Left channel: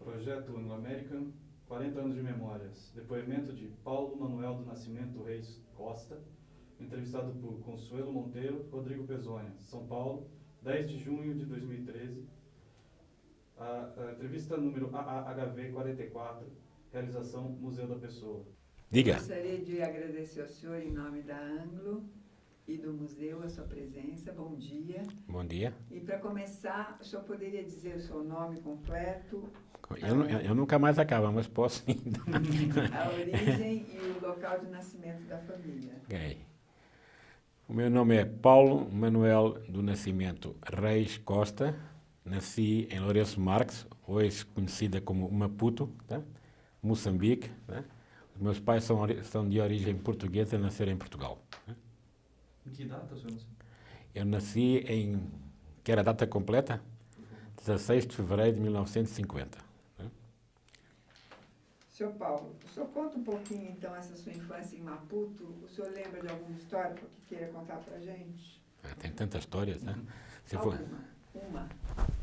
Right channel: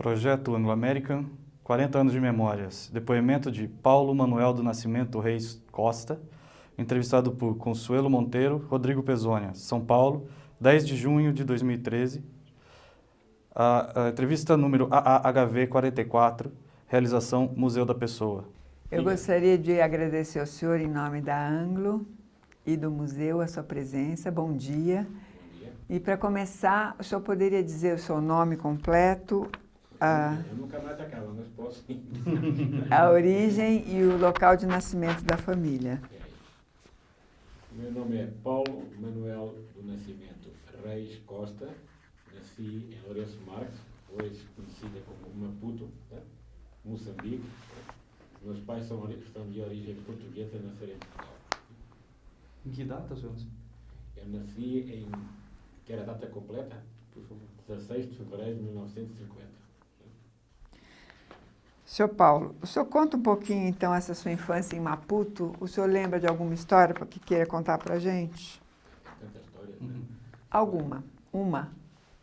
Projeto Anglo-American, 40 anos de memórias. Depoimento de Paulo Manuel do Nascimento Reis Costa, entrevistado por Consuelo Monteiro, Rodrigo Pezônia, São Paulo, 10 de junho de 2013. A entrevista número AAHV 44, realização Museu da Pessoa. Eu gostaria de agradecer ao senhor em nome da Anglo e do museu a sua presença. Bom dia. Bom dia. E para começar, o senhor poderia dizer o seu nome completo? Eu nunca mais acabo, mas posso ainda. A origem e o local de nascimento da família. Okay. O meu nome é Paulo Manuel do Nascimento Reis Costa. Nasci em Lourenço Marques, hoje conhecida como Maputo, tá? Moçambique. Tá? Os meus pais são de origem portuguesa e nasceram em Portugal. Tá? Em que data, senhor? Eu nasci em... Quer a data completa? 16 de fevereiro de 1950. Senhor Paulo, o senhor conta um pouquinho, então, essa sua infância em Maputo. O senhor lembra de alguma história que queira contar para a gente? Tem tantas histórias, né? Alguma?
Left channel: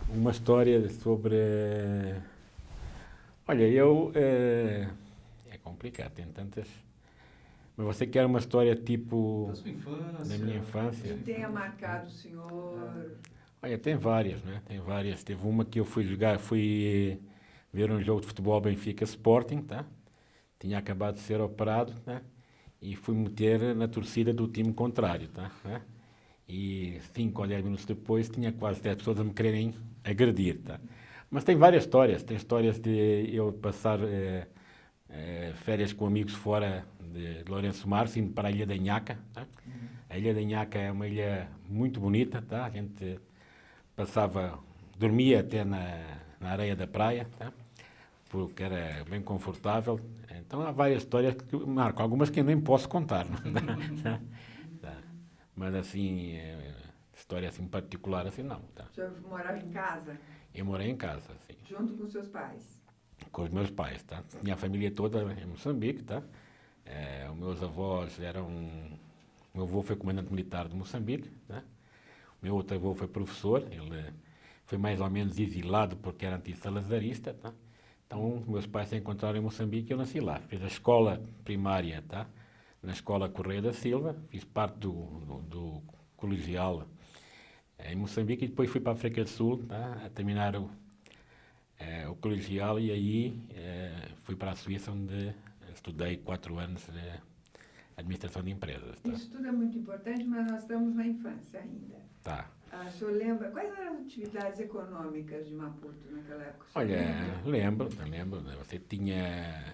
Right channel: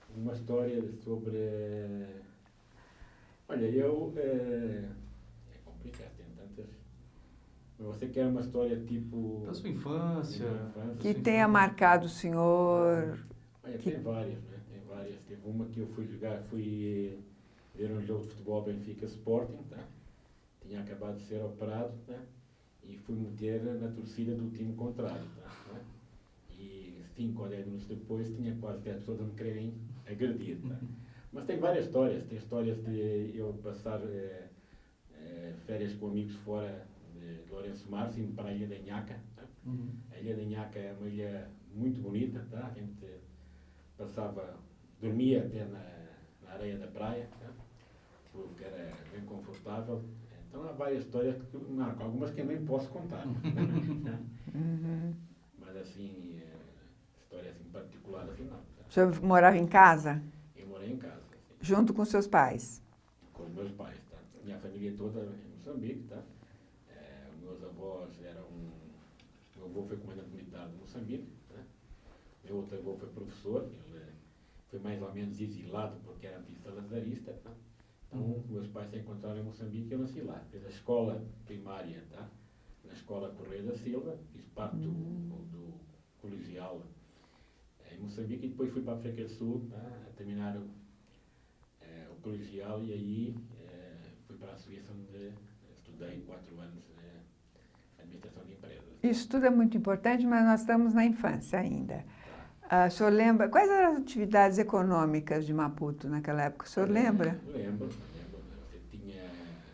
Uma história sobre... Olha, é complicado, tem tantas... Mas você quer uma história tipo... Da sua infância. Da minha infância? Que tenha marcado o senhor... Olha, tem várias, né? Tem várias. Teve uma que eu fui ver um jogo de futebol Benfica Sporting, tá? Tinha acabado de ser operado, tá? E fui meter na torcida do time contrário, tá? E 5 ou 10 minutos depois tinha quase 10 pessoas a me quererem agredir, tá? Mas tem várias histórias. Tem histórias de eu passar férias com amigos fora de Lourenço Marques, indo para a Ilha da Inhaca, tá? A Ilha da Inhaca é uma ilha muito bonita, tá? A gente dormia até na areia da praia, tá? Porque era bem confortável. Então há várias histórias que marcam, algumas que eu nem posso contar. Tá? Mas assim, história assim particular assim não. Tá? O senhor morava em casa? Eu morei em casa, sim. Junto com seus pais? Com os meus pais, tá? Minha família toda em Moçambique, tá? Os meus avós meu avô foi comandante militar de Moçambique, tá? O meu outro avô foi professor, ele foi mais ou menos exilado porque era anti-salazarista, tá? Então, meus pais se encontraram em Moçambique e eu nasci lá. Fiz a escola primária, tá? Na Escola Correia da Silva, fiz parte do colegial em Moçambique e depois fui para a África do Sul, tá? A terminar o colegial e aí fui para a Suíça onde estudei 4 anos de administração de empresas. Tá? Isso tudo é muito importante, mas nós estamos na infância ainda. Tá. O senhor lembra, quais eram as atividades econômicas de Maputo naquela época? O senhor lembra? Lembro. Você tinha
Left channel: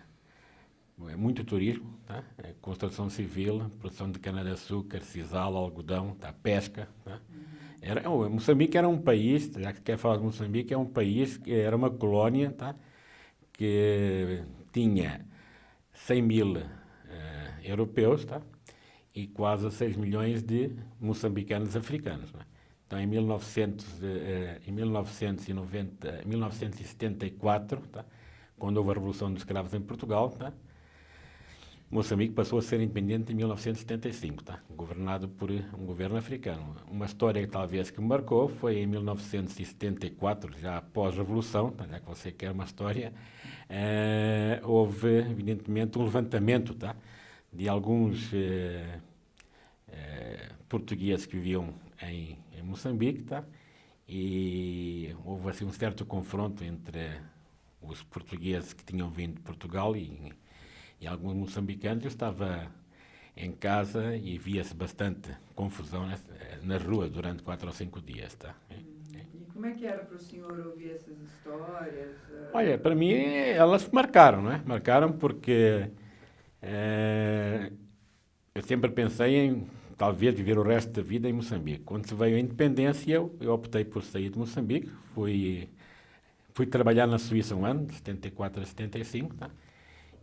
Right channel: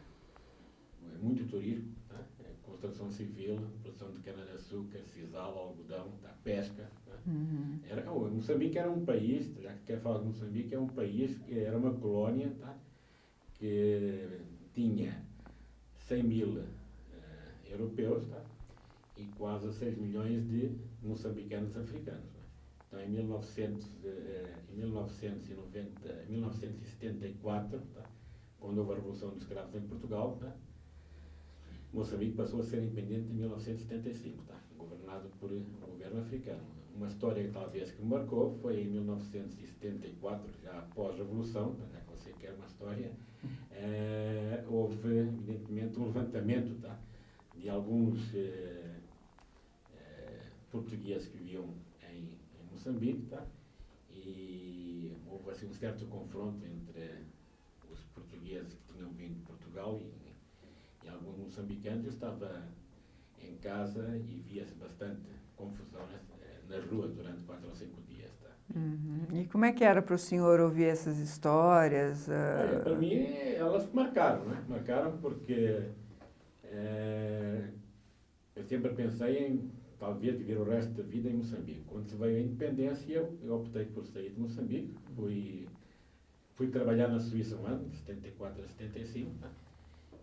muito turismo, tá? Construção civil, produção de cana-de-açúcar, sisal, algodão, tá? Pesca. Tá? Moçambique era um país, já que quer falar de Moçambique, é um país que era uma colónia, tá? Que tinha 100 mil europeus, tá? E quase 6 milhões de moçambicanos africanos. Né? Então, em 1974, tá? Quando houve a Revolução dos Escravos em Portugal, tá? Moçambique passou a ser independente em 1975, tá? Governado por um governo africano. Uma história talvez que me marcou foi em 1974, já após a Revolução, tá? Já que você quer uma história, houve evidentemente um levantamento, tá? De alguns portugueses que viviam em Moçambique, tá? E houve assim um certo confronto entre os portugueses que tinham vindo de Portugal e alguns moçambicanos. Eu estava em casa e via-se bastante confusão nas ruas durante 4 ou 5 dias, tá? E como é que era para o senhor ouvir essas histórias? Olha, para mim elas marcaram, não é? Marcaram porque eu sempre pensei em talvez viver o resto da vida em Moçambique. Quando se veio a independência, eu optei por sair de Moçambique. Fui trabalhar na Suíça um ano, de 74 a 75, tá?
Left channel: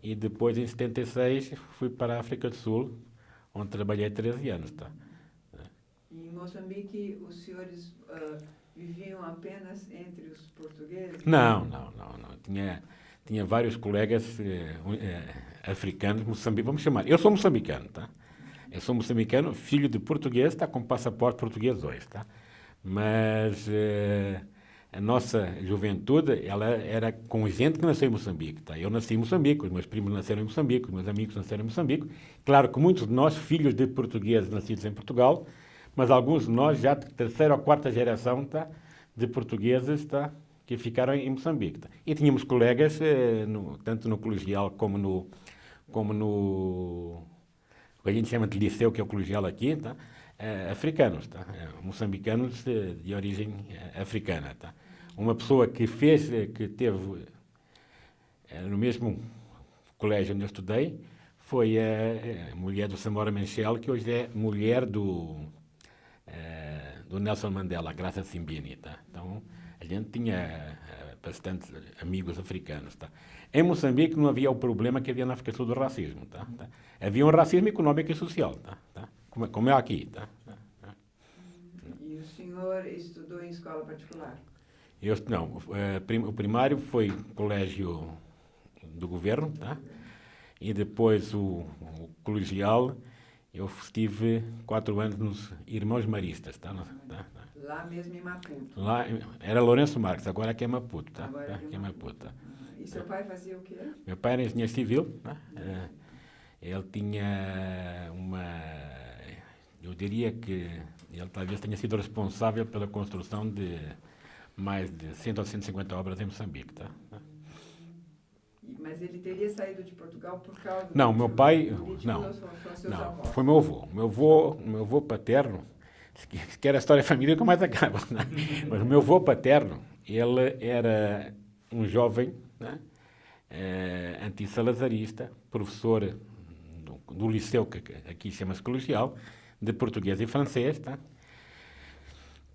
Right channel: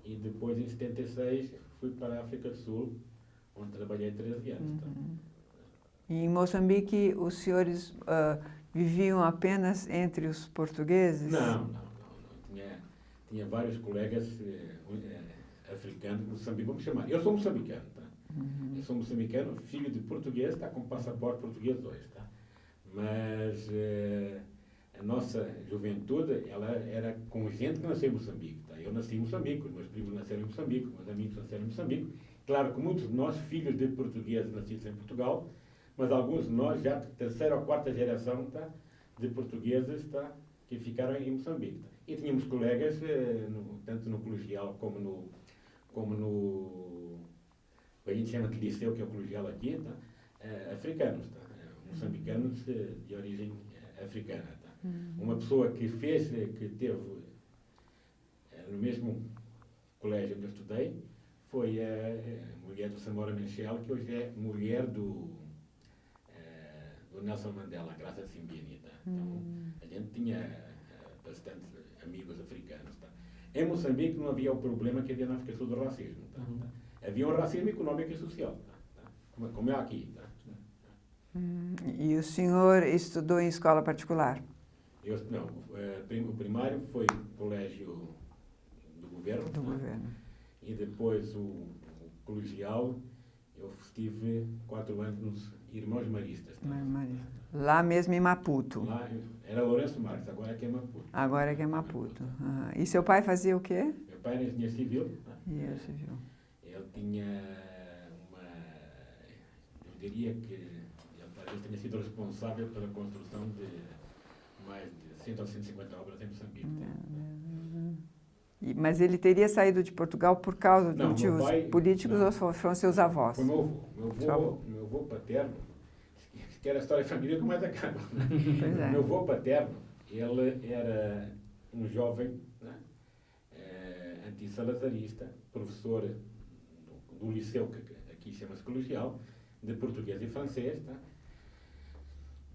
E depois, em 76, fui para a África do Sul, onde trabalhei 13 anos. Tá? E em Moçambique, os senhores viviam apenas entre os portugueses? Não. Tinha vários colegas africanos, vamos chamar. Eu sou moçambicano, tá? Eu sou moçambicano, filho de português, tá? Com passaporte português hoje, tá? Mas a nossa juventude, ela era com gente que nasceu em Moçambique, tá? Eu nasci em Moçambique, os meus primos nasceram em Moçambique, os meus amigos nasceram em Moçambique. Claro que muitos de nós, filhos de portugueses nascidos em Portugal, mas alguns de nós já de terceira ou quarta geração, tá? De portugueses, tá? Que ficaram em Moçambique. Tá? E tínhamos colegas, tanto no colegial como no o que a gente chama de liceu, que é o colegial aqui, tá? Africanos, tá? Moçambicanos de origem africana. Tá? Uma pessoa que teve no mesmo colégio onde eu estudei, foi a mulher do Samora Machel, que hoje é mulher do Nelson Mandela, a Graça Simbini. Tá? Então, a gente tinha bastante amigos africanos. Tá? Em Moçambique não havia o problema que havia na África do Sul do racismo. Tá? Havia um racismo económico e social, tá? Como é aqui. Tá? E o senhor estudou em escola particular? Não, o primário foi colégio do governo, Do tá? governo. E depois o colegial, eu estive 4 anos nos Irmãos Maristas. Tá? Lá mesmo em Maputo? Lá era Lourenço Marques, agora aqui é Maputo. Tá? Agora que é Maputo. Tá? E seu pai fazia o quê? Meu pai era engenheiro civil. Tá? Engenheiro civil. Ele tinha eu diria que ele talvez tenha sido responsável pela construção de mais de 100 ou 150 obras em Moçambique. Tá? Mas ele teria saído de Portugal por causa de Não, motivos meu pai, políticos não. ou foram seus Não, avós? foi meu avô. Meu avô paterno, se quer a história da família, nunca mais acaba. Né? Mas o meu avô paterno, ele era um jovem, né? Antissalazarista, professor do liceu, que aqui chama-se colegial, de português e francês. Tá?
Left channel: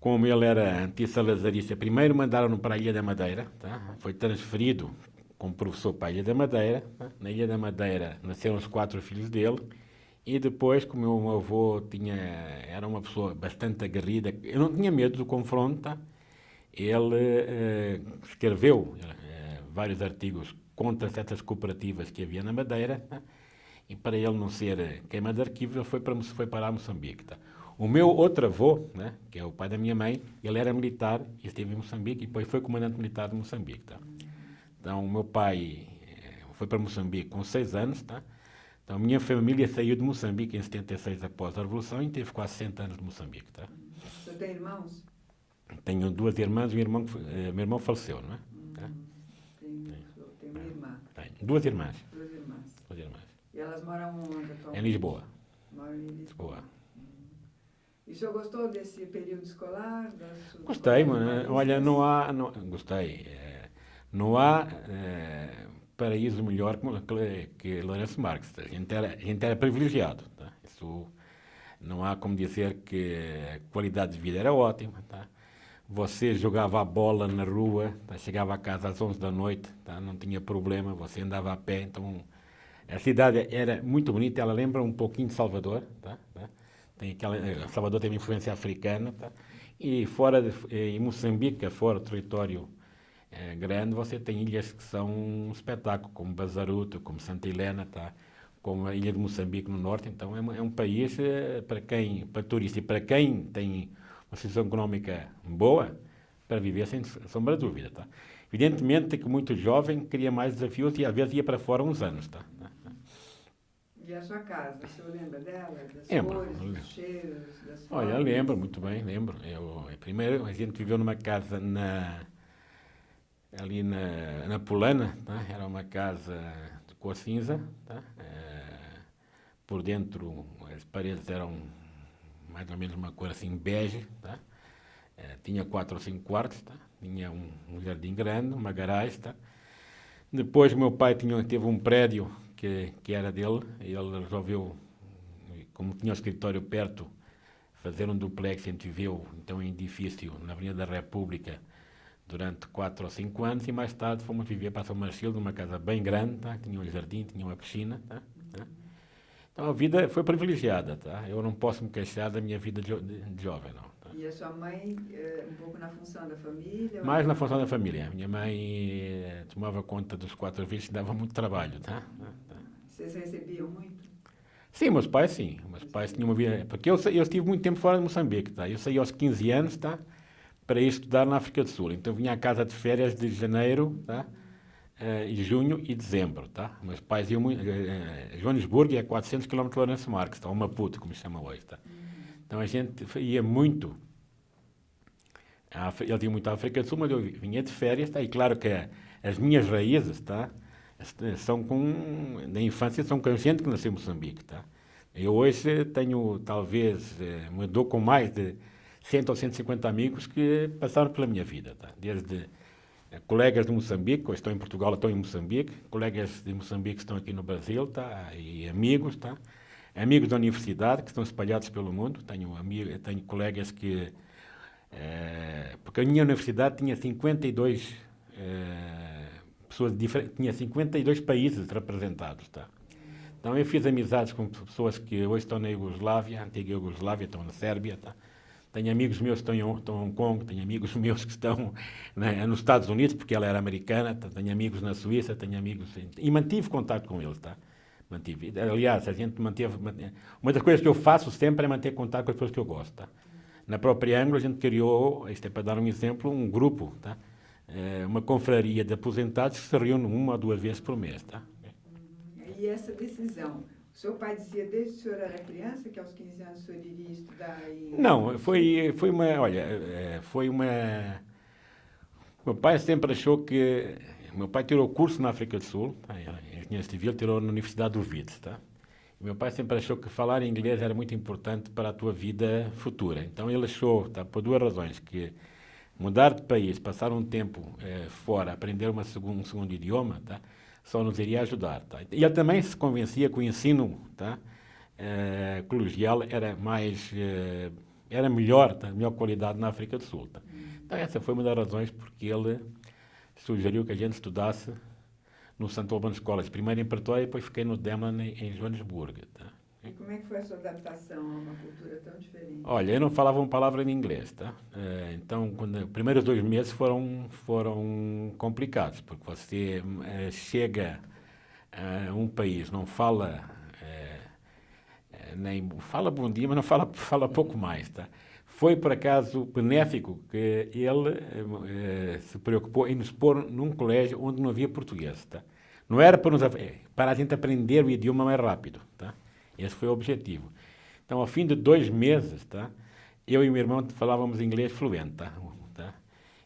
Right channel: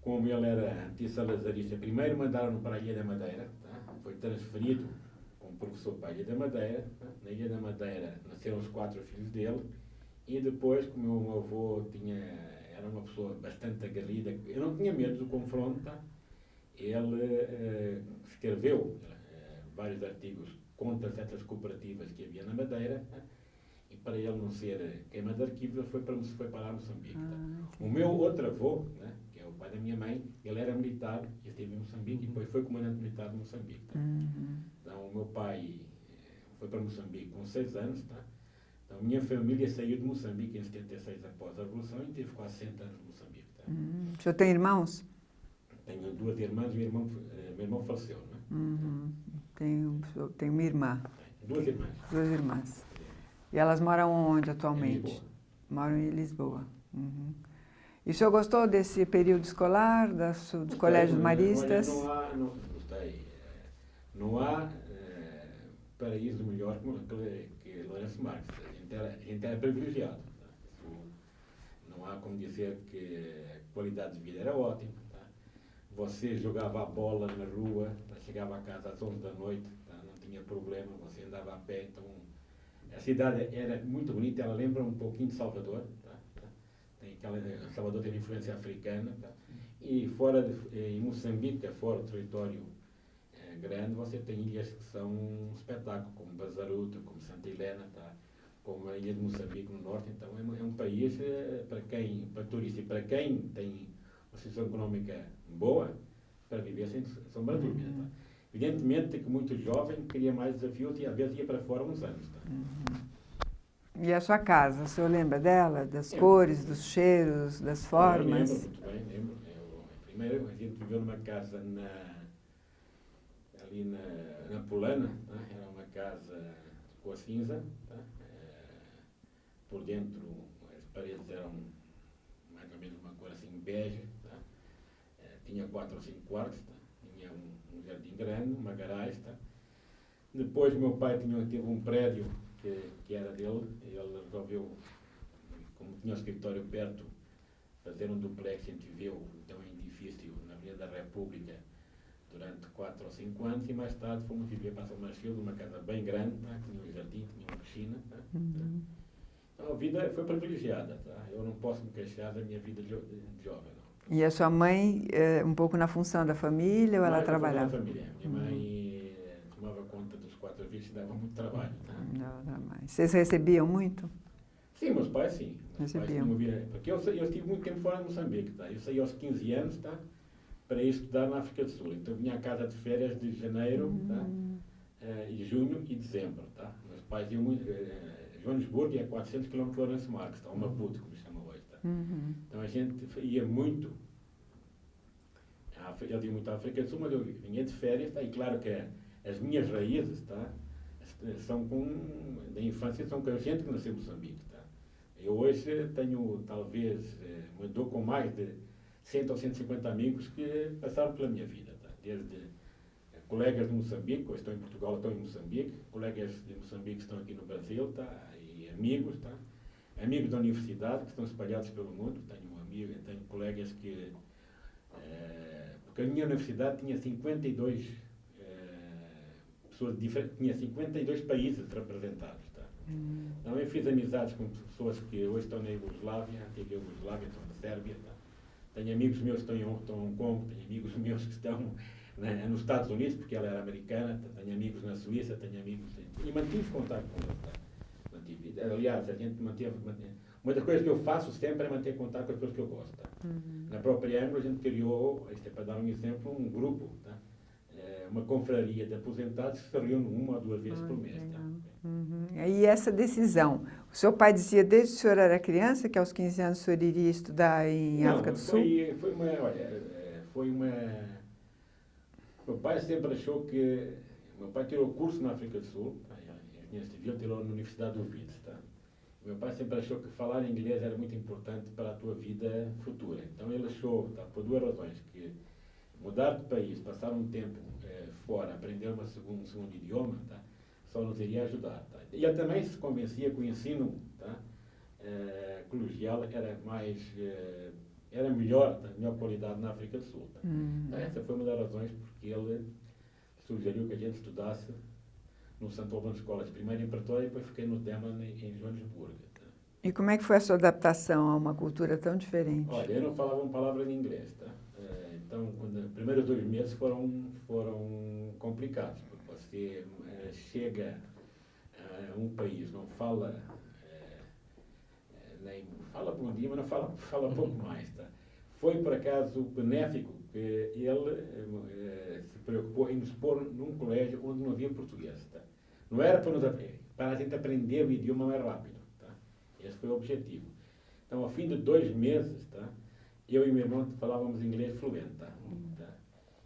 Como ele era antissalazarista, primeiro mandaram-no para a Ilha da Madeira, tá? Foi transferido como professor para a Ilha da Madeira. Tá? Na Ilha da Madeira nasceram os 4 filhos dele, e depois, como o meu avô era uma pessoa bastante aguerrida, eu não tinha medo do confronto, tá? Ele escreveu vários artigos contra certas cooperativas que havia na Madeira, tá? E para ele não ser queima de arquivos, ele foi para Moçambique. Tá? O meu outro avô, né, que é o pai da minha mãe, ele era militar e esteve em Moçambique e depois foi comandante militar de Moçambique. Tá? Então, o meu pai foi para Moçambique com 6 anos. Tá? Então, a minha família saiu de Moçambique em 76 após a Revolução e teve quase 100 anos de Moçambique. Tá? O senhor tem irmãos? Tenho 2 irmãs e meu irmão faleceu, não é? Tá? Tenho uma irmã. Tenho 2 irmãs. 2 irmãs. 2 irmãs. E elas moram onde atualmente? Em Lisboa. Moram em Lisboa. Uhum. E o senhor gostou desse período escolar, dos Gostei, colégios maristas? olha, gostei. Não há paraíso melhor que Lourenço Marques. A gente era privilegiado. Tá? Isso, não há como dizer que a qualidade de vida era ótima. Tá? Você jogava a bola na rua, tá? Chegava a casa às 11 da noite, tá? Não tinha problema, você andava a pé. Então, a cidade era muito bonita, ela lembra um pouquinho de Salvador. Tá? Salvador tem uma influência africana. Tá? E em Moçambique, fora do território grande, você tem ilhas que são um espetáculo, como Bazaruto, como Santa Helena, tá? Como a ilha de Moçambique no norte. Então é um país para turistas e para quem tem uma situação económica boa, para viver sem sombra de dúvida. Tá? Evidentemente que muito jovem queria mais desafios e às vezes ia para fora uns anos. Tá? E a sua casa, o senhor lembra dela? Das Lembro. cores, dos cheiros, das formas? Eu lembro, muito bem, lembro. Primeiro, a gente viveu numa casa ali na Polana, tá? Era uma casa de cor cinza. Tá? Por dentro, as paredes eram mais ou menos uma cor assim bege. Tá? Tinha 4 ou 5 quartos. Tá? Tinha um jardim grande, uma garagem. Tá? Depois, meu pai teve um prédio que era dele, e ele resolveu, como tinha o escritório perto, fazer um duplex. A gente viveu então em edifício na Avenida da República durante 4 ou 5 anos, e mais tarde fomos viver para São Marcelo, numa casa bem grande. Tá? Tinha um jardim, tinha uma piscina. Tá? Então a vida foi privilegiada. Tá? Eu não posso me queixar da minha vida de jovem, não. Tá? E a sua mãe, um pouco na função da família? Ou Mais na função da família. Minha mãe tomava conta dos 4 filhos e dava muito trabalho. Tá? Vocês recebiam muito? Sim, meus pais sim. Meus pais tinham porque eu estive muito tempo fora de Moçambique. Tá? Eu saí aos 15 anos, tá? para ir estudar na África do Sul. Então vinha à casa de férias de janeiro, tá? E junho e dezembro. Tá? Meus pais iam muito. Joanesburgo é 400 km de Lourenço Marques, tá? Ou Maputo, como se chama hoje. Tá? Então a gente ia muito. Eles iam muito à África do Sul, mas eu vinha de férias. Tá? E claro que as minhas raízes, tá? São na infância, são com a gente que nasceu em Moçambique. Tá? Eu hoje tenho, talvez, me dou com mais de 100 ou 150 amigos que passaram pela minha vida. Tá? Desde colegas de Moçambique, que estão em Portugal, estão em Moçambique, colegas de Moçambique que estão aqui no Brasil, tá? E amigos, tá? Amigos da universidade que estão espalhados pelo mundo. Tenho colegas que... porque a minha universidade tinha 52 pessoas diferentes, tinha 52 países representados. Tá? Então eu fiz amizades com pessoas que hoje estão na Iugoslávia, antiga Iugoslávia, estão na Sérvia. Tá? Tenho amigos meus que estão em Hong Kong, tenho amigos meus que estão nos Estados Unidos, porque ela era americana, tá? Tenho amigos na Suíça, tenho amigos... E mantive contato com eles, tá? Mantive. Aliás, a gente manteve... Uma das coisas que eu faço sempre é manter contato com as pessoas que eu gosto, tá? Na própria Ângulo, a gente criou, isto é para dar um exemplo, um grupo, tá? Uma confraria de aposentados que se reúne 1 ou 2 vezes por mês, tá? E essa decisão? O seu pai dizia desde que o senhor era criança que aos 15 anos o senhor iria estudar em África do Sul? Foi uma... Olha, foi uma... Meu pai sempre achou que... Meu pai tirou curso na África do Sul, tá? Engenharia Civil, tirou na Universidade do Wits, tá? Meu pai sempre achou que falar inglês era muito importante para a tua vida futura. Então ele achou, tá, por 2 razões, que mudar de país, passar um tempo fora, aprender um segundo idioma, tá, só nos iria ajudar. Tá? E ele também se convencia que o ensino, tá, colegial era melhor, tá, melhor qualidade na África do Sul. Tá? Então essa foi uma das razões porque ele sugeriu que a gente estudasse no St. Albans College, primeiro em Pretória e depois fiquei no Demlin em Joanesburgo. Tá? E como é que foi a sua adaptação a uma cultura tão diferente? Olha, eu não falava uma palavra de inglês, tá? Então, os primeiros 2 meses foram complicados, porque você chega a um país, não fala, nem fala bom dia, mas não fala pouco mais, tá? Foi, por acaso, benéfico que ele se preocupou em nos pôr num colégio onde não havia português. Tá? Não era para a gente aprender o idioma mais rápido. Tá? Esse foi o objetivo. Então, ao fim de 2 meses, tá? Eu e o meu irmão falávamos inglês fluente. Tá?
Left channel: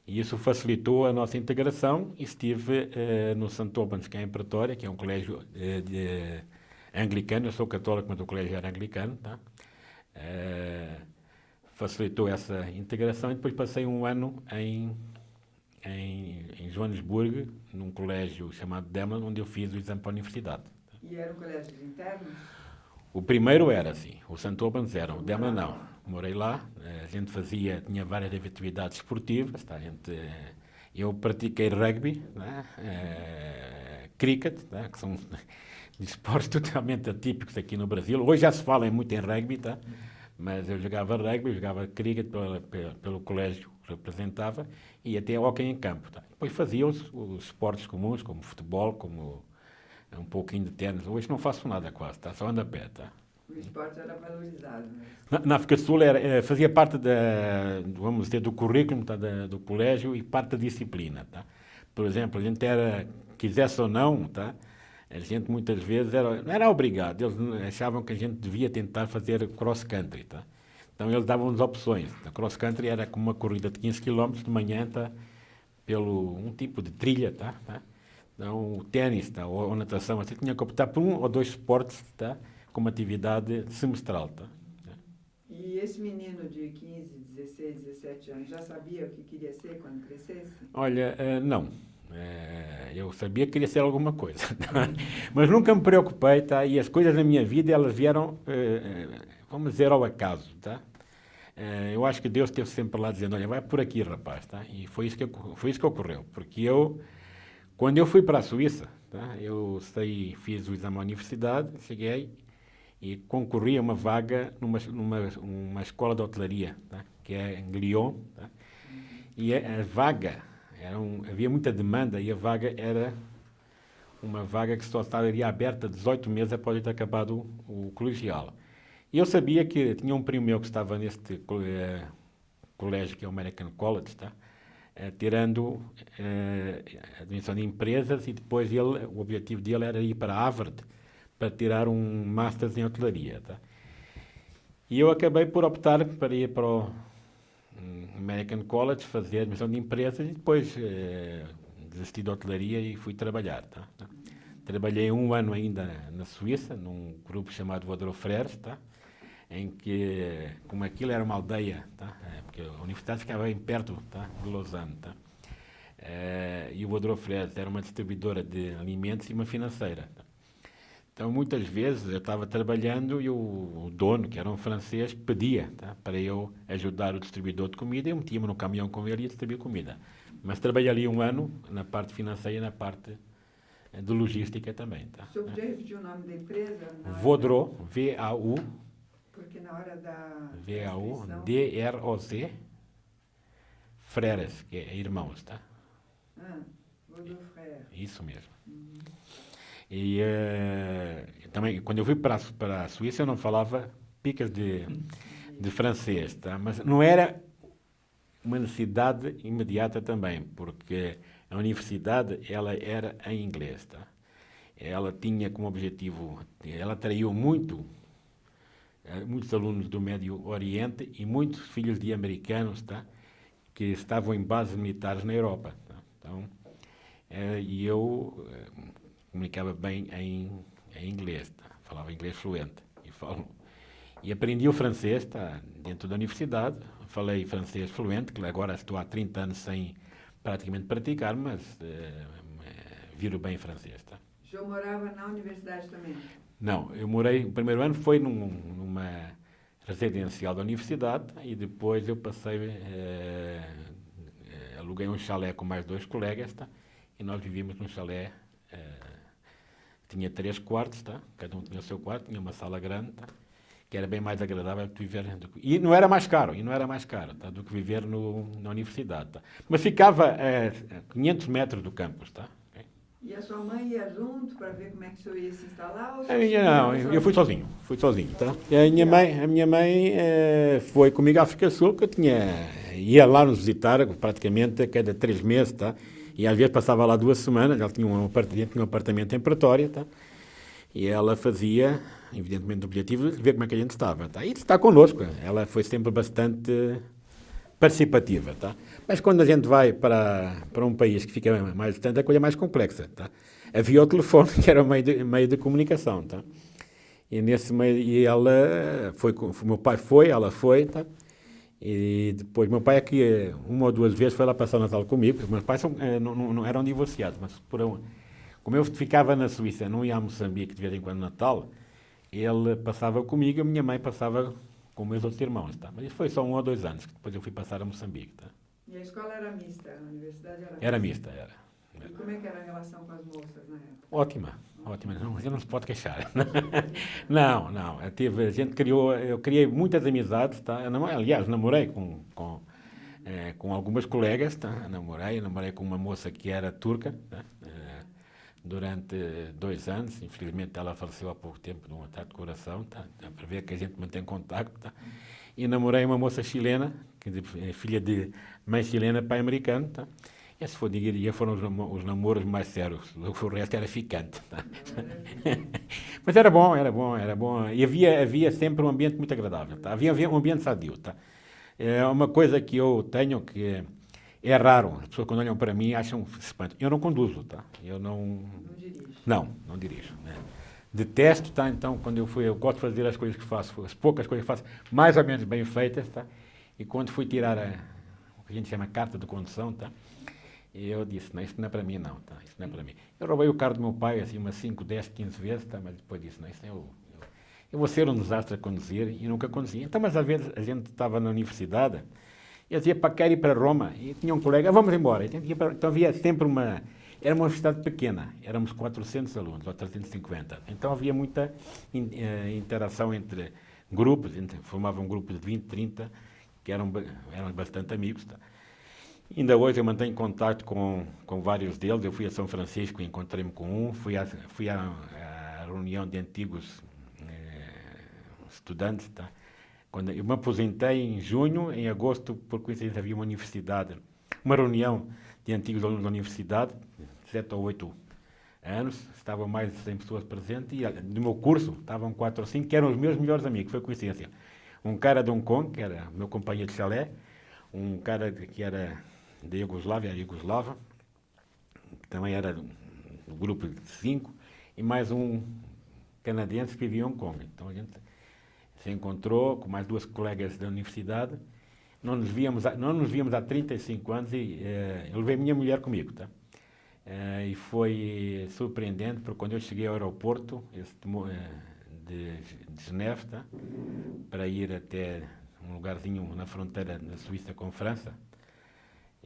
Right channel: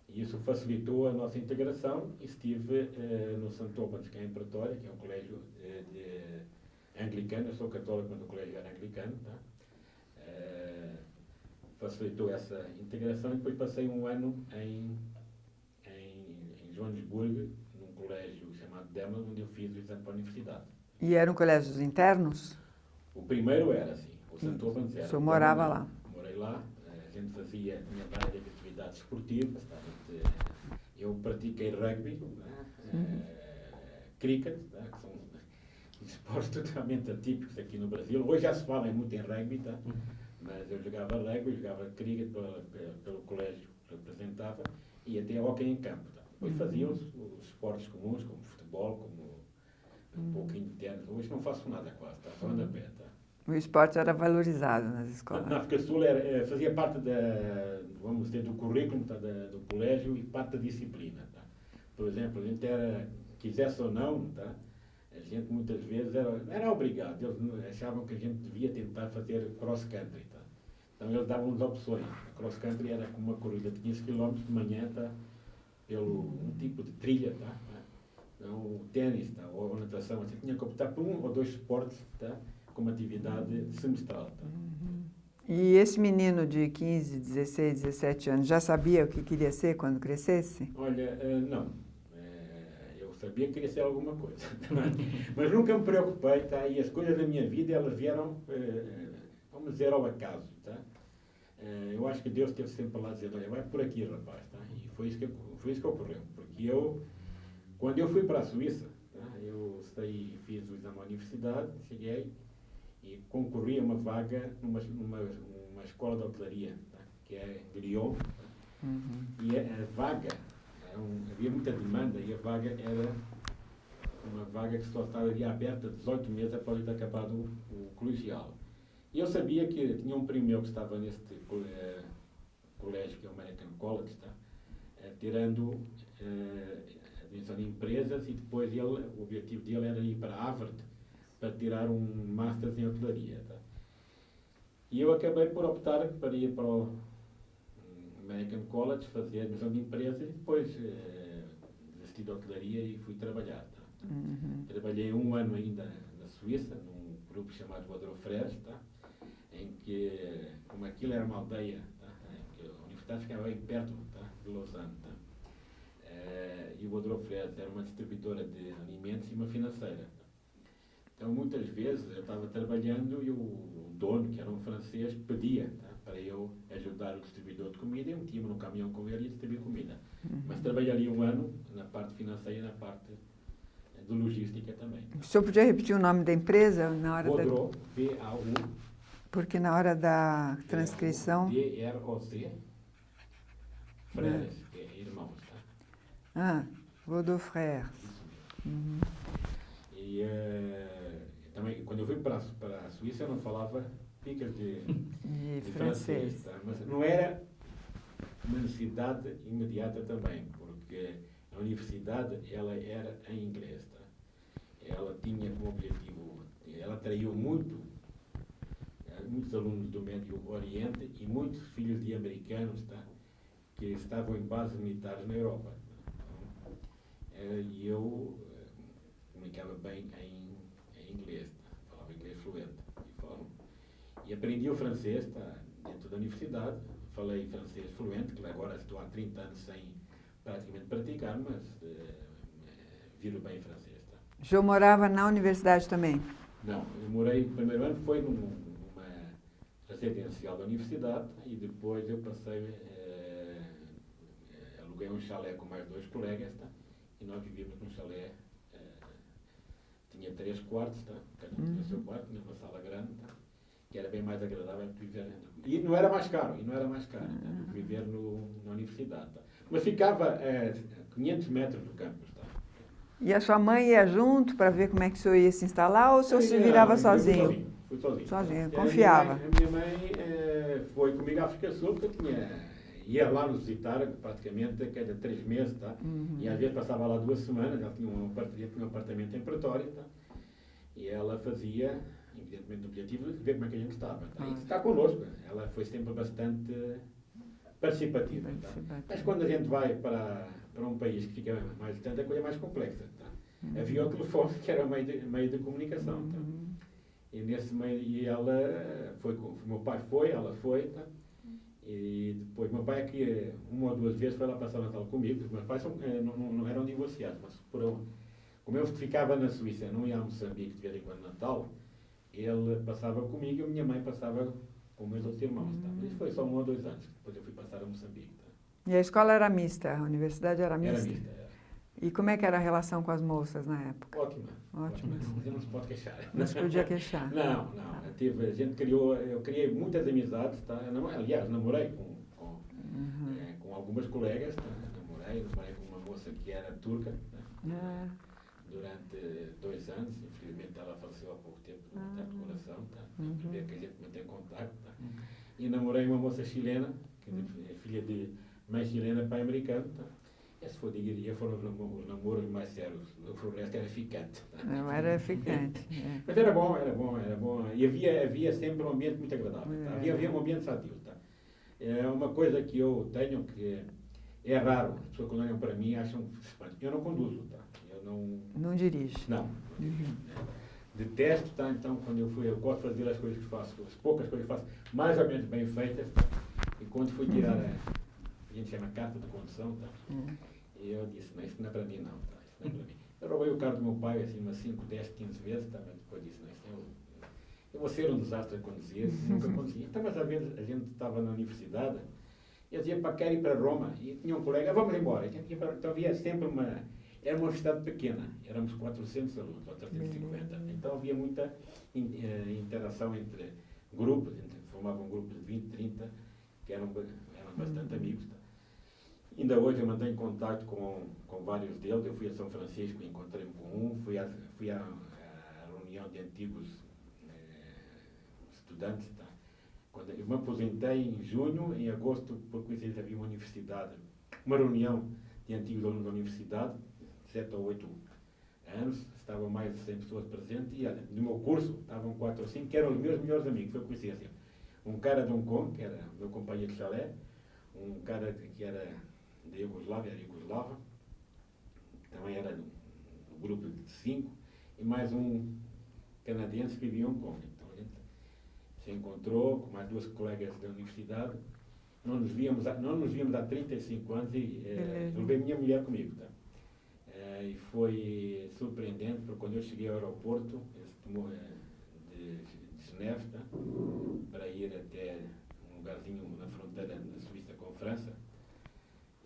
E isso facilitou a nossa integração. Estive no St. Albans, que é em Pretória, que é um colégio anglicano. Eu sou católico, mas o colégio era anglicano. Tá? Facilitou essa integração e depois passei 1 ano em Joanesburgo, num colégio chamado Demlin, onde eu fiz o exame para a universidade. E eram colégios internos? O primeiro era assim, o St. Albans era. O morava não. Lá? Morei lá, a gente tinha várias atividades esportivas, tá? Eu pratiquei rugby, né? Cricket, tá? Que são esportes totalmente atípicos aqui no Brasil. Hoje já se fala muito em rugby, tá? Mas eu jogava rugby, jogava cricket pelo colégio que representava e até hóquei em campo. Tá? Depois fazia os esportes comuns, como futebol, como um pouquinho de ténis. Hoje não faço nada quase, tá? Só ando a pé. Tá? O esporte era valorizado nas escolas? Na África do Sul fazia parte vamos dizer, do currículo, tá? Do colégio e parte da disciplina. Tá? Por exemplo, a gente quisesse ou não, tá? A gente muitas vezes não era obrigado, eles achavam que a gente devia tentar fazer cross-country. Tá? Então eles davam-nos opções. A cross-country era como uma corrida de 15 km de manhã, tá? Pelo um tipo de trilha. Tá? Então o ténis, tá? ou natação, você tinha que optar por 1 ou 2 esportes, tá? Como atividade semestral. Tá? E esse menino de 15, 16, 17 anos já sabia o que queria ser quando crescesse? Olha, não. Eu sabia que queria ser alguma coisa, mas nunca me preocupei, tá? E as coisas na minha vida, elas vieram, vamos dizer, ao acaso, tá? Eu acho que Deus esteve sempre lá dizendo, olha, vai por aqui, rapaz, tá? E foi isso que ocorreu, porque quando eu fui para a Suíça, tá? Eu fiz o exame à universidade, cheguei e concorri a uma vaga numa escola de hotelaria, tá? Que é em Lyon, tá? E a vaga... havia muita demanda e a vaga era uma vaga que só estaria aberta 18 meses após ter acabado o colegial. E eu sabia que tinha um primo meu que estava neste colégio que é o American College, tá? Tirando administração de empresas, e depois o objetivo dele era ir para Harvard para tirar um Masters em hotelaria, tá? E eu acabei por optar para ir para o American College, fazer administração de empresas, e depois desisti da hotelaria e fui trabalhar, tá? Trabalhei 1 ano ainda na Suíça, num grupo chamado Vodro Frères, tá? Em que, como aquilo era uma aldeia, tá? Porque a universidade ficava bem perto, tá? De Lausanne, tá? E o Vodro Frères era uma distribuidora de alimentos e uma financeira, tá? Então, muitas vezes eu estava trabalhando e o dono, que era um francês, pedia, tá? Para eu ajudar o distribuidor de comida, e eu metia-me no caminhão com ele e ia distribuir comida. Mas trabalhei ali 1 ano na parte financeira e na parte de logística também, tá? O senhor podia repetir o nome da empresa? Na hora Vodro, V-A-U, Porque na hora da transcrição... D-R-O-C, Frères, que é irmãos, tá? Vodro Frères. Isso mesmo. E também, quando eu fui para a Suíça, eu não falava picas de francês, tá? Mas não era uma necessidade imediata também, porque a universidade ela era em inglês, tá? Ela tinha como objetivo, ela atraiu muitos alunos do Médio Oriente e muitos filhos de americanos, tá? Que estavam em bases militares na Europa, tá? Então, e eu comunicava bem em inglês, tá? Falava inglês fluente e aprendi o francês, tá? Dentro da universidade. Falei francês fluente, que agora estou há 30 anos sem praticamente praticar, mas viro bem francês, tá? O senhor morava na universidade também? Não, eu morei, o primeiro ano foi numa residencial da universidade, e depois eu passei, aluguei um chalé com mais 2 colegas, tá? E nós vivíamos num chalé, tinha 3 quartos, tá? Cada um tinha o seu quarto, tinha uma sala grande, tá? Que era bem mais agradável que viver, e não era mais caro, tá? Do que viver na universidade, tá? Mas ficava a 500 metros do campus, tá? E a sua mãe ia junto para ver como é que o senhor ia se instalar, ou o senhor se virava sozinho? Eu fui sozinho, tá? E a minha mãe foi comigo à África Sul, porque ia lá nos visitar praticamente a cada 3 meses, tá? E às vezes passava lá 2 semanas. Ela tinha um apartamento em Pretória, tá? E ela fazia, evidentemente, o objetivo de ver como é que a gente estava, tá? E está connosco. Ela foi sempre bastante participativa, tá? Mas quando a gente vai para um país que fica mais distante, a coisa é mais complexa, tá? Havia o telefone, que era o meio de comunicação, tá? E nesse meio, e ela foi, meu pai foi, ela foi, tá? E depois, meu pai aqui 1 ou 2 vezes foi lá passar o Natal comigo. Meus pais não eram divorciados, mas como eu ficava na Suíça, não ia a Moçambique de vez em quando no Natal, ele passava comigo e a minha mãe passava com meus outros irmãos, tá? Mas isso foi só 1 ou 2 anos, que depois eu fui passar a Moçambique, tá? E a escola era mista? A universidade era mista? Era mista, era. E como é que era a relação com as moças na época? Ótima. Não, a gente não se pode queixar. Não se podia queixar. Não. Eu criei muitas amizades, tá? Aliás, namorei com algumas colegas, tá? Namorei com uma moça que era turca, tá? Durante 2 anos. Infelizmente ela faleceu há pouco tempo de um ataque de coração, tá? Dá para ver que a gente mantém contacto, tá? E namorei uma moça chilena, que é filha de mãe chilena, pai americano, tá? Esse foram os namoros mais sérios. O resto era ficante, tá? Não era ficante. Mas era bom. E havia sempre um ambiente muito agradável, tá? Havia um ambiente sadio, tá? É uma coisa que eu tenho que é raro. As pessoas, quando olham para mim, acham espanto. Eu não conduzo, tá? Eu não... Não dirige? Não dirijo, né? Detesto, tá? Então, quando eu gosto de fazer as coisas que faço, as poucas coisas que faço, mais ou menos bem feitas, tá? E quando fui tirar o que a gente chama carta de condução, tá? Eu disse, não, isso não é para mim, não, tá? Isso não é para mim. Eu roubei o carro do meu pai, assim, umas 5, 10, 15 vezes, tá? Mas depois disse, não, isso eu vou ser um desastre a conduzir, e nunca conduzi. Então, mas às vezes a gente estava na universidade, eu dizia, quero ir para Roma, e tinha um colega, vamos embora. Então havia sempre era uma universidade pequena, éramos 400 alunos, ou 350. Então havia muita interação entre grupos, formava um grupo de 20, 30, que eram bastante amigos, tá? Ainda hoje eu mantenho contato com vários deles. Eu fui a São Francisco e encontrei-me com um, fui à reunião de antigos estudantes, tá? Quando eu me aposentei em junho, em agosto, por coincidência, havia uma universidade, uma reunião de antigos alunos da universidade, 7 ou 8 anos, estavam mais de 100 pessoas presentes, e do meu curso estavam 4 ou 5, que eram os meus melhores amigos, foi coincidência. Um cara de Hong Kong, que era meu companheiro de chalé, um cara que era da Iugoslávia, era Iugoslava, que também era do grupo de 5, e mais um canadense que vivia em Hong Kong. Então a gente se encontrou com mais 2 colegas da universidade, não nos víamos há 35 anos e eu levei a minha mulher comigo, tá? E foi surpreendente, porque quando eu cheguei ao aeroporto de Geneve, tá? Para ir até um lugarzinho na fronteira da Suíça com França,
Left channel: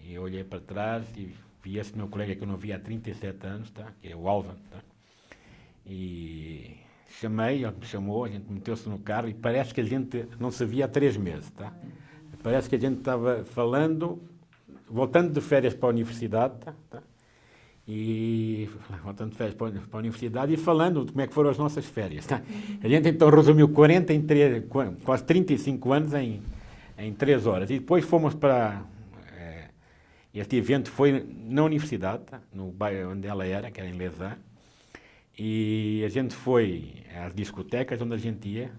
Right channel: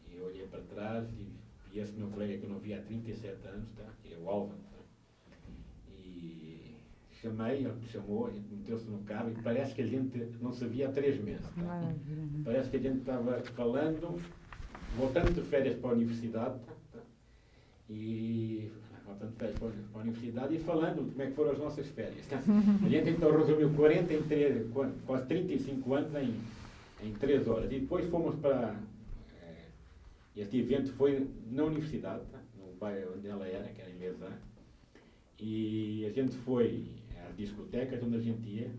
e eu olhei para trás e vi esse meu colega que eu não via há 37 anos, tá? Que é o Alvan, tá? E chamei, ele me chamou, a gente meteu-se no carro e parece que a gente não se via há 3 meses, tá? Parece que a gente estava falando, voltando de férias para a universidade, tá? E voltando de férias para a universidade e falando de como é que foram as nossas férias, tá? A gente então resumiu quase 35 anos em 3 horas. E depois fomos para... este evento foi na universidade, tá? No bairro onde ela era, que era em Lausanne. E a gente foi às discotecas onde a gente ia,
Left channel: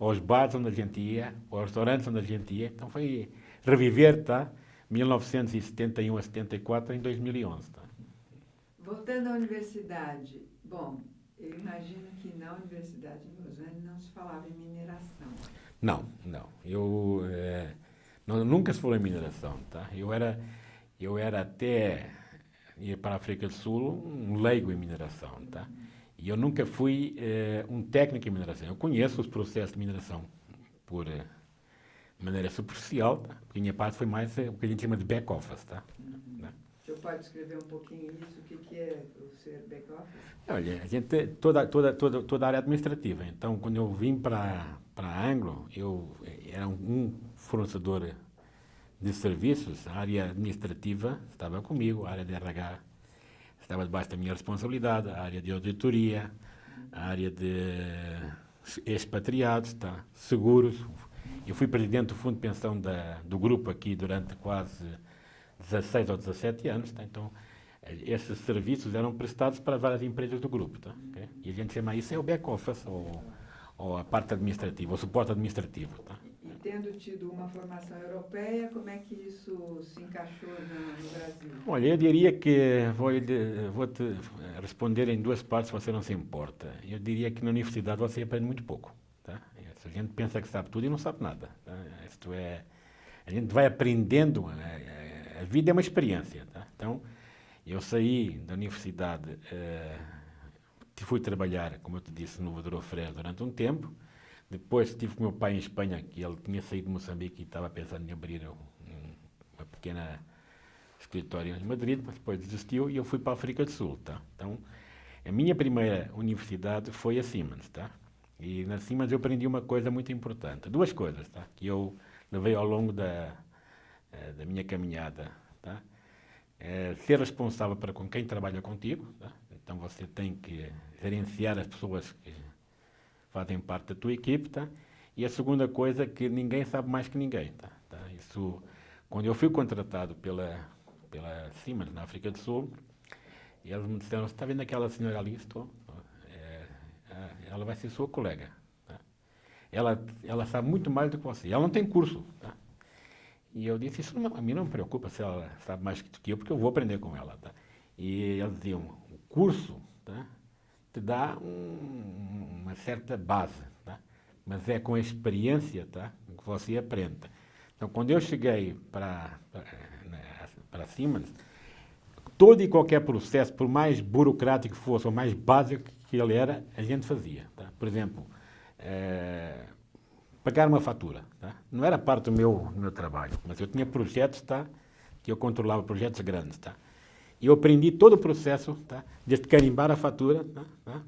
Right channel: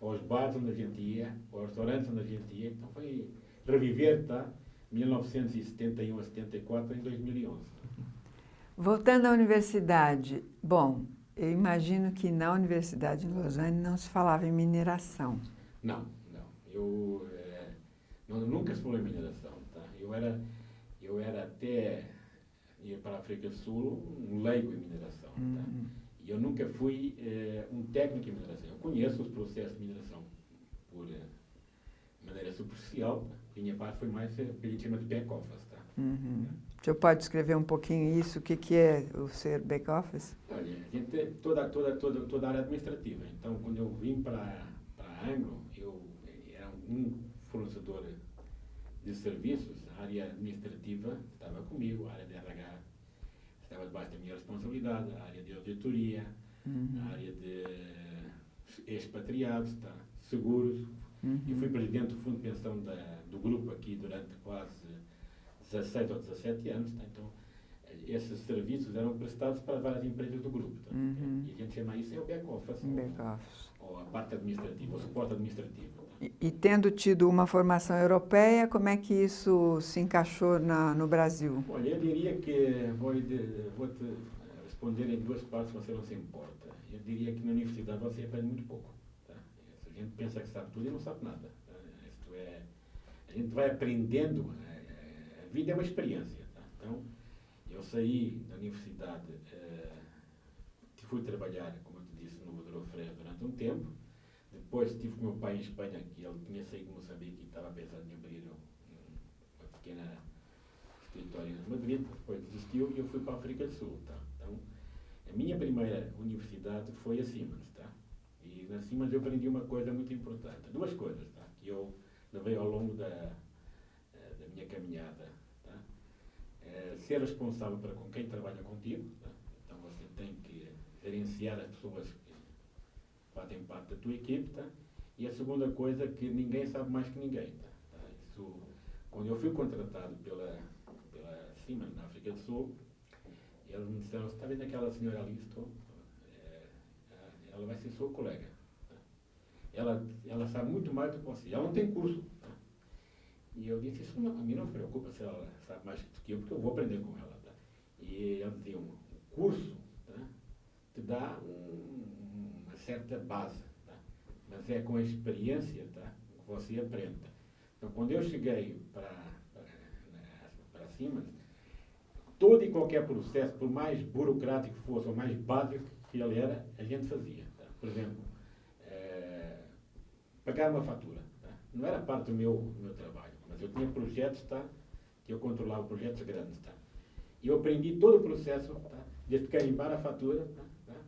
aos bares onde a gente ia, aos restaurantes onde a gente ia. Então foi reviver, tá? 1971 a 74 em 2011. Tá? Voltando à universidade, bom, eu imagino que na Universidade de Lausanne não se falava em mineração. Não. Nunca se falou em mineração, tá? Eu era até ir para a África do Sul um leigo em mineração, tá? E eu nunca fui um técnico em mineração. Eu conheço os processos de mineração por maneira superficial, tá? A minha parte foi mais o que a gente chama de back-office, tá? Né? O senhor pode descrever um pouquinho isso? O que é o ser back-office? Olha, a gente toda a área administrativa. Então, quando eu vim para a Anglo, eu era um fornecedor de serviços, a área administrativa estava comigo, a área de RH estava debaixo da minha responsabilidade, a área de auditoria, a área de expatriados, tá? Seguros. Eu fui presidente do fundo de pensão do grupo aqui durante quase 16 ou 17 anos, tá? Então esses serviços eram prestados para várias empresas do grupo, tá? Okay? E a gente chama isso o back-office, ou a parte administrativa, o suporte administrativo. Tá? E tendo tido uma formação europeia, como é que isso se encaixou no Brasil? Olha, eu diria que vou te responder em 2 partes, se você não se importa. Eu diria que na universidade você aprende muito pouco. Tá? A gente pensa que sabe tudo e não sabe nada. Tá? Isto é, a gente vai aprendendo, a vida é uma experiência. Tá? Então, eu saí da universidade, fui trabalhar, como eu te disse, no Vador Freire durante um tempo. Depois estive com o meu pai em Espanha, que ele tinha saído de Moçambique e estava pensando em abrir uma pequena escritório em Madrid, mas depois desistiu e eu fui para a África do Sul. Tá? Então, a minha primeira universidade foi a Siemens. Tá? E na Siemens eu aprendi uma coisa muito importante. 2 coisas, tá? Que eu levei ao longo da minha caminhada. Tá? Ser responsável para com quem trabalha contigo. Tá? Então você tem que gerenciar as pessoas que fazem parte da tua equipe, tá? E a segunda coisa é que ninguém sabe mais que ninguém, tá? Isso, quando eu fui contratado pela Siemens na África do Sul, eles me disseram: você está vendo aquela senhora ali? Estou. Ela vai ser sua colega. Tá? Ela sabe muito mais do que você. Ela não tem curso, tá? E eu disse: isso a mim não me preocupa se ela sabe mais do que eu, porque eu vou aprender com ela, tá? E eles diziam: o curso, tá, te dá uma certa base, tá? Mas é com a experiência, tá, que você aprende. Então, quando eu cheguei para Siemens, todo e qualquer processo, por mais burocrático que fosse, ou mais básico que ele era, a gente fazia. Tá? Por exemplo, pagar uma fatura. Tá? Não era parte do meu trabalho, mas eu tinha projetos, tá, que eu controlava, projetos grandes. Tá? E eu aprendi todo o processo, tá, desde carimbar a fatura, tá,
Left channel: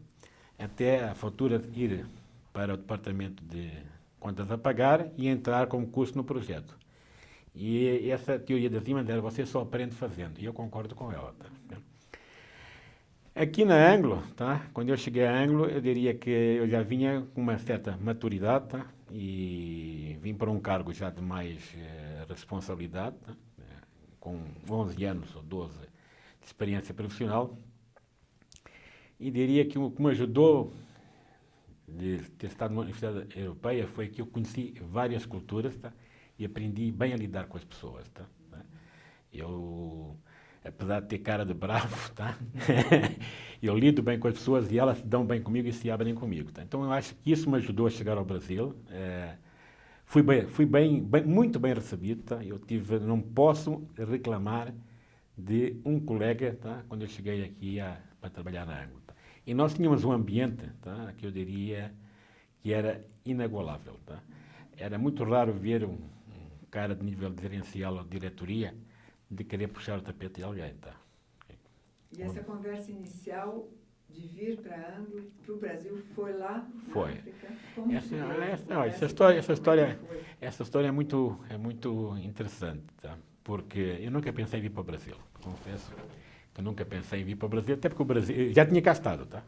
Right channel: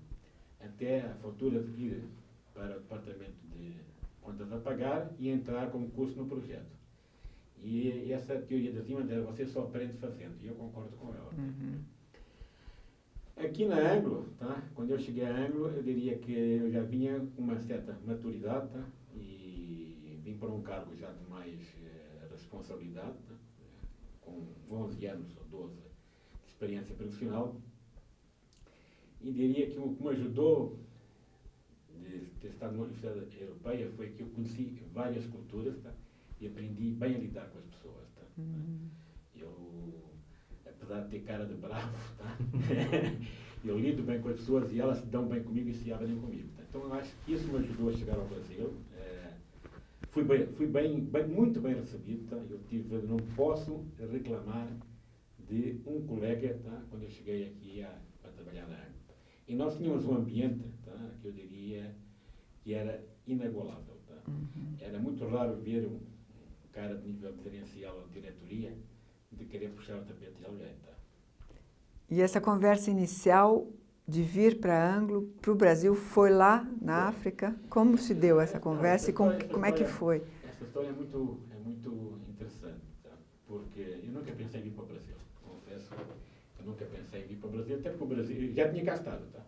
até a fatura ir para o departamento de contas a pagar e entrar como custo no projeto. E essa teoria da Siemens era: você só aprende fazendo. E eu concordo com ela. Tá? Aqui na Anglo, tá, quando eu cheguei a Anglo, eu diria que eu já vinha com uma certa maturidade, tá, e vim para um cargo já de mais responsabilidade, tá? Com 11 anos ou 12 de experiência profissional, e diria que o que me ajudou de ter estado numa universidade europeia foi que eu conheci várias culturas, tá? E aprendi bem a lidar com as pessoas. Tá? Eu, apesar de ter cara de bravo, tá? Eu lido bem com as pessoas e elas se dão bem comigo e se abrem comigo. Tá? Então eu acho que isso me ajudou a chegar ao Brasil. Fui muito bem recebido. Tá? Não posso reclamar de um colega, tá? Quando eu cheguei aqui para trabalhar na Anglo. Tá? E nós tínhamos um ambiente, tá? Que eu diria que era inagualável. Tá? Era muito raro ver um cara de nível gerencial ou de diretoria de querer puxar o tapete de alguém. Tá? E essa conversa inicial de vir para a Anglo, para o Brasil, foi lá na África? Como se deu essa conversa e como é que foi? Essa história é muito interessante, tá? Porque eu nunca pensei em vir para o Brasil. Confesso que eu nunca pensei em vir para o Brasil, até porque o Brasil já tinha cá estado. Tá?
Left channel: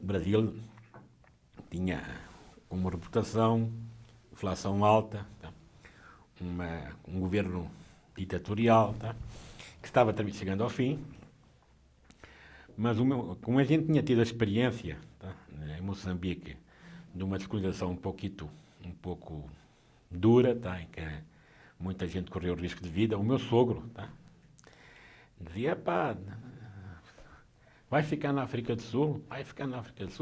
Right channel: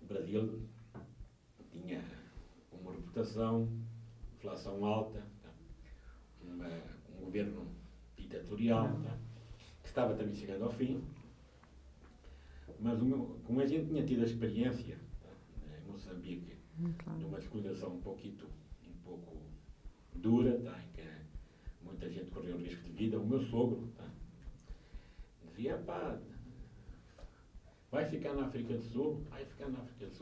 O Brasil tinha uma reputação, inflação alta, tá? Um governo ditatorial, tá? Que estava também chegando ao fim, mas como a gente tinha tido a experiência, tá? Em Moçambique, de uma descolonização um pouco dura, tá? Em que muita gente correu risco de vida, o meu sogro, tá? Dizia, pá, vai ficar na África do Sul,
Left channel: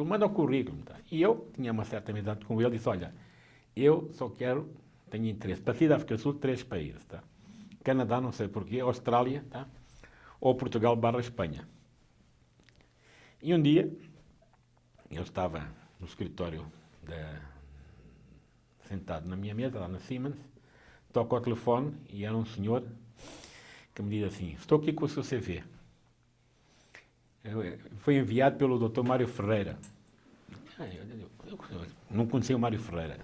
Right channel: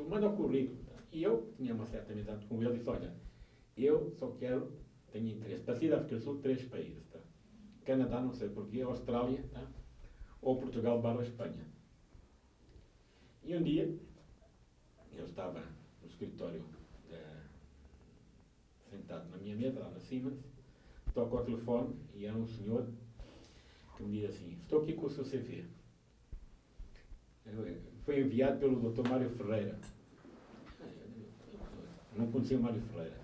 manda o currículo. Tá? E eu tinha uma certa amizade com ele e disse, olha, eu só tenho interesse, para sair da África do Sul, 3 países, tá? Canadá, não sei porquê, Austrália, tá? Ou Portugal / Espanha. E um dia, eu estava no escritório, sentado na minha mesa, lá na Siemens, toco ao telefone e era um senhor que me diz assim, estou aqui com o seu CV. Foi enviado pelo Dr. Mário Ferreira. Eu não conhecia o Mário Ferreira.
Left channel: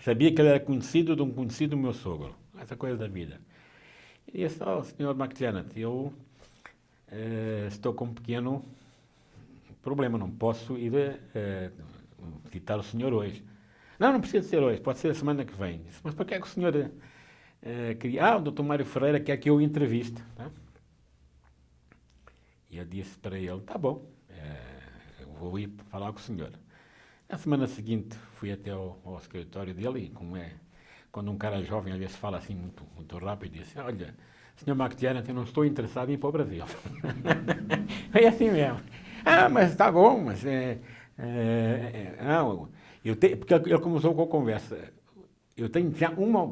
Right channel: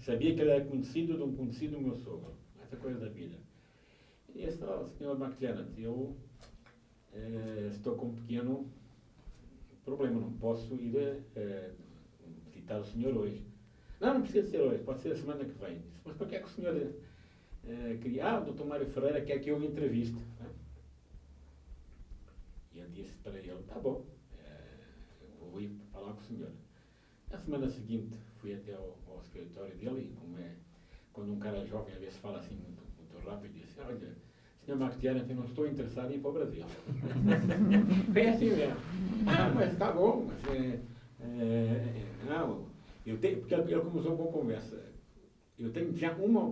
Sabia que ele era conhecido de um conhecido do meu sogro. Essa coisa da vida. E disse, Sr. McJanet, eu estou com um pequeno problema, não posso ir visitar o senhor hoje. Não precisa ser hoje, pode ser a semana que vem. Disse, mas para que é que o senhor queria? O Dr. Mário Ferreira quer que eu o entreviste. Tá? E eu disse para ele, tá bom, eu vou ir falar com o senhor. Na semana seguinte fui até ao escritório dele e quando um cara jovem às vezes fala assim muito rápido, disse, olha, Sr. McTiernan, eu não estou interessado em ir para o Brasil. Foi assim mesmo. Mas tá bom, mas porque ele começou com a conversa. Eu tenho já uma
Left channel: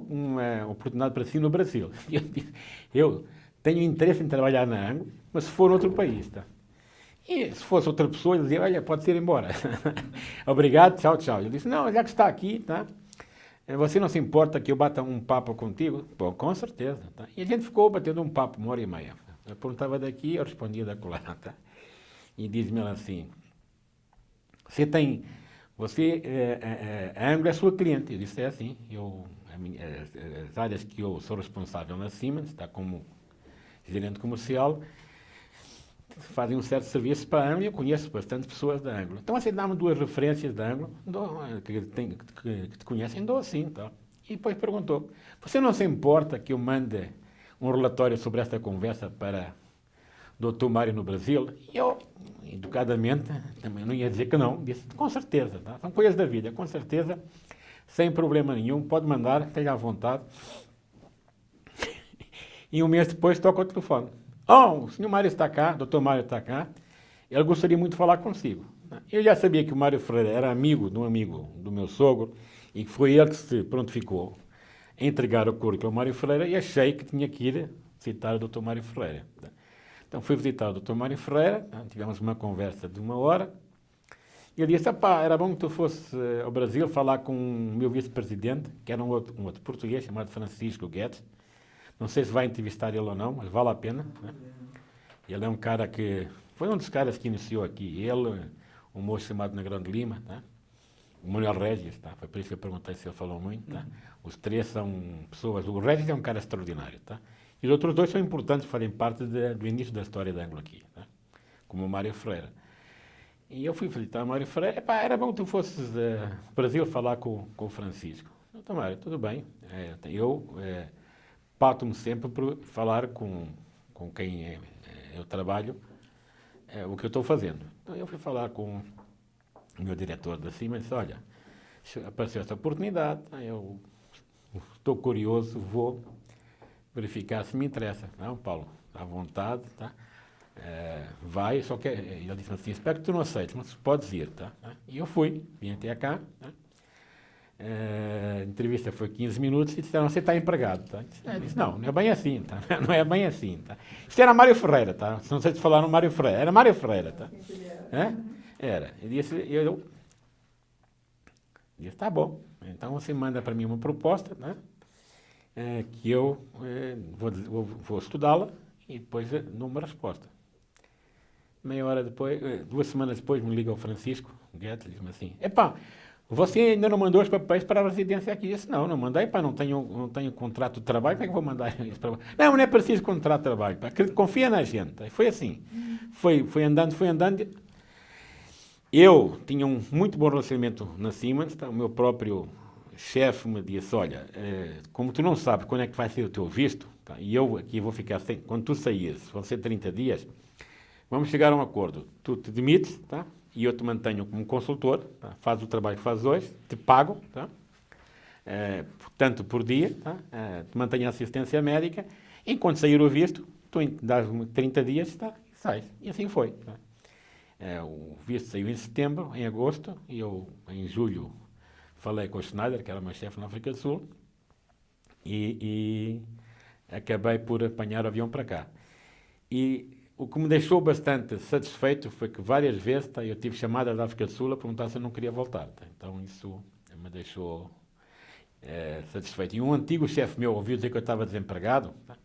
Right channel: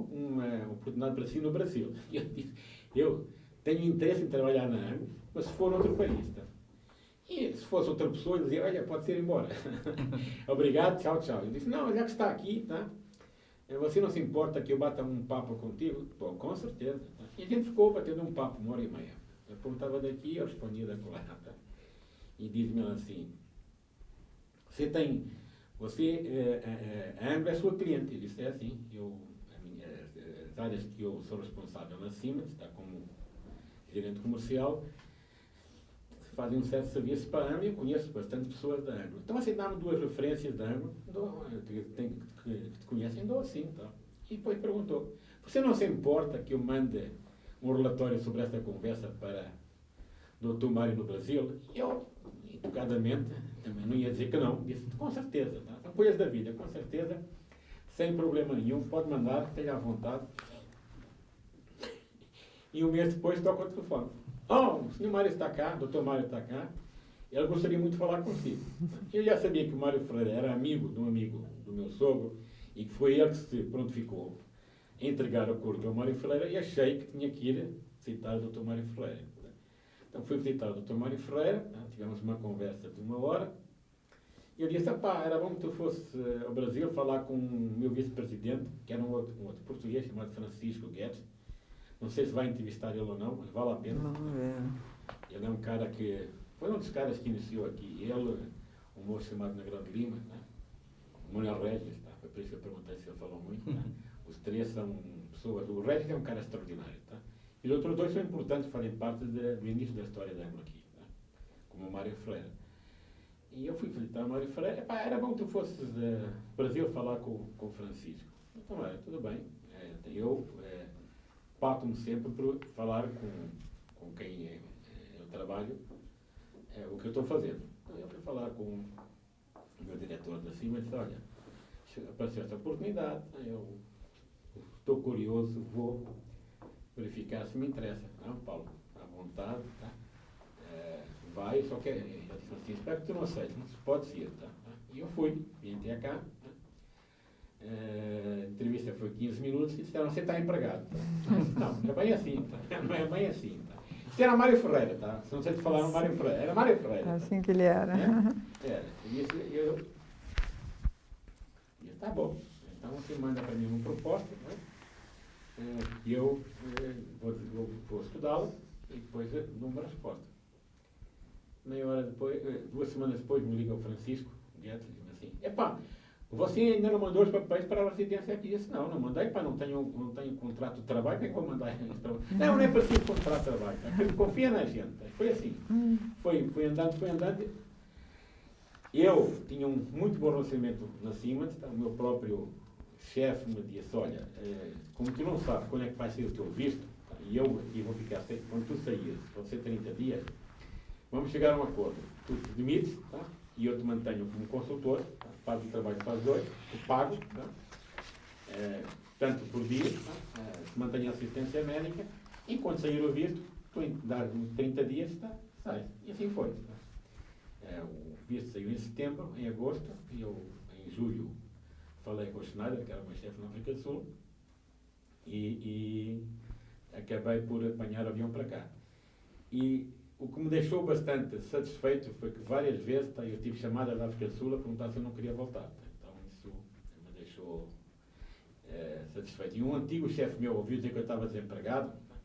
oportunidade para si no Brasil. E eu disse, eu tenho interesse em trabalhar na Anglo, mas se for outro país, tá? E se fosse outra pessoa, ele dizia, olha, pode ir embora. Obrigado, tchau, tchau. Eu disse, não, já que está aqui, tá? Você não se importa que eu bata um papo contigo? Bom, com certeza. Tá? E a gente ficou batendo um papo, 1h30. Eu perguntava daqui, eu respondia da colar. Tá? E diz-me ela assim, a Anglo é sua cliente. Eu disse, é assim, as áreas que eu sou responsável na Siemens, tá, como gerente comercial, fazem um certo serviço para a Anglo e eu conheço bastante pessoas da Anglo. Então, assim, dá-me 2 referências da Anglo que te conhecem, dou assim. Tá? E depois perguntou, você não se importa que eu mande um relatório sobre esta conversa para o Dr. Mário no Brasil? E eu, educadamente, também não ia dizer que não, disse, com certeza. Tá? São coisas da vida, com certeza, sem problema nenhum, pode mandar, esteja à vontade. E um mês depois toca o telefone. O senhor Mário está cá, o Dr. Mário está cá, ele gostaria muito de falar consigo. Eu já sabia que o Mário Ferreira era amigo de um amigo do meu sogro e que foi ele que se prontificou a entregar o currículo ao Mário Ferreira e achei que tinha que ir visitar o Dr. Mário Ferreira. Então fui visitar o Dr. Mário Ferreira, tivemos uma conversa de 1 hora e ele disse, era bom que tu fosse ao Brasil falar com o meu vice-presidente, que era um outro português chamado Francisco Guedes. Não sei se vai entrevistar ele ou não, mas vale a pena. Ele é um cara que... Foi um dos caras que iniciou aqui. Ele, um moço chamado Negrão de Lima, tá? O Manuel Regis, tá? Foi por isso que eu perguntei se ele falou muito. Tá? Os 3 são pessoas... O Regis é um cara extraordinário. Tá? E os outros 2 são importantes, fazem parte do início da história da Anglo aqui. Tá? Como o Mário Ferreira. E eu fui visitar o Mário Ferreira. Epá, era bom que tu fosses ao Brasil falar com o Francisco. Então, Mário, tudo bem. Eu pauto-me sempre por falar com quem eu trabalho o que eu estou fazendo. Então, eu fui falar com o meu diretor da Siemens e disse, olha, apareceu esta oportunidade, eu estou curioso, vou verificar se me interessa. Não, Paulo, à vontade, tá? Vai, só que ele disse assim, espero que tu não aceites, mas podes ir, tá? E eu fui, vim até cá, tá? A entrevista foi 15 minutos e disseram, você está empregado, tá? Eu disse, não é bem assim, tá? Não é bem assim, tá? Isto era Mário Ferreira, tá? Não sei se falaram Mário Ferreira, era Mário Ferreira, tá? Assim que ele era. Era. Eu disse, tá bom, então você manda para mim uma proposta, né? Que eu vou estudá-la e depois dou uma resposta. Meia hora depois, 2 semanas depois, me liga o Francisco Guedes e diz-me assim, epá, você ainda não mandou os papéis para a residência aqui? Eu disse, não mandei, pá, não tenho contrato de trabalho, como é que vou mandar isso para você? Não é preciso contrato de trabalho, pá, confia na gente. Foi assim, foi andando. Eu tinha um muito bom relacionamento na Siemens, tá? O meu próprio chefe me disse, olha, como tu não sabes quando é que vai ser o teu visto, tá? E eu aqui vou ficar, quando tu saíres, vão ser 30 dias, vamos chegar a um acordo. Tu te demites, tá? E eu te mantenho como consultor, tá? Faz o trabalho que fazes hoje, te pago, tá? Tanto por dia, tá? Te mantenho a assistência médica, enquanto sair o visto, tu dás-me 30 dias, tá? Sai. E assim foi. Tá? O visto saiu em setembro, em agosto, e eu, em julho, falei com o Schneider, que era o meu chefe na África do Sul, e acabei por apanhar o avião para cá. E o que me deixou bastante satisfeito foi que várias vezes eu tive chamadas da África do Sul a perguntar se eu não queria voltar. Tá? Então isso me deixou satisfeito. E um antigo chefe meu ouviu dizer que eu estava desempregado, tá?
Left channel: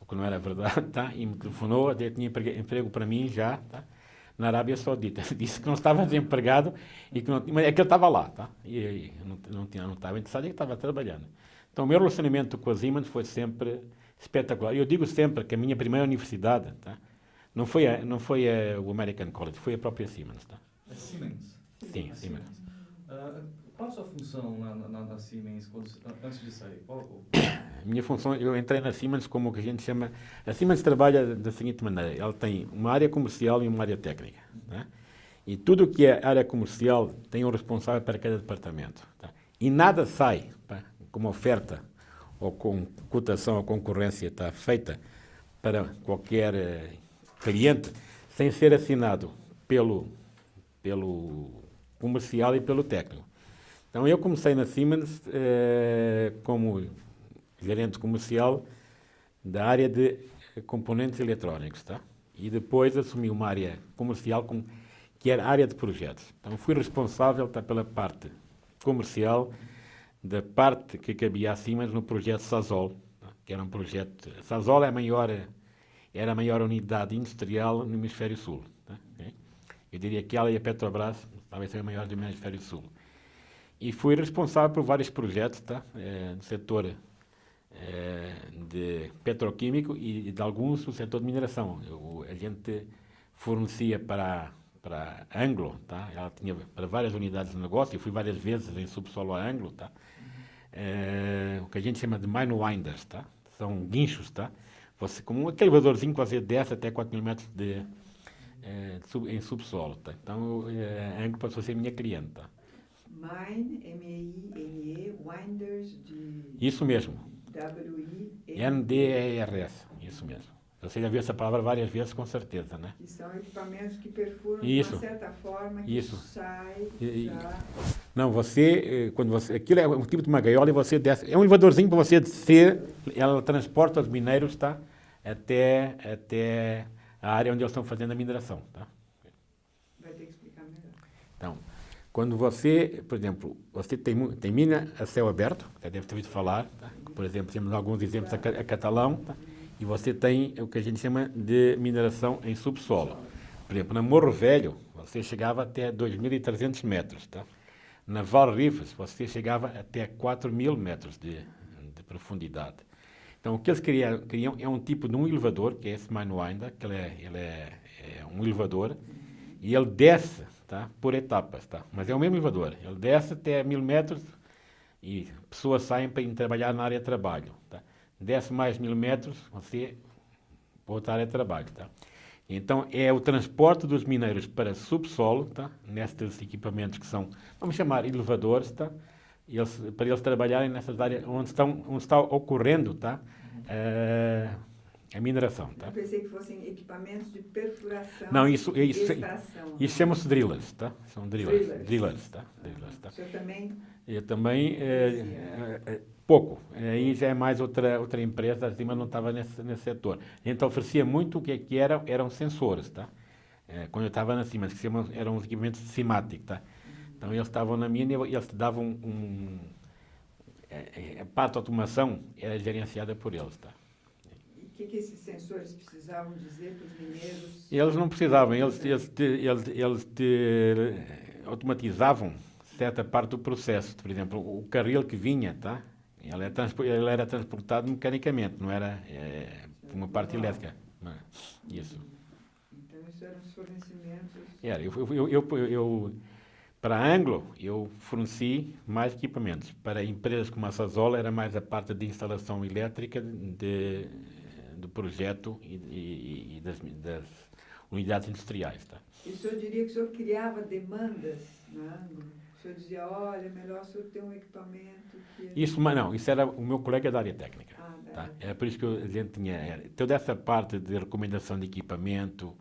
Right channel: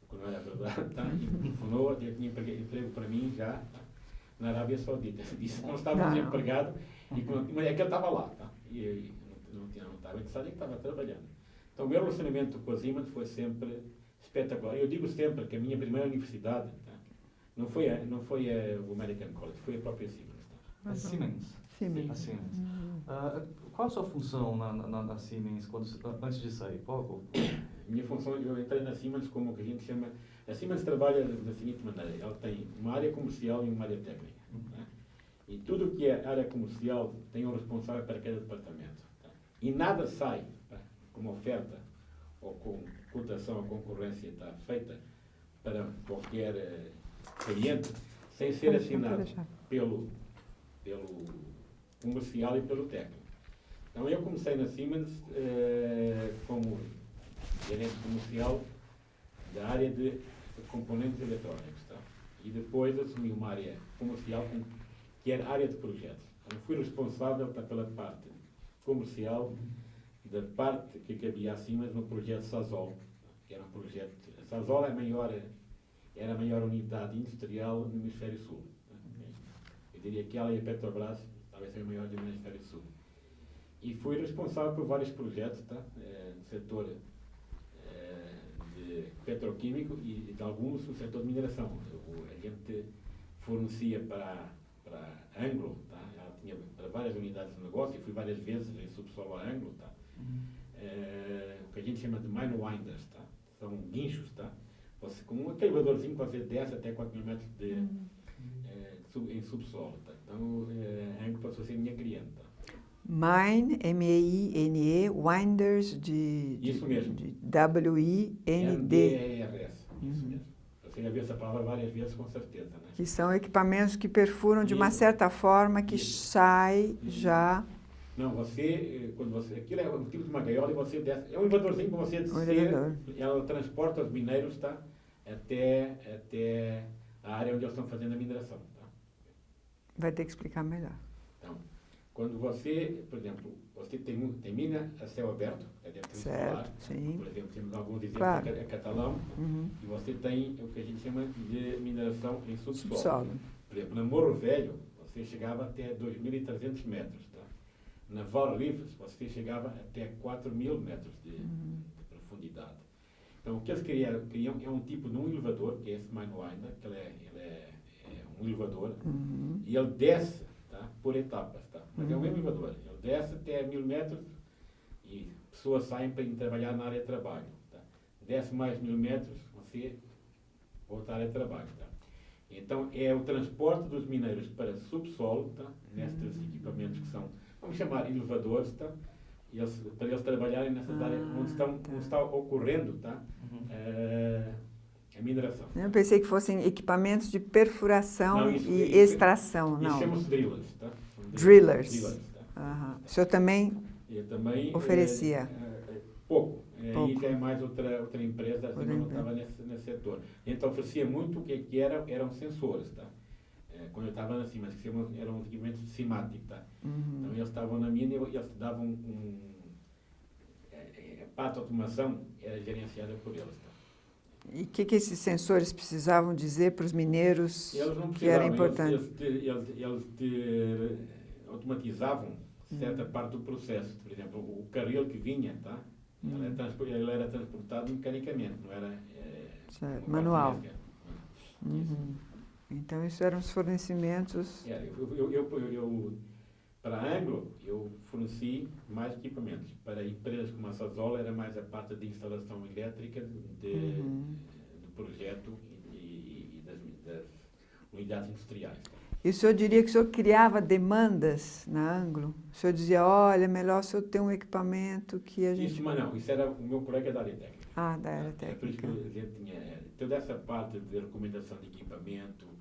O que não era verdade, tá? E me telefonou, tinha emprego para mim já, tá? Na Arábia Saudita. Disse que não estava desempregado, e que mas é que ele estava lá. Tá? E não estava interessado e que estava trabalhando. Então o meu relacionamento com a Siemens foi sempre espetacular. Eu digo sempre que a minha primeira universidade, tá? Não foi o American College, foi a própria Siemens. Tá? A Siemens? Sim, Siemens. Qual a sua função na Siemens antes de sair? A minha função, eu entrei na Siemens como o que a gente chama... A Siemens trabalha da seguinte maneira, ela tem uma área comercial e uma área técnica. Tá? E tudo o que é área comercial tem um responsável para cada departamento. Tá? E nada sai, tá? Como oferta ou com cotação ou concorrência está feita para qualquer cliente, sem ser assinado pelo comercial e pelo técnico. Então eu comecei na Siemens como gerente comercial da área de componentes eletrónicos, tá? E depois assumi uma área comercial que era a área de projetos. Então fui responsável pela parte comercial da parte que cabia a Siemens no projeto Sasol, tá? Que era um projeto... Sasol era a maior unidade industrial no Hemisfério Sul. Tá? Okay? Eu diria que ela e a Petrobras talvez sejam a maior do Hemisfério Sul. E fui responsável por vários projetos, tá? No setor de petroquímico e de alguns no setor de mineração. A gente fornecia para a Anglo, tá? Ela tinha para várias unidades de negócio, eu fui várias vezes em subsolo a Anglo, tá? O que a gente chama de mine winders, tá? São guinchos, tá? Você, como aquele elevadorzinho que você desce até 4.000 metros em subsolo, tá? Então a Anglo passou a ser minha cliente, tá? Mine, M-E-I-N-E, Winders de... Isso mesmo. W-I-N-D. N-D-E-R-S, isso mesmo. Você já viu essa palavra várias vezes, com certeza, né? Que são equipamentos que perfuram de uma certa forma, que sai já... Não, aquilo é um tipo de uma gaiola e você desce... É um elevadorzinho para você descer, ela transporta os mineiros, tá? Até a área onde eles estão fazendo a mineração, tá? Vai ter que explicar melhor. Então, quando você, por exemplo, você tem mina a céu aberto, já deve ter ouvido falar, tá? Por exemplo, temos alguns exemplos a Catalão, tá? E você tem o que a gente chama de mineração em subsolo. Por exemplo, na Morro Velho, você chegava até 2.300 metros, tá? Na Val Rivas, você chegava até 4.000 metros de profundidade. Então, o que eles criam é um tipo de um elevador, que é esse Minewinder, que ele é um elevador, e ele desce tá? Por etapas, tá? Mas é o mesmo elevador. Ele desce até 1000 metros e pessoas saem para ir trabalhar na área de trabalho, tá? Desce mais 1000 metros, você volta à área de trabalho, tá? Então, é o transporte dos mineiros para subsolo, tá? Nestes equipamentos que são, vamos chamar, elevadores, tá? Para eles trabalharem nessas áreas onde está ocorrendo, tá? A mineração. Eu pensei que fossem equipamentos de perfuração não, e extração. Isso chama-se drillers, tá? São drillers. Drillers, tá? O senhor também oferecia? Pouco. Aí já é mais outra empresa, a Siemens não estava nesse setor. A gente oferecia muito o que eram sensores, tá? Quando eu estava na Siemens, que eram equipamentos de Simatic, tá? Então eles estavam na minha e eles davam a parte de automação era gerenciada por eles, tá? E o que esses sensores precisavam dizer para os mineiros? Eles não precisavam, eles automatizavam certa parte do processo. Por exemplo, o carril que vinha, tá? Ele era transportado mecanicamente, não era uma parte elétrica. Isso. Então, isso eram os fornecimentos... Para a Anglo, eu forneci mais equipamentos. Para empresas como a Sasol, era mais a parte de instalação elétrica do projeto e das unidades industriais. Tá? E o senhor diria que o senhor criava demandas na Anglo? O senhor dizia, olha, é melhor o senhor ter um equipamento que a gente... Isso era o meu colega da área técnica. Da área técnica. É por isso que a gente tinha toda essa parte de recomendação de equipamento,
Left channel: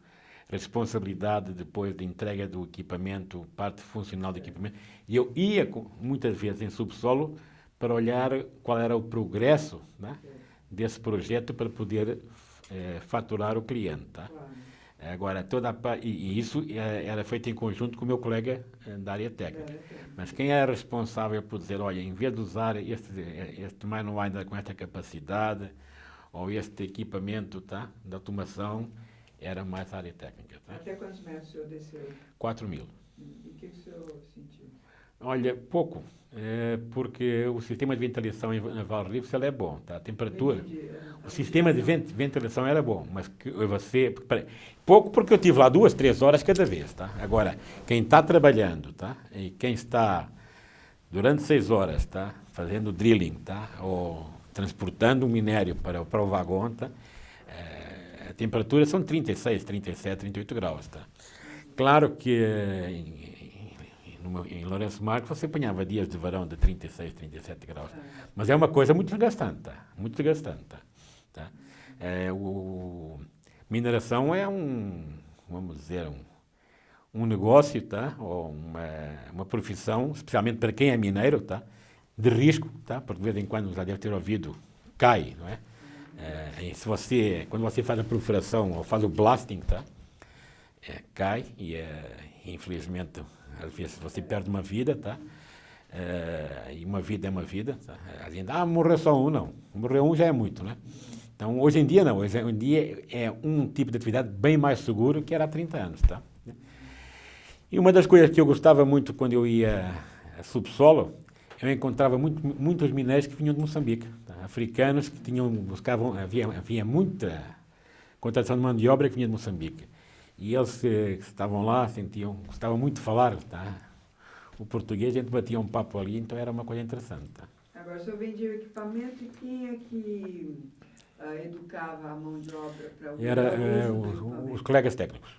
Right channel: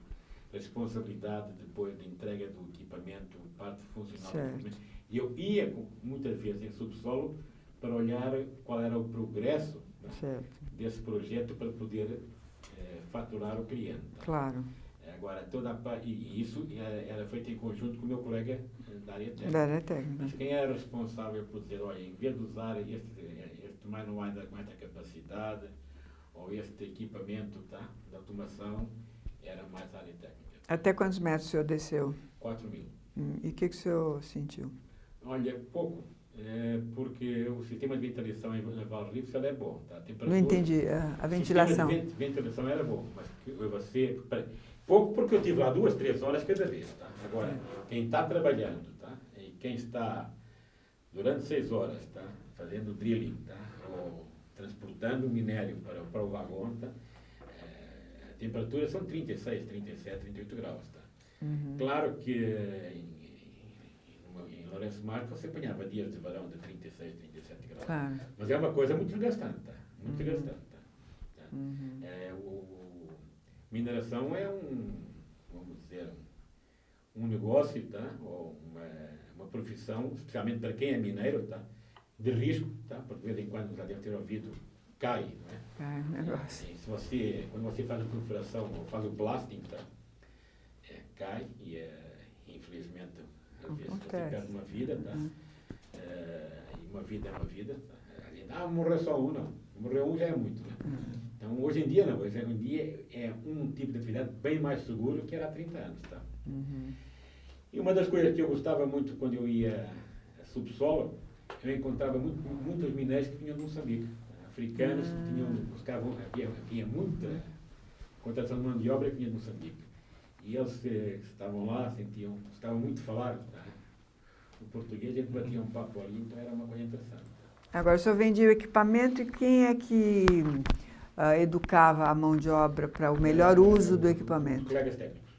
responsabilidade depois da entrega do equipamento, parte funcional do equipamento. E eu ia muitas vezes em subsolo para olhar qual era o progresso, né, desse projeto para poder faturar o cliente. Tá? Claro. Agora, e isso era feito em conjunto com o meu colega da área técnica. Mas quem era responsável por dizer, olha, em vez de usar este manual ainda com esta capacidade, ou este equipamento, tá, de automação, era mais a área técnica. Tá? Até quantos metros o senhor desceu? 4.000. E o que o senhor sentiu? Olha, pouco. Porque o sistema de ventilação em Valrives é bom. Tá? A temperatura, não entendi. O sistema de ventilação era bom, mas pouco porque eu tive lá 2, 3 horas cada vez. Tá? Agora, quem está trabalhando, tá? E quem está durante 6 horas, tá? Fazendo drilling, tá? Ou transportando o minério para o vagão, tá? A temperatura são 36, 37, 38 graus. Tá? Claro que em Lourenço Marques você apanhava dias de verão de 36, 37 graus. Mas é uma coisa muito desgastante. Tá? Muito desgastante. Tá? Mineração é vamos dizer, um negócio, tá? Ou uma profissão, especialmente para quem é mineiro, tá? De risco, tá? Porque de vez em quando já deve ter ouvido, cai, não é? Quando você faz a perfuração ou faz o blasting, tá? Cai e infelizmente às vezes você perde uma vida, tá? E uma vida é uma vida. Tá? A gente, morreu só um, não. Morreu um já é muito, né? Então, hoje em dia não. Hoje em dia é um tipo de atividade bem mais seguro que era há 30 anos, tá? E uma das coisas que eu gostava muito quando eu ia a subsolo, eu encontrava muitos mineiros que vinham de Moçambique. Tá? Africanos que havia muita contratação de mão de obra que vinha de Moçambique. E eles que estavam lá, gostavam muito de falar, tá? O português, a gente batia um papo ali, então era uma coisa interessante. Tá? Agora, o senhor vendia o equipamento e quem é que educava a mão de obra para o melhor uso do equipamento? Os colegas técnicos.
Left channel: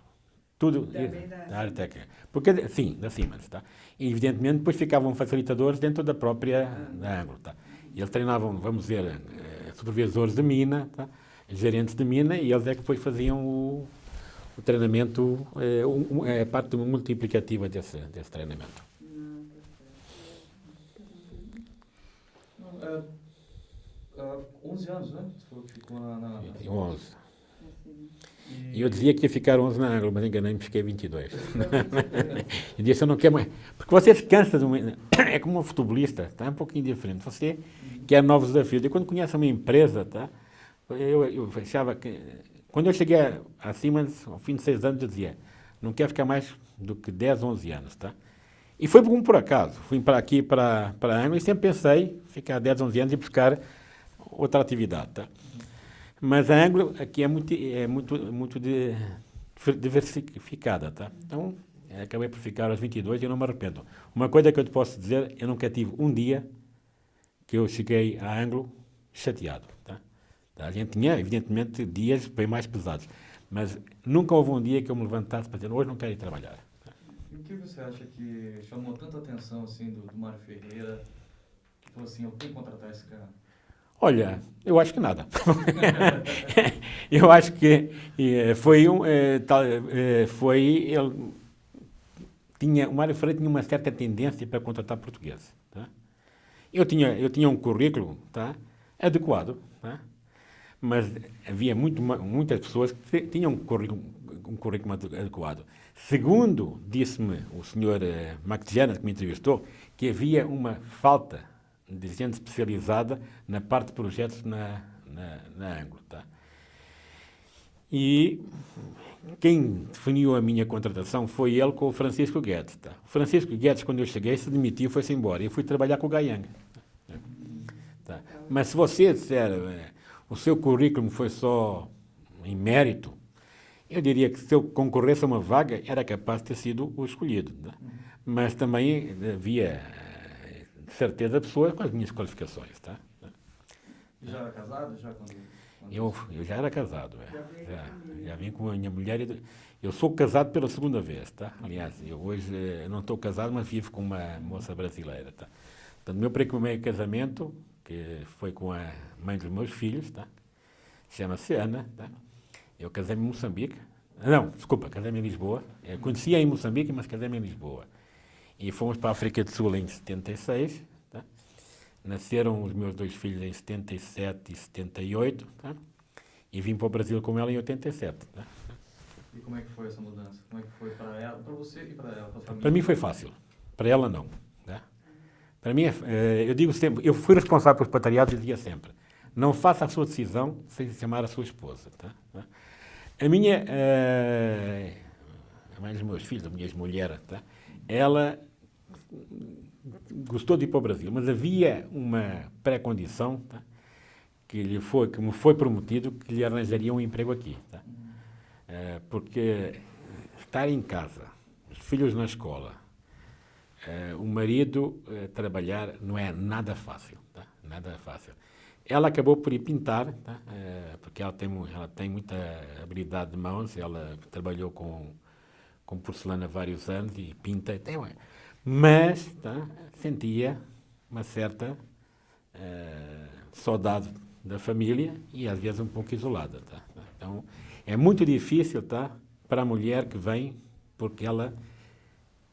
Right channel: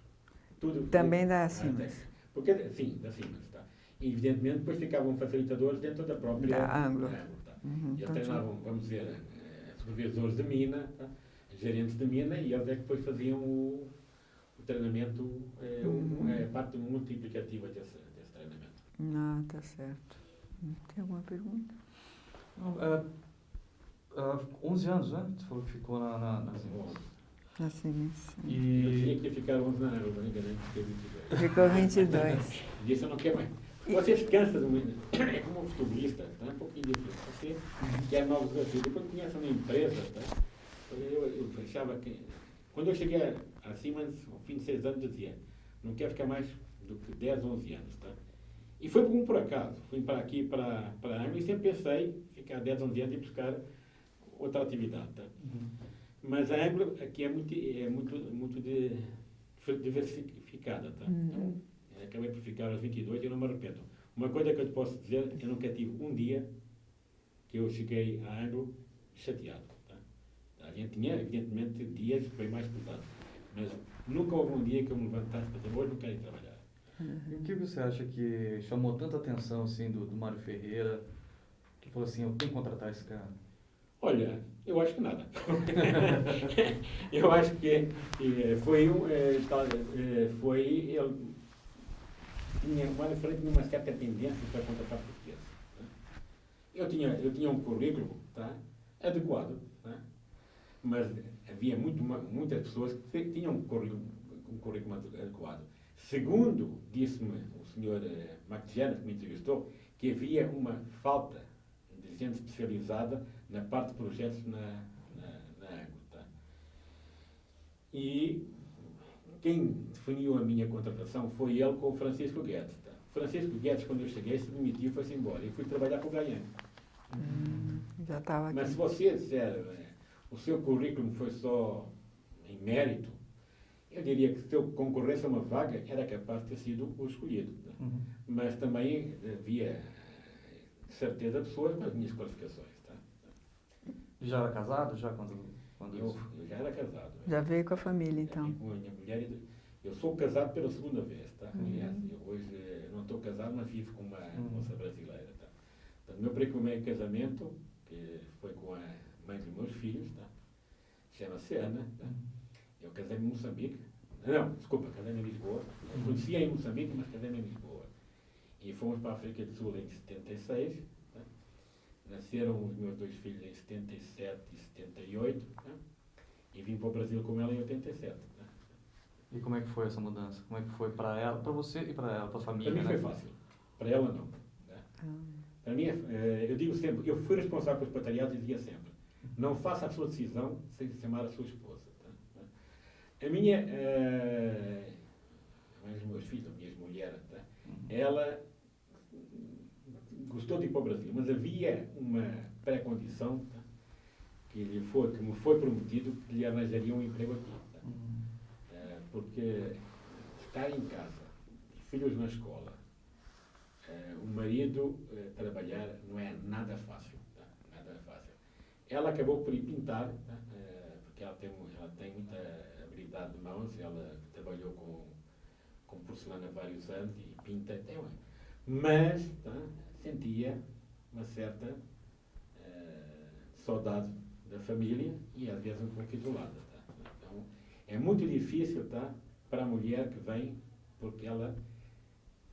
Tudo também da área técnica. Porque, sim, da Siemens. Tá? E, evidentemente, depois ficavam facilitadores dentro da própria Anglo. Tá? E eles treinavam, vamos dizer, supervisores de mina, tá? Gerentes de mina, e eles é que depois faziam o treinamento, é parte multiplicativa desse treinamento. Não, tá certo. Tem alguma pergunta? Não, 11 anos, né? Você falou que ficou na 11. Assim, e eu dizia que ia ficar 11 na Anglo, mas enganei-me, fiquei 22. Ficou 22. Eu disse, eu não quero mais. Porque você se cansa, é como um futebolista, tá? É um pouquinho diferente. Você quer novos desafios. E quando conhece uma empresa, tá? Eu achava que... Quando eu cheguei a Siemens, ao fim de 6 anos, eu dizia, não quero ficar mais do que 10, 11 anos, tá? E foi por acaso. Fui para aqui, para a Anglo, e sempre pensei ficar 10, 11 anos e buscar outra atividade, tá? Mas a Anglo aqui é muito diversificada, tá? Então, acabei por ficar aos 22 e eu não me arrependo. Uma coisa que eu te posso dizer, eu nunca tive um dia que eu cheguei a Anglo chateado. Tá? A gente tinha, evidentemente, dias bem mais pesados, mas nunca houve um dia que eu me levantasse para dizer, hoje não quero ir trabalhar. E o que você acha que chamou tanta atenção assim, do Mário Ferreira, que falou assim, eu tenho que contratar esse cara? Olha, eu acho que nada. Eu acho que o Mário Ferreira tinha uma certa tendência para contratar portugueses. Tá? Eu tinha um currículo, tá, adequado, tá? Mas havia muitas pessoas que tinham um currículo adequado. Segundo disse-me o senhor Mactiana, que me entrevistou, que havia uma falta de gente especializada na parte de projetos na Anglo. Tá? E quem definiu a minha contratação foi ele com o Francisco Guedes. Tá? O Francisco Guedes, quando eu cheguei, se demitiu e foi-se embora. E fui trabalhar com o Gaiang. Tá? Mas se você disser o seu currículo foi só em mérito, eu diria que se eu concorresse a uma vaga, era capaz de ter sido o escolhido. Tá? Mas também havia certeza pessoas com as minhas qualificações. Tá? Já era casado? Eu já era casado. Já veio com a família, já então. vim com a minha mulher. Eu sou casado pela segunda vez. Tá? Aliás, eu hoje não estou casado, mas vivo com uma moça brasileira. Tá? Portanto, meu primeiro casamento, que foi com a mãe dos meus filhos, tá? Chama-se Ana. Tá? Eu casei-me em Moçambique. Não, desculpa, casei-me em Lisboa. Eu conhecia em Moçambique, mas casei-me em Lisboa. E fomos para a África do Sul em 76. Tá? Nasceram os meus dois filhos em 77 e 78. Tá? E vim para o Brasil com ela em 87. Tá? E como é que foi essa mudança? Como é que foi para ela, para você e para ela, para a família? Para mim foi fácil. Para ela, não. Tá? Para mim, eu digo sempre, eu fui responsável pelos patriados e dizia sempre, não faça a sua decisão sem chamar a sua esposa. Tá? A minha, a mãe dos meus filhos, a minha ex-mulher, tá? Ela gostou de ir para o Brasil, mas havia uma pré-condição, tá? Que me foi prometido que lhe arranjaria um emprego aqui. Tá? Porque estar em casa, os filhos na escola, o marido trabalhar não é nada fácil. Tá? Nada fácil. Ela acabou por ir pintar, tá? Porque ela tem muita habilidade de mãos, ela trabalhou com porcelana há vários anos e pinta, mas tá? Sentia uma certa saudade da família e às vezes um pouco isolada. Tá? Então é muito difícil, tá? Para a mulher que vem, porque ela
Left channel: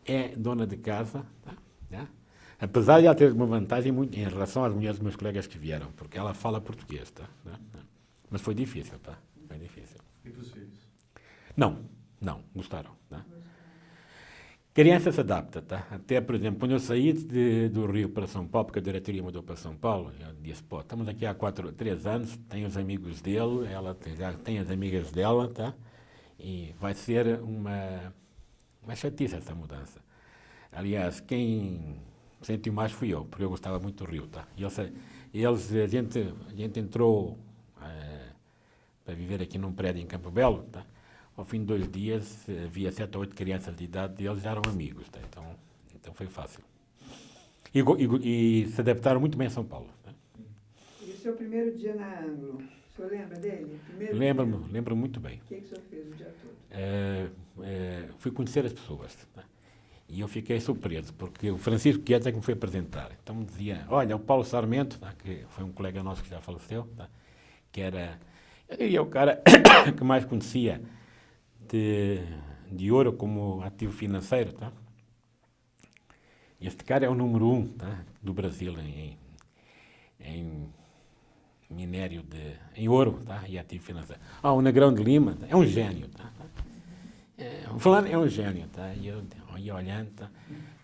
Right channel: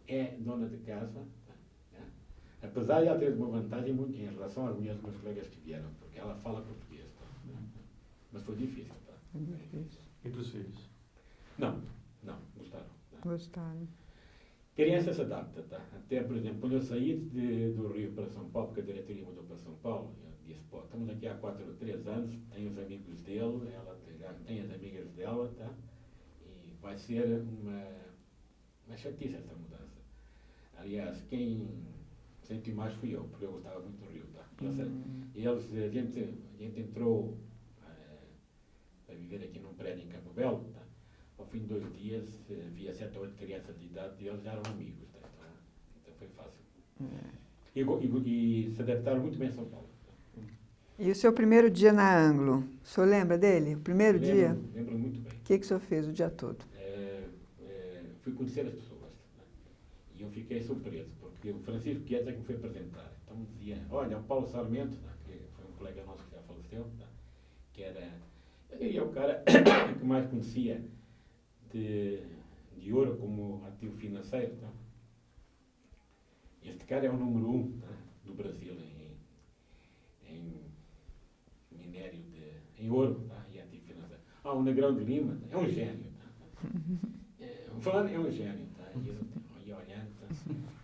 é dona de casa, tá? Apesar de ela ter uma vantagem muito em relação às mulheres dos meus colegas que vieram, porque ela fala português, tá? Mas foi difícil, tá? Foi difícil. E dos filhos? Não, gostaram. Tá? Gostaram. Criança se adapta, tá? Até, por exemplo, quando eu saí do Rio para São Paulo, porque a diretoria mudou para São Paulo, eu disse, pô, estamos aqui há 3 anos, tem os amigos dele, ela já tem as amigas dela, tá? E vai ser uma chatice essa mudança. Aliás, quem sentiu mais fui eu, porque eu gostava muito do Rio, tá? A gente entrou para viver aqui num prédio em Campo Belo, tá? Ao fim de 2 dias, havia 7 ou 8 crianças de idade e eles já eram amigos, tá? Então foi fácil. E se adaptaram muito bem a São Paulo. Tá? E o seu primeiro dia na Anglo, o senhor lembra dele? O primeiro dia? Lembro muito bem. O que o senhor fez o dia todo? Fui conhecer as pessoas. Tá? E eu fiquei surpreso, porque o Francisco Guedes é que me foi apresentar. Então me dizia, olha, o Paulo Sarmento, tá? Que foi um colega nosso que já faleceu, tá? Que era, eu diria, o cara que mais conhecia de ouro como ativo financeiro, tá? Este cara é o número 1, tá? Do Brasil em minério em ouro, tá? E ativo financeiro. O Negrão de Lima é um gênio, tá? Falando é um gênio, tá? E eu ia olhando, tá?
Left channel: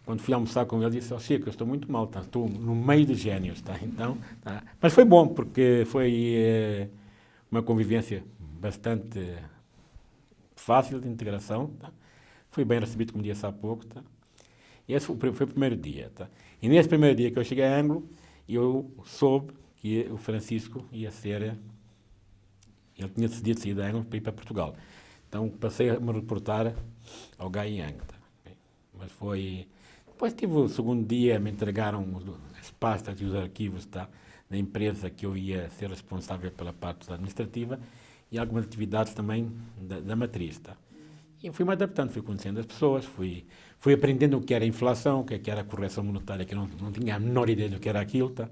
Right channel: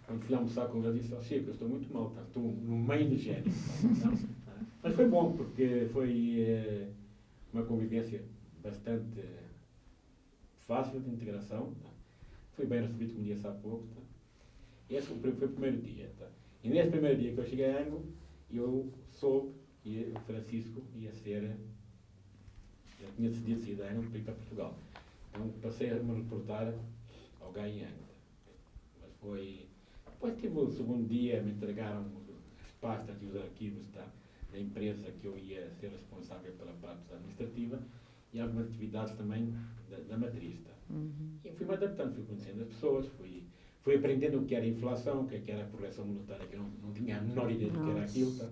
Quando fui almoçar com ele, disse, Chico, eu estou muito mal, tá? Estou no meio de gênios, tá? Então, tá? Mas foi bom, porque foi uma convivência bastante fácil de integração, tá? Fui bem recebido, como disse há pouco, tá? E esse foi o primeiro dia, tá? E nesse primeiro dia que eu cheguei a Anglo, eu soube que o Francisco ia ser... Ele tinha decidido sair da Anglo para ir para Portugal. Então passei a me reportar ao Gaiang. Tá? Mas foi... Depois tive o segundo dia, me entregaram as pastas e os arquivos da empresa que eu ia ser responsável pela parte administrativa e algumas atividades também da matriz. Tá? E eu fui me adaptando, fui conhecendo as pessoas, fui aprendendo o que era inflação, o que era a correção monetária, que eu não tinha a menor ideia do que era aquilo. Tá?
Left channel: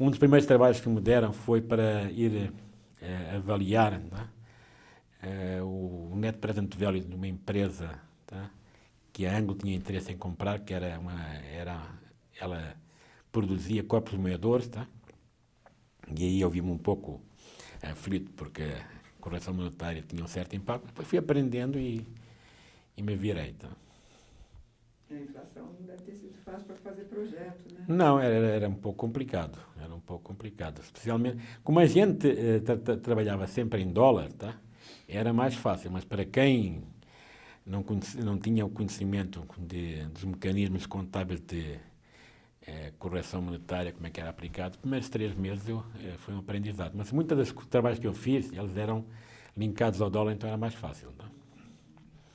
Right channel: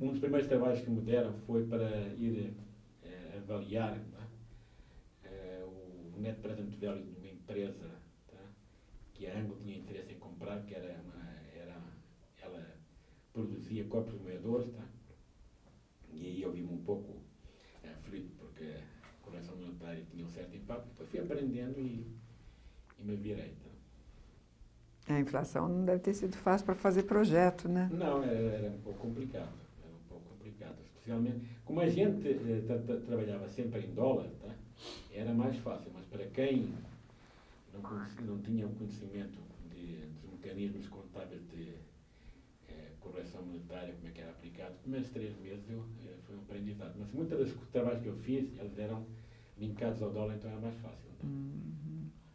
Um dos primeiros trabalhos que me deram foi para ir avaliar, tá? O net present value de uma empresa, tá? Que a Anglo tinha interesse em comprar, que ela produzia copos moedores, tá? E aí eu vi-me um pouco aflito, porque a correção monetária tinha um certo impacto. Depois fui aprendendo e me virei. Tá? A inflação não deve ter sido fácil para fazer projeto, né? Não, era um pouco complicado. Era um pouco complicado. Especialmente, como a gente trabalhava sempre em dólar, tá? Era mais fácil, mas para quem não tinha o conhecimento dos mecanismos contábeis de correção monetária, como é que era aplicado, os primeiros 3 meses foi um aprendizado. Mas muitos dos trabalhos que eu fiz, eles eram linkados ao dólar, então era mais fácil. Tá?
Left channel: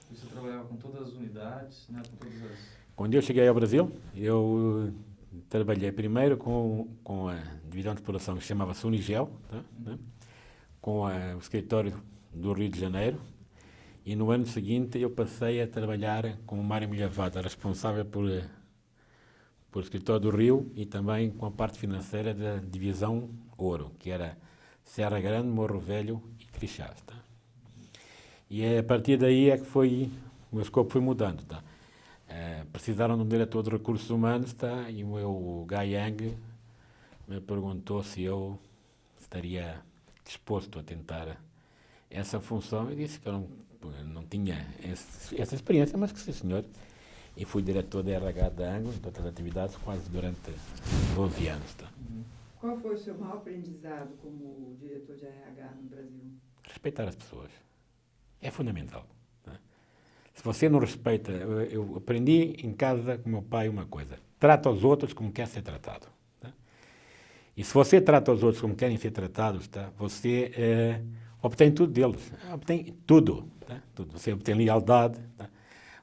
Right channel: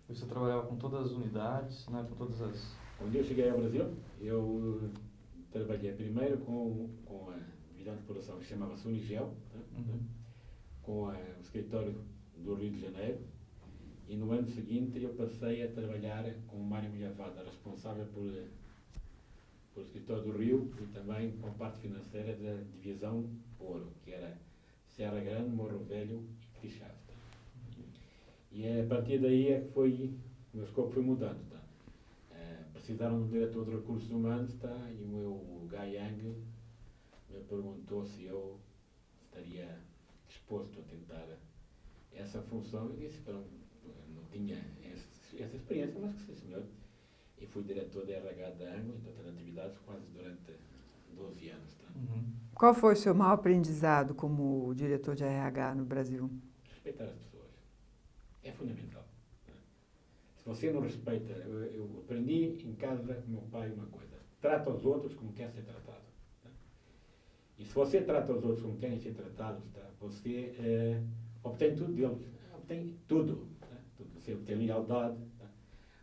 Você trabalhava com todas as unidades, né? Com todas as... Quando eu cheguei ao Brasil, eu trabalhei primeiro com a divisão de exploração que chamava-se Unigel, tá? Né? Com o escritório do Rio de Janeiro, e no ano seguinte eu passei a trabalhar com o Mário Milhavada, responsável por escritório do Rio e também com a parte financeira da divisão Ouro, que era Serra Grande, Morro Velho e Crixás. Tá? E a partir daí é que o meu escopo foi mudando. Tá? Precisaram de um diretor de recursos humanos, tá? E o meu Gayang me perguntou se eu estaria disposto a tentar essa função. Eu disse que eu não tinha essa experiência, mas que sim, senhor. E fui diretor da RH da Anglo, de outras atividades, quase durante 12 anos. Tá? Qual foi o seu maior aprendizado como diretor de RH no Brasil? Respeitar as pessoas. É fundamental. Tá? Se você não respeita... Eu aprendi em casa com meu pai uma coisa. Trata os outros como quer ser tratado. Tá? E se você trata os outros como querem ser tratados, tá? Você obtém tudo deles. Obtém tudo. Tá? Tudo. Você obtém lealdade, tá?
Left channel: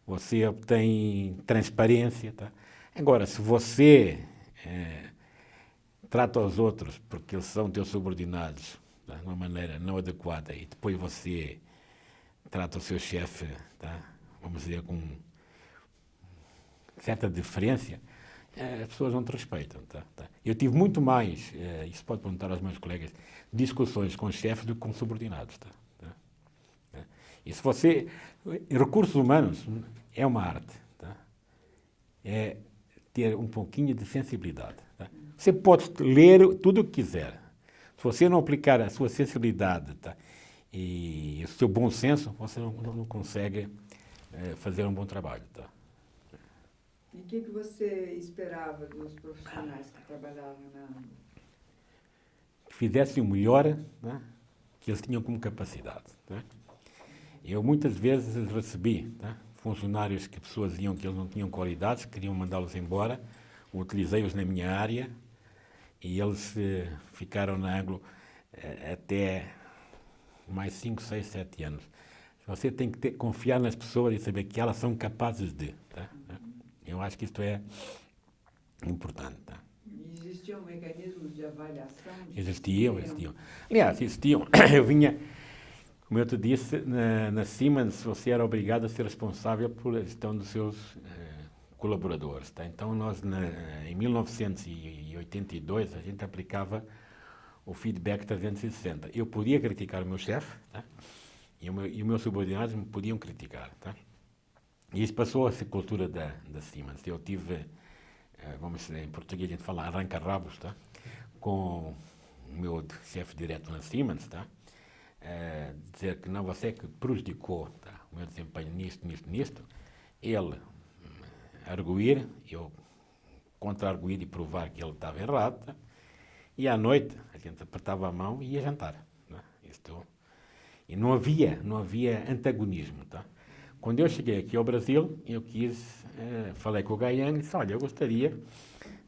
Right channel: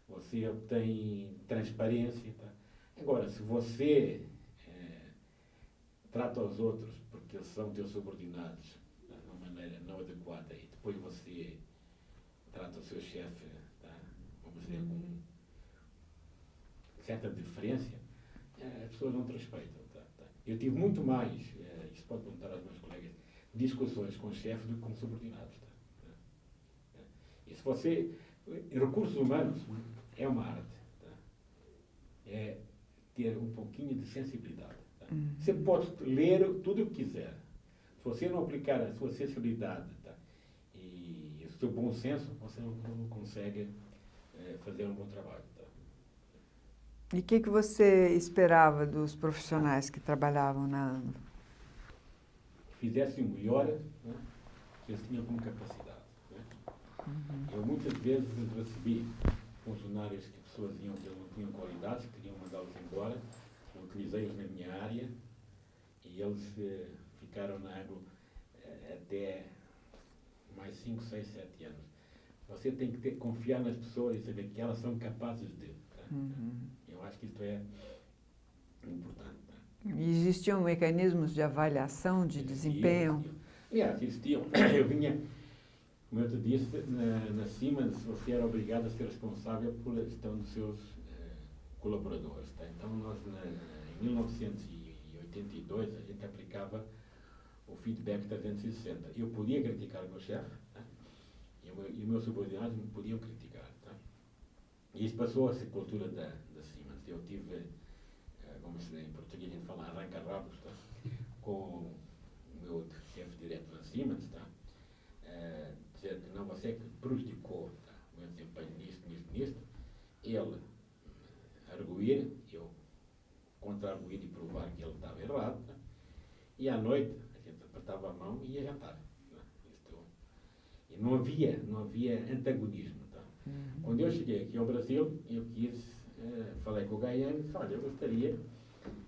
Você obtém transparência. Tá? Agora, se você trata os outros porque eles são teus subordinados, tá? De uma maneira não adequada, e depois você trata o seu chefe, tá? Vamos dizer, com certa diferença, as pessoas não te respeitam. Tá? Eu tive muito mais, isso pode perguntar aos meus colegas, discussões com chefes do que com subordinados. Tá? E se você... Recursos humanos é uma arte. Tá? É ter um pouquinho de sensibilidade. Tá? Você pode ler tudo o que quiser. Se você não aplicar a sua sensibilidade, tá? E o seu bom senso, você não consegue fazer um bom trabalho. Tá? E o que você esperava dos profissionais que trabalhavam na Anglo? Que fizessem o melhor, né, que eles tinham como capacidade. Tá? Eu muitas vezes recebi, tá, funcionários que pessoas diziam que eles não tinham qualidades, queriam mandá-los embora, utilizei-os na minha área e eles ficaram na Anglo até mais 5, 6, 7 anos. Você tem que confiar nas pessoas e saber que elas são capazes de. Tá? Eu acho que isto é importante. Tá? Existiam mecanismos de avaliação de desempenho? Existiam. Aliás, existiam. Eu vinha, como eu te disse, na Siemens você era obrigado a ser responsável pela gestão dos seus colaboradores. Tá? Então, nós, em 1982, a gente aplicava o feedback 360. Eu podia criticar o meu chefe, tá? E os meus subordinados me podiam criticar. Tá? E isso passou a ser cultura da Siemens. Eu tive, vamos dizer, em português a gente fala arranca-rabos, tá? Com o meu chefe direto na Siemens, tá? Dizer que não, você é que prejudicou, tá, o meu desempenho nisto. Ele arguir, eu contra-arguir e provar que ele estava errado. Tá? E à noite a gente apertava a mão e ia jantar. Tá? E não havia antagonismo. Tá? Quando eu cheguei aqui ao Brasil, eu falei com o Gayang e disse, olha, eu gostaria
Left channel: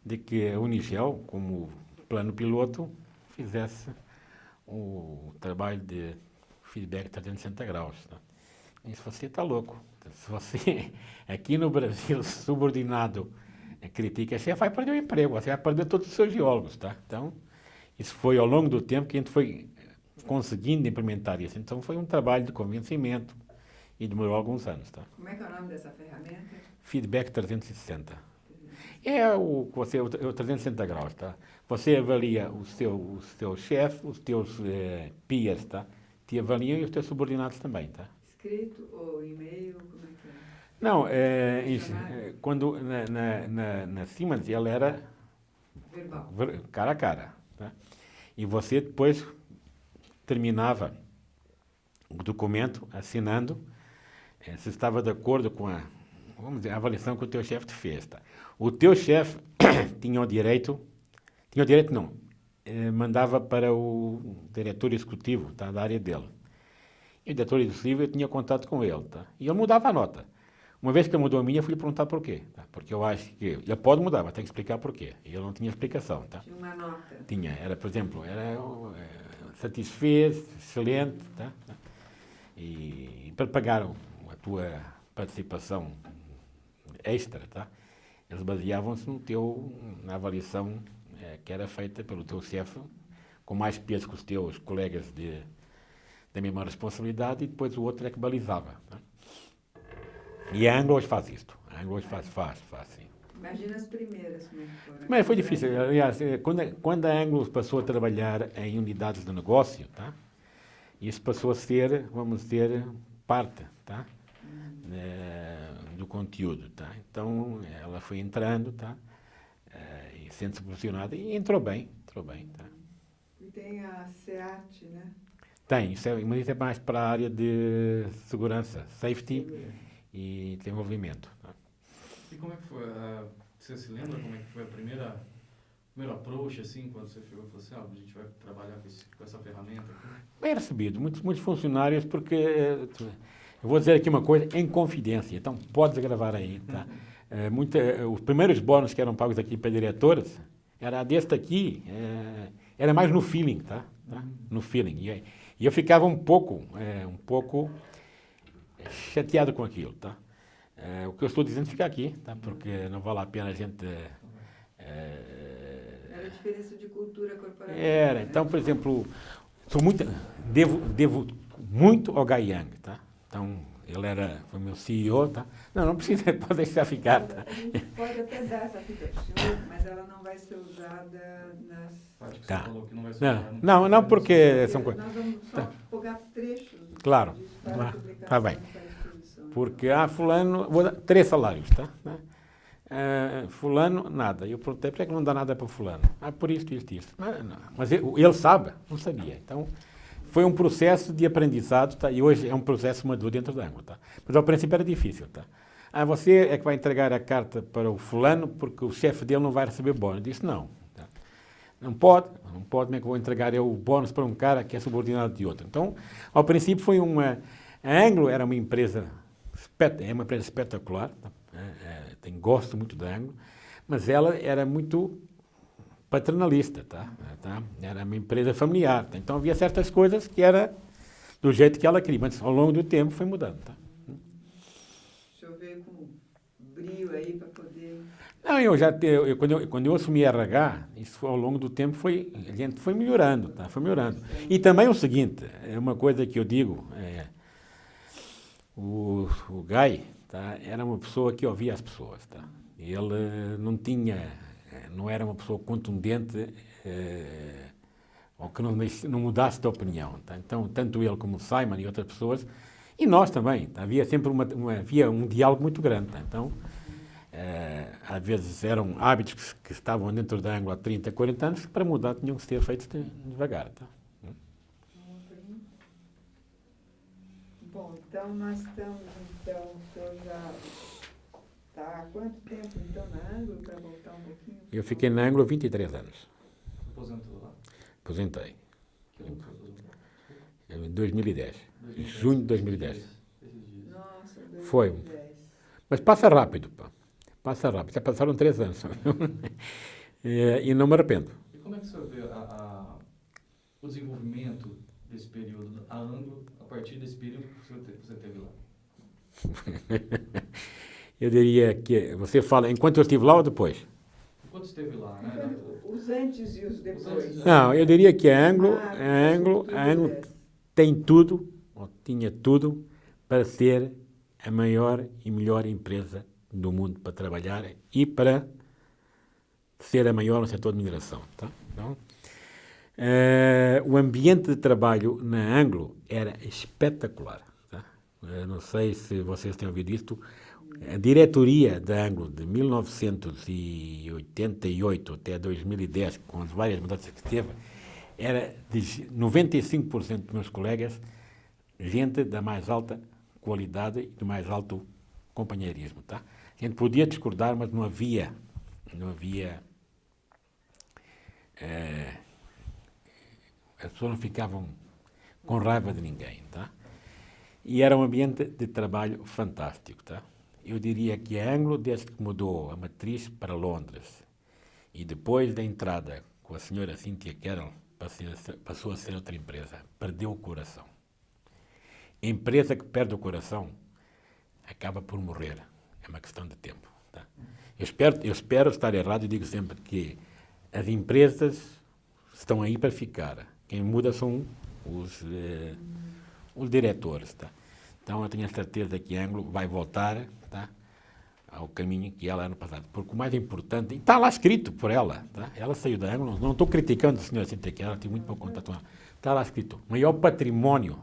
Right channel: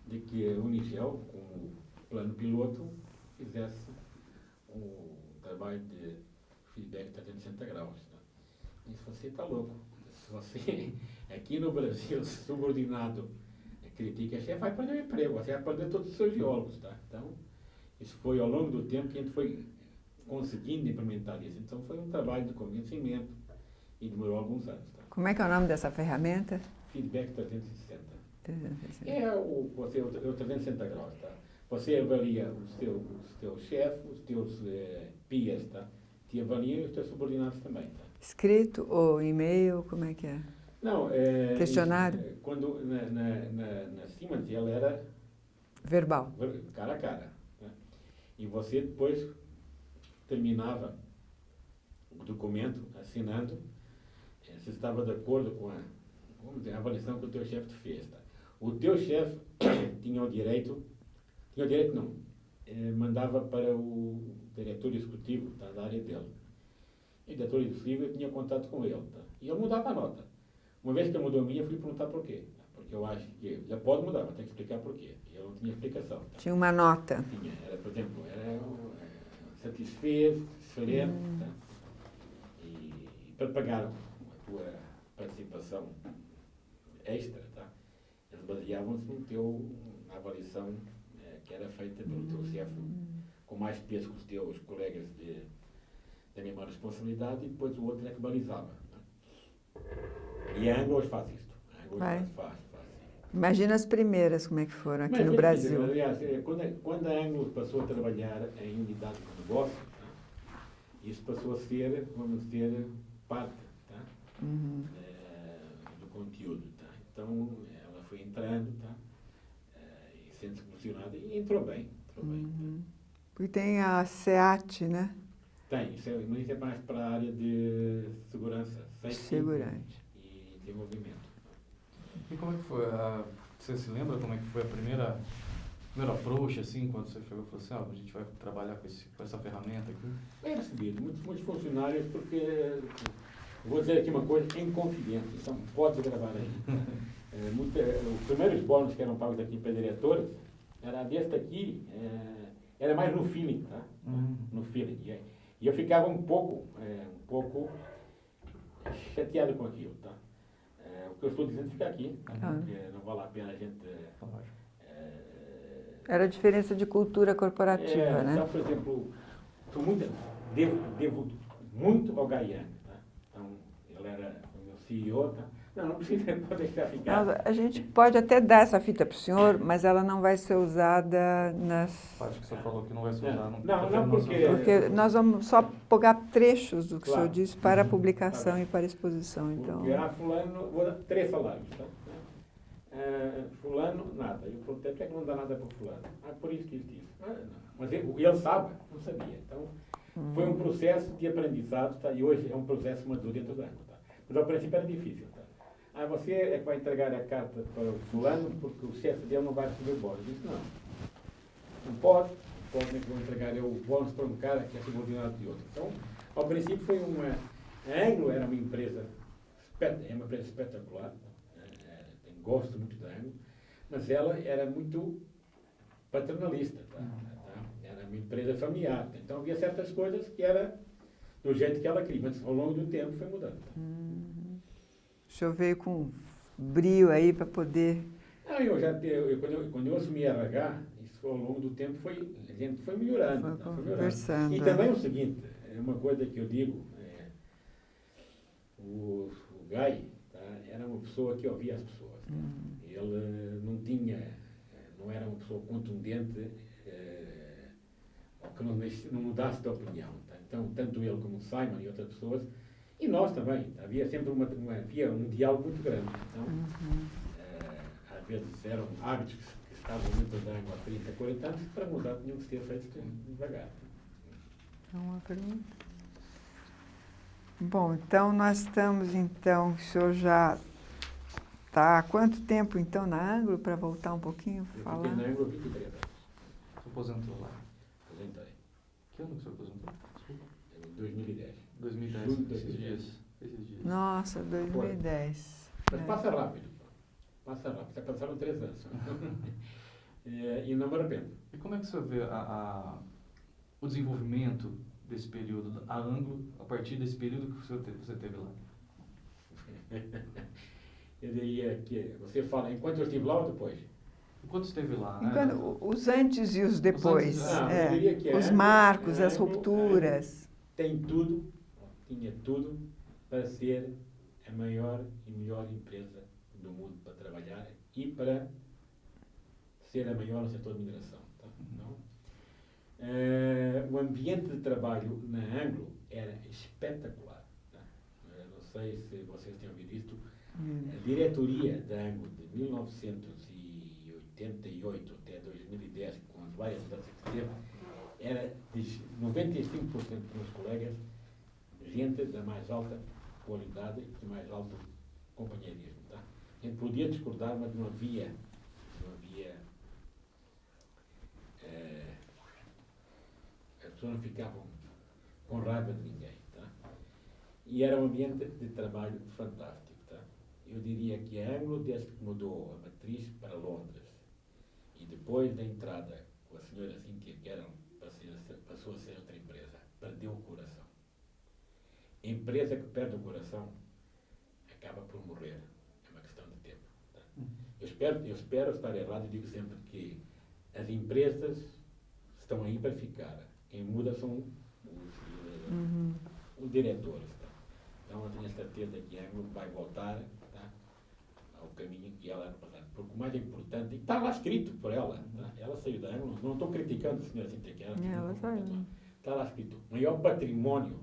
de que a Unigel, como plano piloto, fizesse o trabalho de feedback 360 graus. Tá? E disse, você está louco, Se você, aqui no Brasil, subordinado critica, você vai perder o emprego, você vai perder todos os seus geólogos, tá? Então, isso foi ao longo do tempo que a gente foi conseguindo implementar isso. Então, foi um trabalho de convencimento e demorou alguns anos, tá? Como é que é o nome dessa ferramenta? Feedback 360. 360. É o 360 graus, tá? Você avalia o seu chefe, os teus peers, tá? Te avaliam e os teus subordinados também, tá? Escrito ou e-mail, como é que é? Não, Questionário? quando na Siemens ela era Verbal. cara a cara, tá? E você depois terminava o documento assinando se estava de acordo com vamos dizer, a avaliação que o teu chefe te fez, tá? O teu chefe tinha o direito não, mandava para o diretor executivo, tá, da área dele. E o diretor executivo, eu tinha contato com ele, tá? E ele mudava a nota. Uma vez que ele mudou a minha, eu fui perguntar porquê, tá? Porque eu acho que ele pode mudar, mas tem que explicar porquê. E ele não tinha explicação, tá? Tinha uma nota. Tinha, era, por exemplo, satisfez, excelente, tá? E para pagar a tua participação extra, tá? Eles baseavam-se na avaliação que era feita pelo teu chefe, com mais peso que os teus colegas da mesma responsabilidade, e depois o outro é que balizava, tá? E a Anglo hoje faz isto. A Anglo hoje faz, sim. Imagina as primeiras, como é que foram aqui Mas foi no difícil. Brasil. Aliás, quando a Anglo passou a trabalhar em unidades de negócio, tá? Isso passou a ser, vamos dizer, parte, tá? Do conteúdo, tá? Então, ela foi entrando, tá? E sendo-se posicionada, e entrou bem, tá? E tem a SEAT, né? Tem, mas isso é mais para a área de segurança, safety Segurança. e desenvolvimento. Tá? E como é que foi? Você se lembra como é que foi a primeira approach, assim, quando você falou assim, a gente vai trabalhar com essa ferramenta aqui? Bem recebido, muitos funcionários, porque, eu vou dizer aqui uma coisa, em confidência, então pode gravar aí, tá? Os primeiros bônus que eram pagos aqui para diretoras, era deste aqui, era mais no feeling, tá? No feeling. E eu ficava um pouco chateado com aquilo, tá? O que eu estou dizendo fica aqui, tá? Porque não vale a pena a gente... Era a diferença de cultura corporativa, né? Então, por exemplo, devo muito ao Guy Young, tá? Então, ele foi meu CEO, tá? Não precisa, pode deixar ficar. A gente pode até dar essa fita para o senhor, mas ela não vai ser usada nas... Acho que você falou que não vai ser Não, porque nós vamos só pegar trechos do que o senhor disse para a publicação bem. e para a exposição. Porque, então. fulano, vou dar 3 salários, tá? Fulano, nada. Eu perguntei, por que não dá nada para fulano? Por isto. Mas ele sabe, não sabia. Então, foi um processo de aprendizado, tá? E hoje é um processo maduro dentro da Anglo, tá? Mas ao princípio era difícil, tá? Você é que vai entregar a carta para o fulano porque o chefe dele não vai receber bónus. Eu disse, não. Tá? Não pode, nem que vou entregar eu o bónus para um cara que é subordinado de outro. Então, ao princípio foi a Anglo era uma empresa, espetacular, tá? Gosto muito da Anglo, mas ela era muito paternalista, tá? Era uma empresa familiar, tá? Então havia certas coisas que era do jeito que ela queria, mas ao longo do tempo foi mudando, tá? O senhor veio com brio aí para poder... Não, quando eu assumi RH, isso ao longo do tempo a gente foi melhorando, tá? Foi melhorando. E também o seguinte, é uma coisa que eu digo, o Guy, tá? Era uma pessoa que ouvia as pessoas, tá? Ele não era uma pessoa contundente ou que não mudasse de opinião, tá? Então, tanto ele como o Simon e outras pessoas, e nós também, tá? Havia sempre havia um diálogo muito grande, tá? Então, às vezes eram hábitos que estavam dentro da Anglo há 30, 40 anos, que para mudar tinham que ser feitos devagar, tá? Uma pergunta? Bom, então nós estamos, o senhor já está há quanto tempo, então, na Anglo, para voltar um pouquinho? Eu fiquei na Anglo 23 anos. Você aposentou lá? Aposentei. Que ano você aposentou? Em 2010. Junho de 2010. Nossa, 2010. Foi. Mas passa rápido, pá. Passa rápido. Já passaram 3 anos. E não me arrependo. E como é que você vê o desenvolvimento desse período, a Anglo, a partir desse período que você teve lá? Eu diria que você fala enquanto eu estive lá ou depois? Enquanto esteve lá, né? Os antes e os depois. Não, eu diria que a os Anglo, marcos, as rupturas. Tem tudo, ou tinha tudo, para ser a maior e melhor empresa do mundo para trabalhar e para ser a maior no setor de mineração. Tá? Então, o ambiente de trabalho na Anglo era espetacular. Tá? Não sei se vocês têm ouvido isto. A diretoria da Anglo de 1988 até 2010, com as várias mudanças que teve, era de 95% dos meus colegas gente da mais alta qualidade e do mais alto companheirismo. Tá? A gente podia discordar, mas não havia as pessoas não ficavam com raiva de ninguém. Tá? E era um ambiente de trabalho fantástico. Tá? Eu diria que a Anglo, desde que mudou a matriz para Londres e depois da entrada com a senhora Cynthia Carroll, passou a ser outra empresa, perdeu o coração. A empresa que perde o coração acaba por morrer. É uma questão de tempo. Tá? Eu espero estar errado e digo sempre que as empresas estão aí para ficar. Quem muda são os diretores. Tá? Então eu tenho a certeza que a Anglo vai voltar, tá, ao caminho que ela era no passado. Porque o mais importante, está lá escrito por ela, tá? Ela saiu da Anglo, não estou criticando a senhora Cynthia Carroll, tem muito para contar. Está lá escrito, o maior património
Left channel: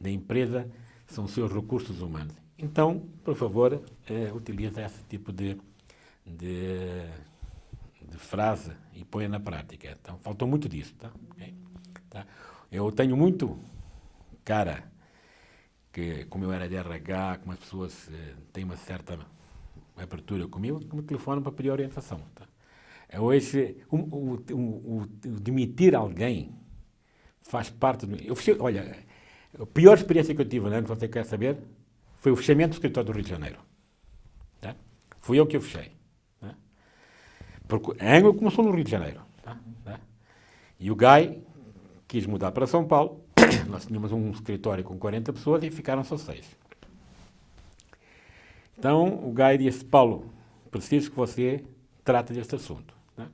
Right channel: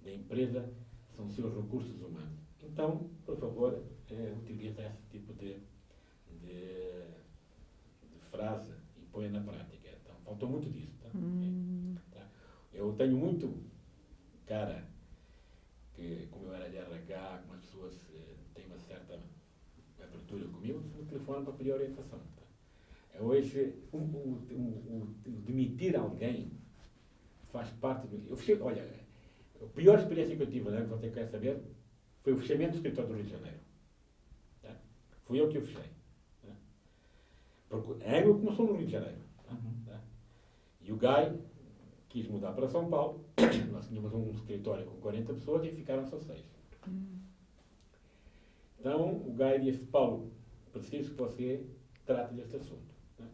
da empresa são os seus recursos humanos. Então, por favor, utilize esse tipo de frase e ponha na prática. Então, faltou muito disso. Tá? Okay? Tá? Eu tenho muito cara que, como eu era de RH, como as pessoas têm uma certa abertura comigo, me telefonam para pedir orientação. Tá? Hoje, o demitir alguém faz parte do... Olha, a pior experiência que eu tive, né, que você quer saber, foi o fechamento do escritório do Rio de Janeiro. Tá? Fui eu que o fechei. Tá? Porque a Anglo começou no Rio de Janeiro. Tá? E o Guy quis mudar para São Paulo. Nós tínhamos um escritório com 40 pessoas e ficaram só 6. Então, o Guy disse, Paulo, preciso que você trate deste assunto. Tá?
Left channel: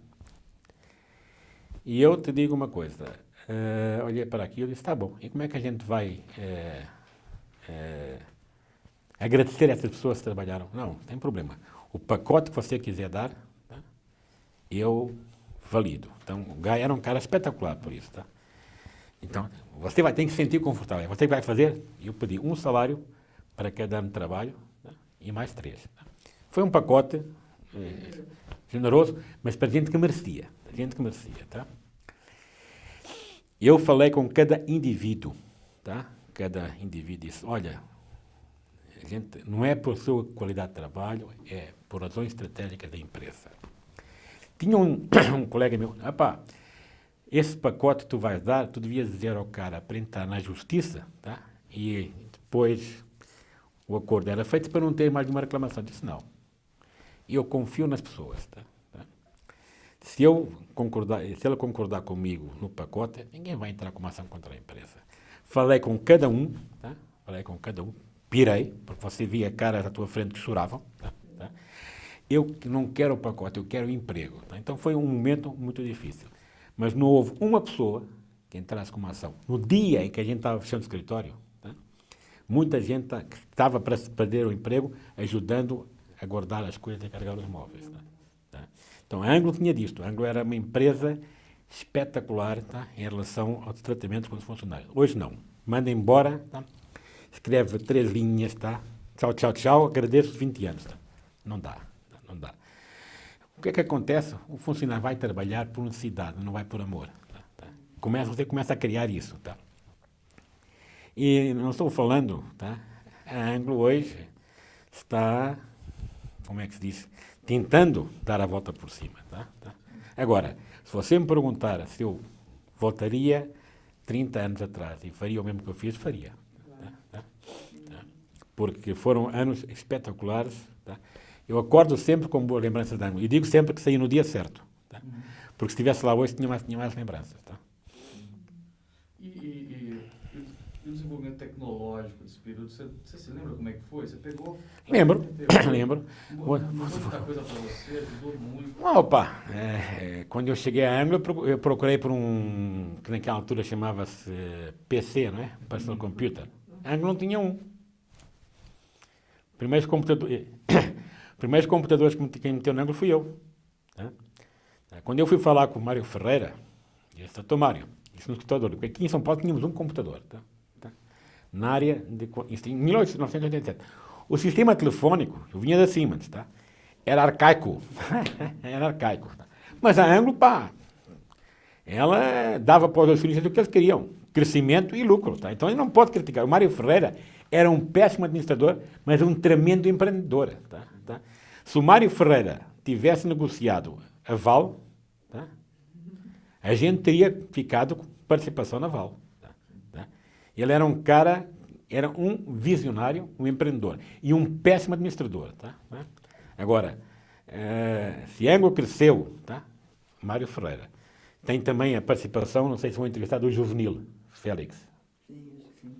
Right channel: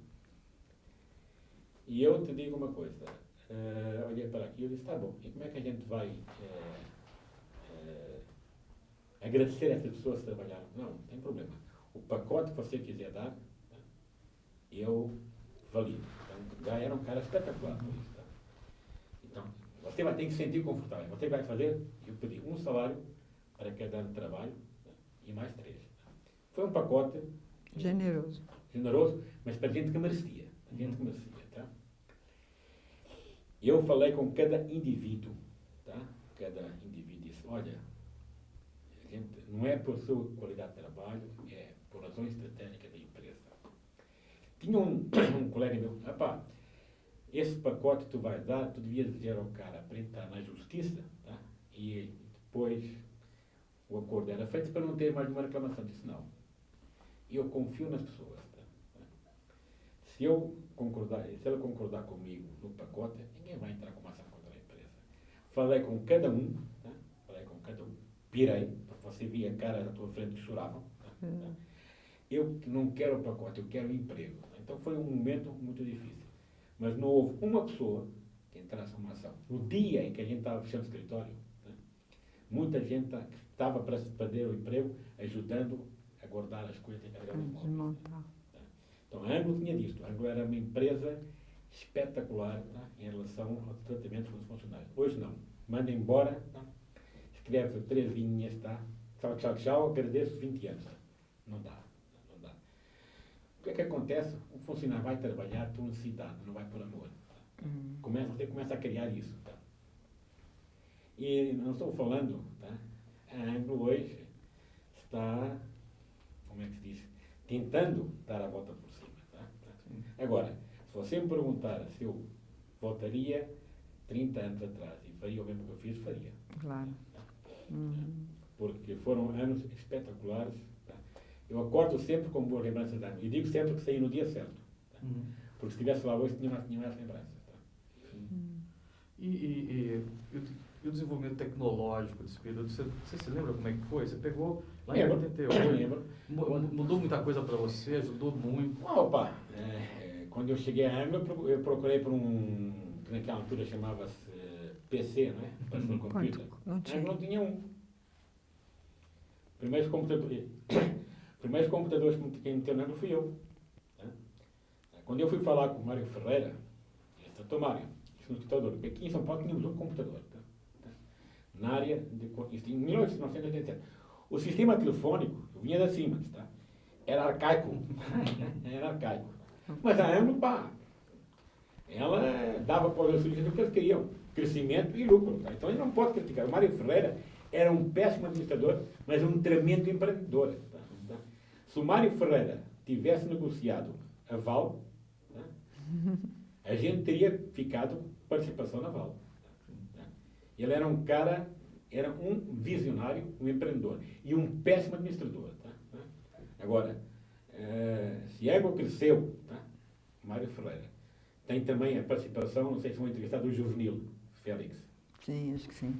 E eu te digo uma coisa. Olhei para aquilo e disse, tá bom, e como é que a gente vai agradecer essas pessoas que trabalharam? Não tem problema. O pacote que você quiser dar, tá, eu valido. Então, o Guy era um cara espetacular por isso. Tá? Então, você vai ter que se sentir confortável. Você vai fazer, eu pedi um salário para cada ano de trabalho, tá, e mais 3. Tá? Foi um pacote generoso, mas para gente que merecia. Tá? Eu falei com cada indivíduo, tá? Cada indivíduo disse, olha, a gente, não é por sua qualidade de trabalho, é por razões estratégicas da empresa. Tinha um colega meu, esse pacote tu vais dar, tu devias dizer ao cara para entrar na justiça, tá? E depois o acordo era feito para não ter mais uma reclamação. Eu disse, não, eu confio nas pessoas, tá? Se ela concordar comigo no pacote, ninguém vai entrar com uma ação contra a empresa. Falei com cada um, tá? Pirei, porque você via caras à tua frente que choravam. Tá? Eu não quero o pacote, eu quero o emprego. Tá? Então foi um momento muito difícil. Mas não houve uma pessoa que entrasse com uma ação. No dia em que a gente estava fechando o escritório, tá? Muita gente que estava para perder o emprego, ajudando a guardar as coisas e a carregar os móveis. Tá? Então, a Anglo tinha disto. A Anglo era uma empresa espetacular, tá, em relação aos tratamentos com os funcionários. Hoje não. Manda embora, tá? Escreve 3 linhas, tá? Tchau, tchau, tchau, agradeço 20 anos. Tá? Não dá. O que é que acontece? O funcionário vai trabalhar por necessidade, não vai por amor. Tá? Você começa a criar isso. Tá? E não estou falando, tá? A Anglo hoje está, como é que se diz, tentando dar a volta por cima. Tá? Agora, se você me perguntar se eu voltaria 30 anos atrás e faria o mesmo que eu fiz, faria. Claro. Tá? Porque foram anos espetaculares. Tá? Eu acordo sempre com boas lembranças de Anglo. E digo sempre que saí no dia certo. Tá? Porque se estivesse lá hoje, tinha mais lembranças. Tá? E o desenvolvimento tecnológico de esse período. Você se lembra como é que foi? Você pegou... Lembro. Mudou muita coisa para você, ajudou muito. Opa, quando eu cheguei a Anglo, eu procurei por que naquela altura chamava-se PC, não é? Personal Computer. A Anglo não tinha um. Primeiros computadores que quem meteu na Anglo fui eu. Tá? Quando eu fui falar com o Mário Ferreira, eu disse, doutor Mário, isso no escritório, porque aqui em São Paulo tínhamos um computador. Tá? Na área de... Isso em 1987. O sistema telefônico, eu vinha da Siemens, tá? Era arcaico. Era arcaico. Tá? Mas a Anglo, ela dava para os acionistas o que eles queriam. Crescimento e lucro. Tá? Então, ele não pode criticar. O Mário Ferreira era um péssimo administrador, mas um tremendo empreendedor. Tá? Se o Mário Ferreira tivesse negociado a Val, tá? A gente teria ficado com participação na Val. Tá? Ele era um cara... Era um visionário, um empreendedor e um péssimo administrador. Tá? Agora, se a Anglo cresceu, tá? Mário Ferreira. Tem também a participação, não sei se vão entrevistar, do Juvenil Félix. Sim, acho que sim.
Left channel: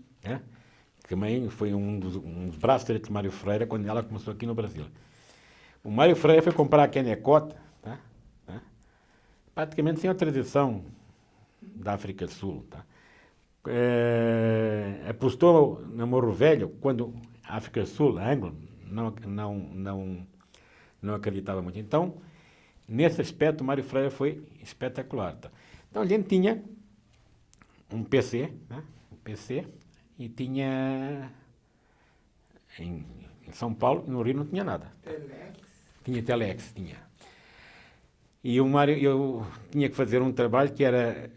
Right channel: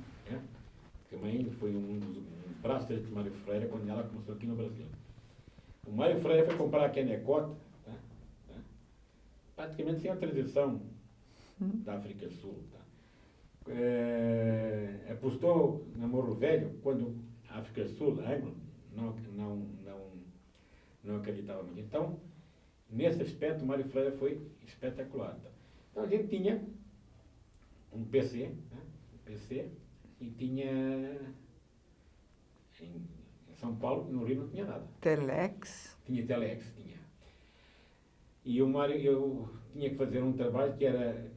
Também foi um dos braços direitos de Mário Ferreira quando ela começou aqui no Brasil. O Mário Ferreira foi comprar a Kennecott, tá? Praticamente sem a tradição da África do Sul. Tá? Apostou no Morro Velho quando a África do Sul, a Anglo, não acreditava muito. Então, nesse aspecto, o Mário Ferreira foi espetacular. Tá? Então, a gente tinha um PC, né? E tinha em São Paulo, no Rio não tinha nada. Telex? Tinha Telex, tinha. E o Mário, eu tinha que fazer um trabalho que era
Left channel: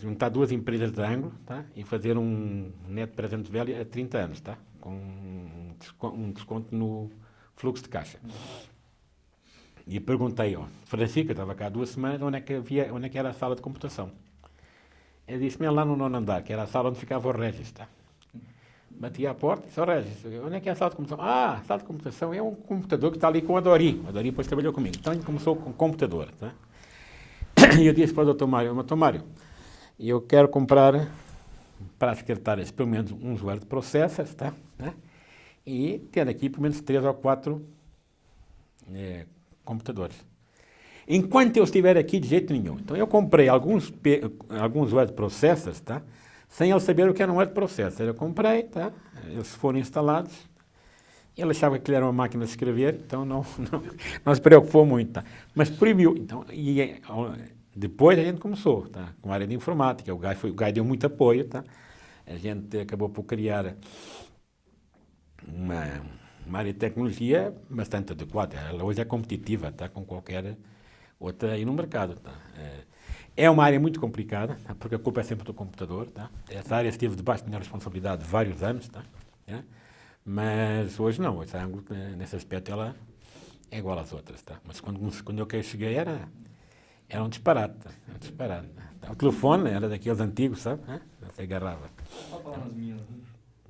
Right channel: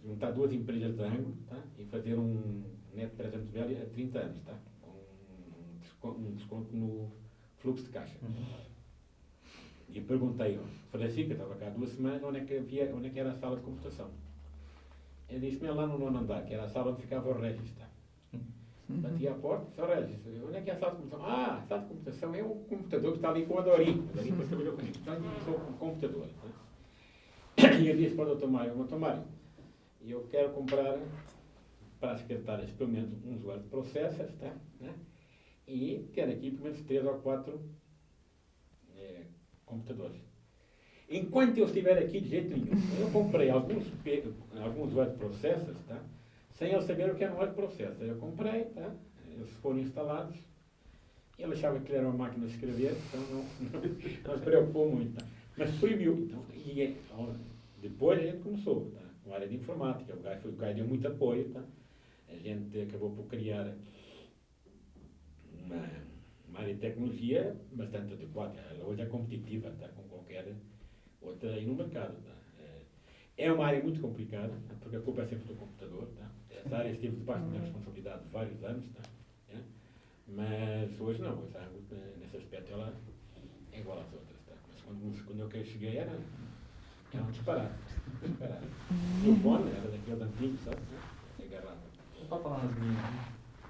juntar duas empresas da Anglo, tá? E fazer um neto presente velho a 30 anos, tá? Com um desconto no fluxo de caixa. E perguntei, Francisco, estava cá há 2 semanas, onde é que era a sala de computação? Ele disse-me lá no 9º andar, que era a sala onde ficava o Regis, tá? Bati à porta e disse, Regis, onde é que é a sala de computação? A sala de computação é um computador que está ali com a Dori. A Dori depois trabalhou comigo. Então, a gente começou com o computador, tá? E eu disse para o Dr. Mário, eu quero comprar para as secretárias pelo menos uns word processors, tá? E ter aqui pelo menos 3 ou 4 computadores. Enquanto eu estiver aqui, de jeito nenhum. Então, eu comprei alguns word processors, tá? Sem eu saber o que era um word processor. Eu comprei, tá? Eles foram instalados. Ele achava que ele era uma máquina de escrever, então não se preocupou muito, tá? Mas proibiu. Então, depois a gente começou, tá? Com a área de informática. O Gai deu muito apoio, tá? A gente acabou por criar uma área de tecnologia bastante adequada. Ela hoje é competitiva, tá? Com qualquer outra aí no mercado, tá? É uma área muito complicada, tá? Porque a culpa é sempre do computador, tá? Essa área esteve debaixo da minha responsabilidade vários anos, tá? Mas hoje não. Hoje a Anglo, nesse aspecto, ela é igual às outras, tá? Mas quando eu cheguei era um disparate, tá? O telefone era daqueles antigos, sabe? Você agarrava. E para falar nas minas?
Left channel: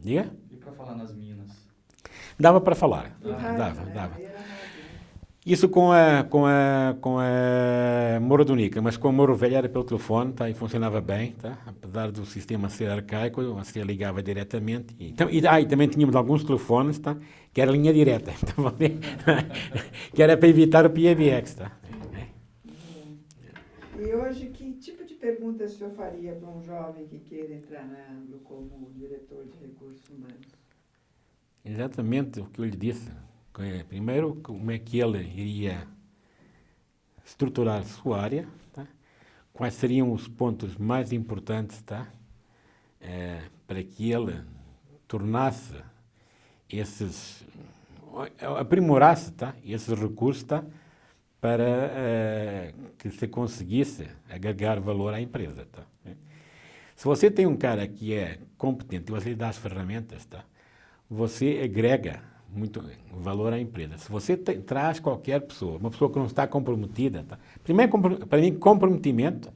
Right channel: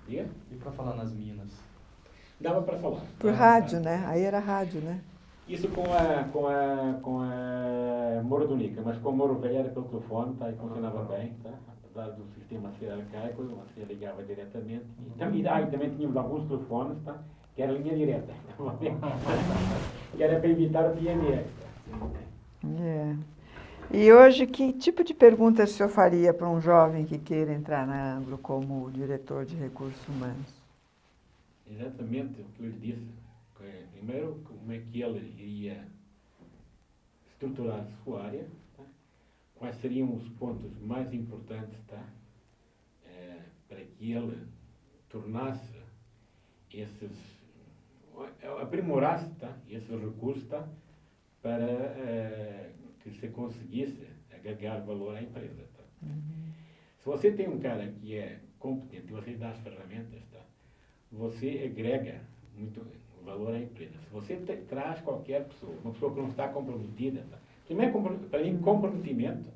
Diga? E para falar nas minas? Dava para falar. Por rádio, dava. Aí era rádio, né? Isso com a Morro do Nica, mas com o Morro Velho era pelo telefone, tá? E funcionava bem, tá? Apesar do sistema ser arcaico, você ligava diretamente. E também tínhamos alguns telefones, tá? Que era linha direta, então, que era para evitar o PBX, tá? E hoje, que tipo de pergunta o senhor faria para um jovem que queira entrar na Anglo como diretor de recursos humanos? Exatamente o que eu lhe disse. Primeiro, como é que ele iria estruturar a sua área, tá? Quais seriam os pontos mais importantes, tá? Para que ele tornasse aprimorasse, tá? Esses recursos, tá? Para que se conseguisse agregar valor à empresa, tá? Se você tem um cara que é competente e você lhe dá as ferramentas, tá? Você agrega muito valor à empresa. Se você traz qualquer pessoa, uma pessoa que não está comprometida, tá? Primeiro, para mim, comprometimento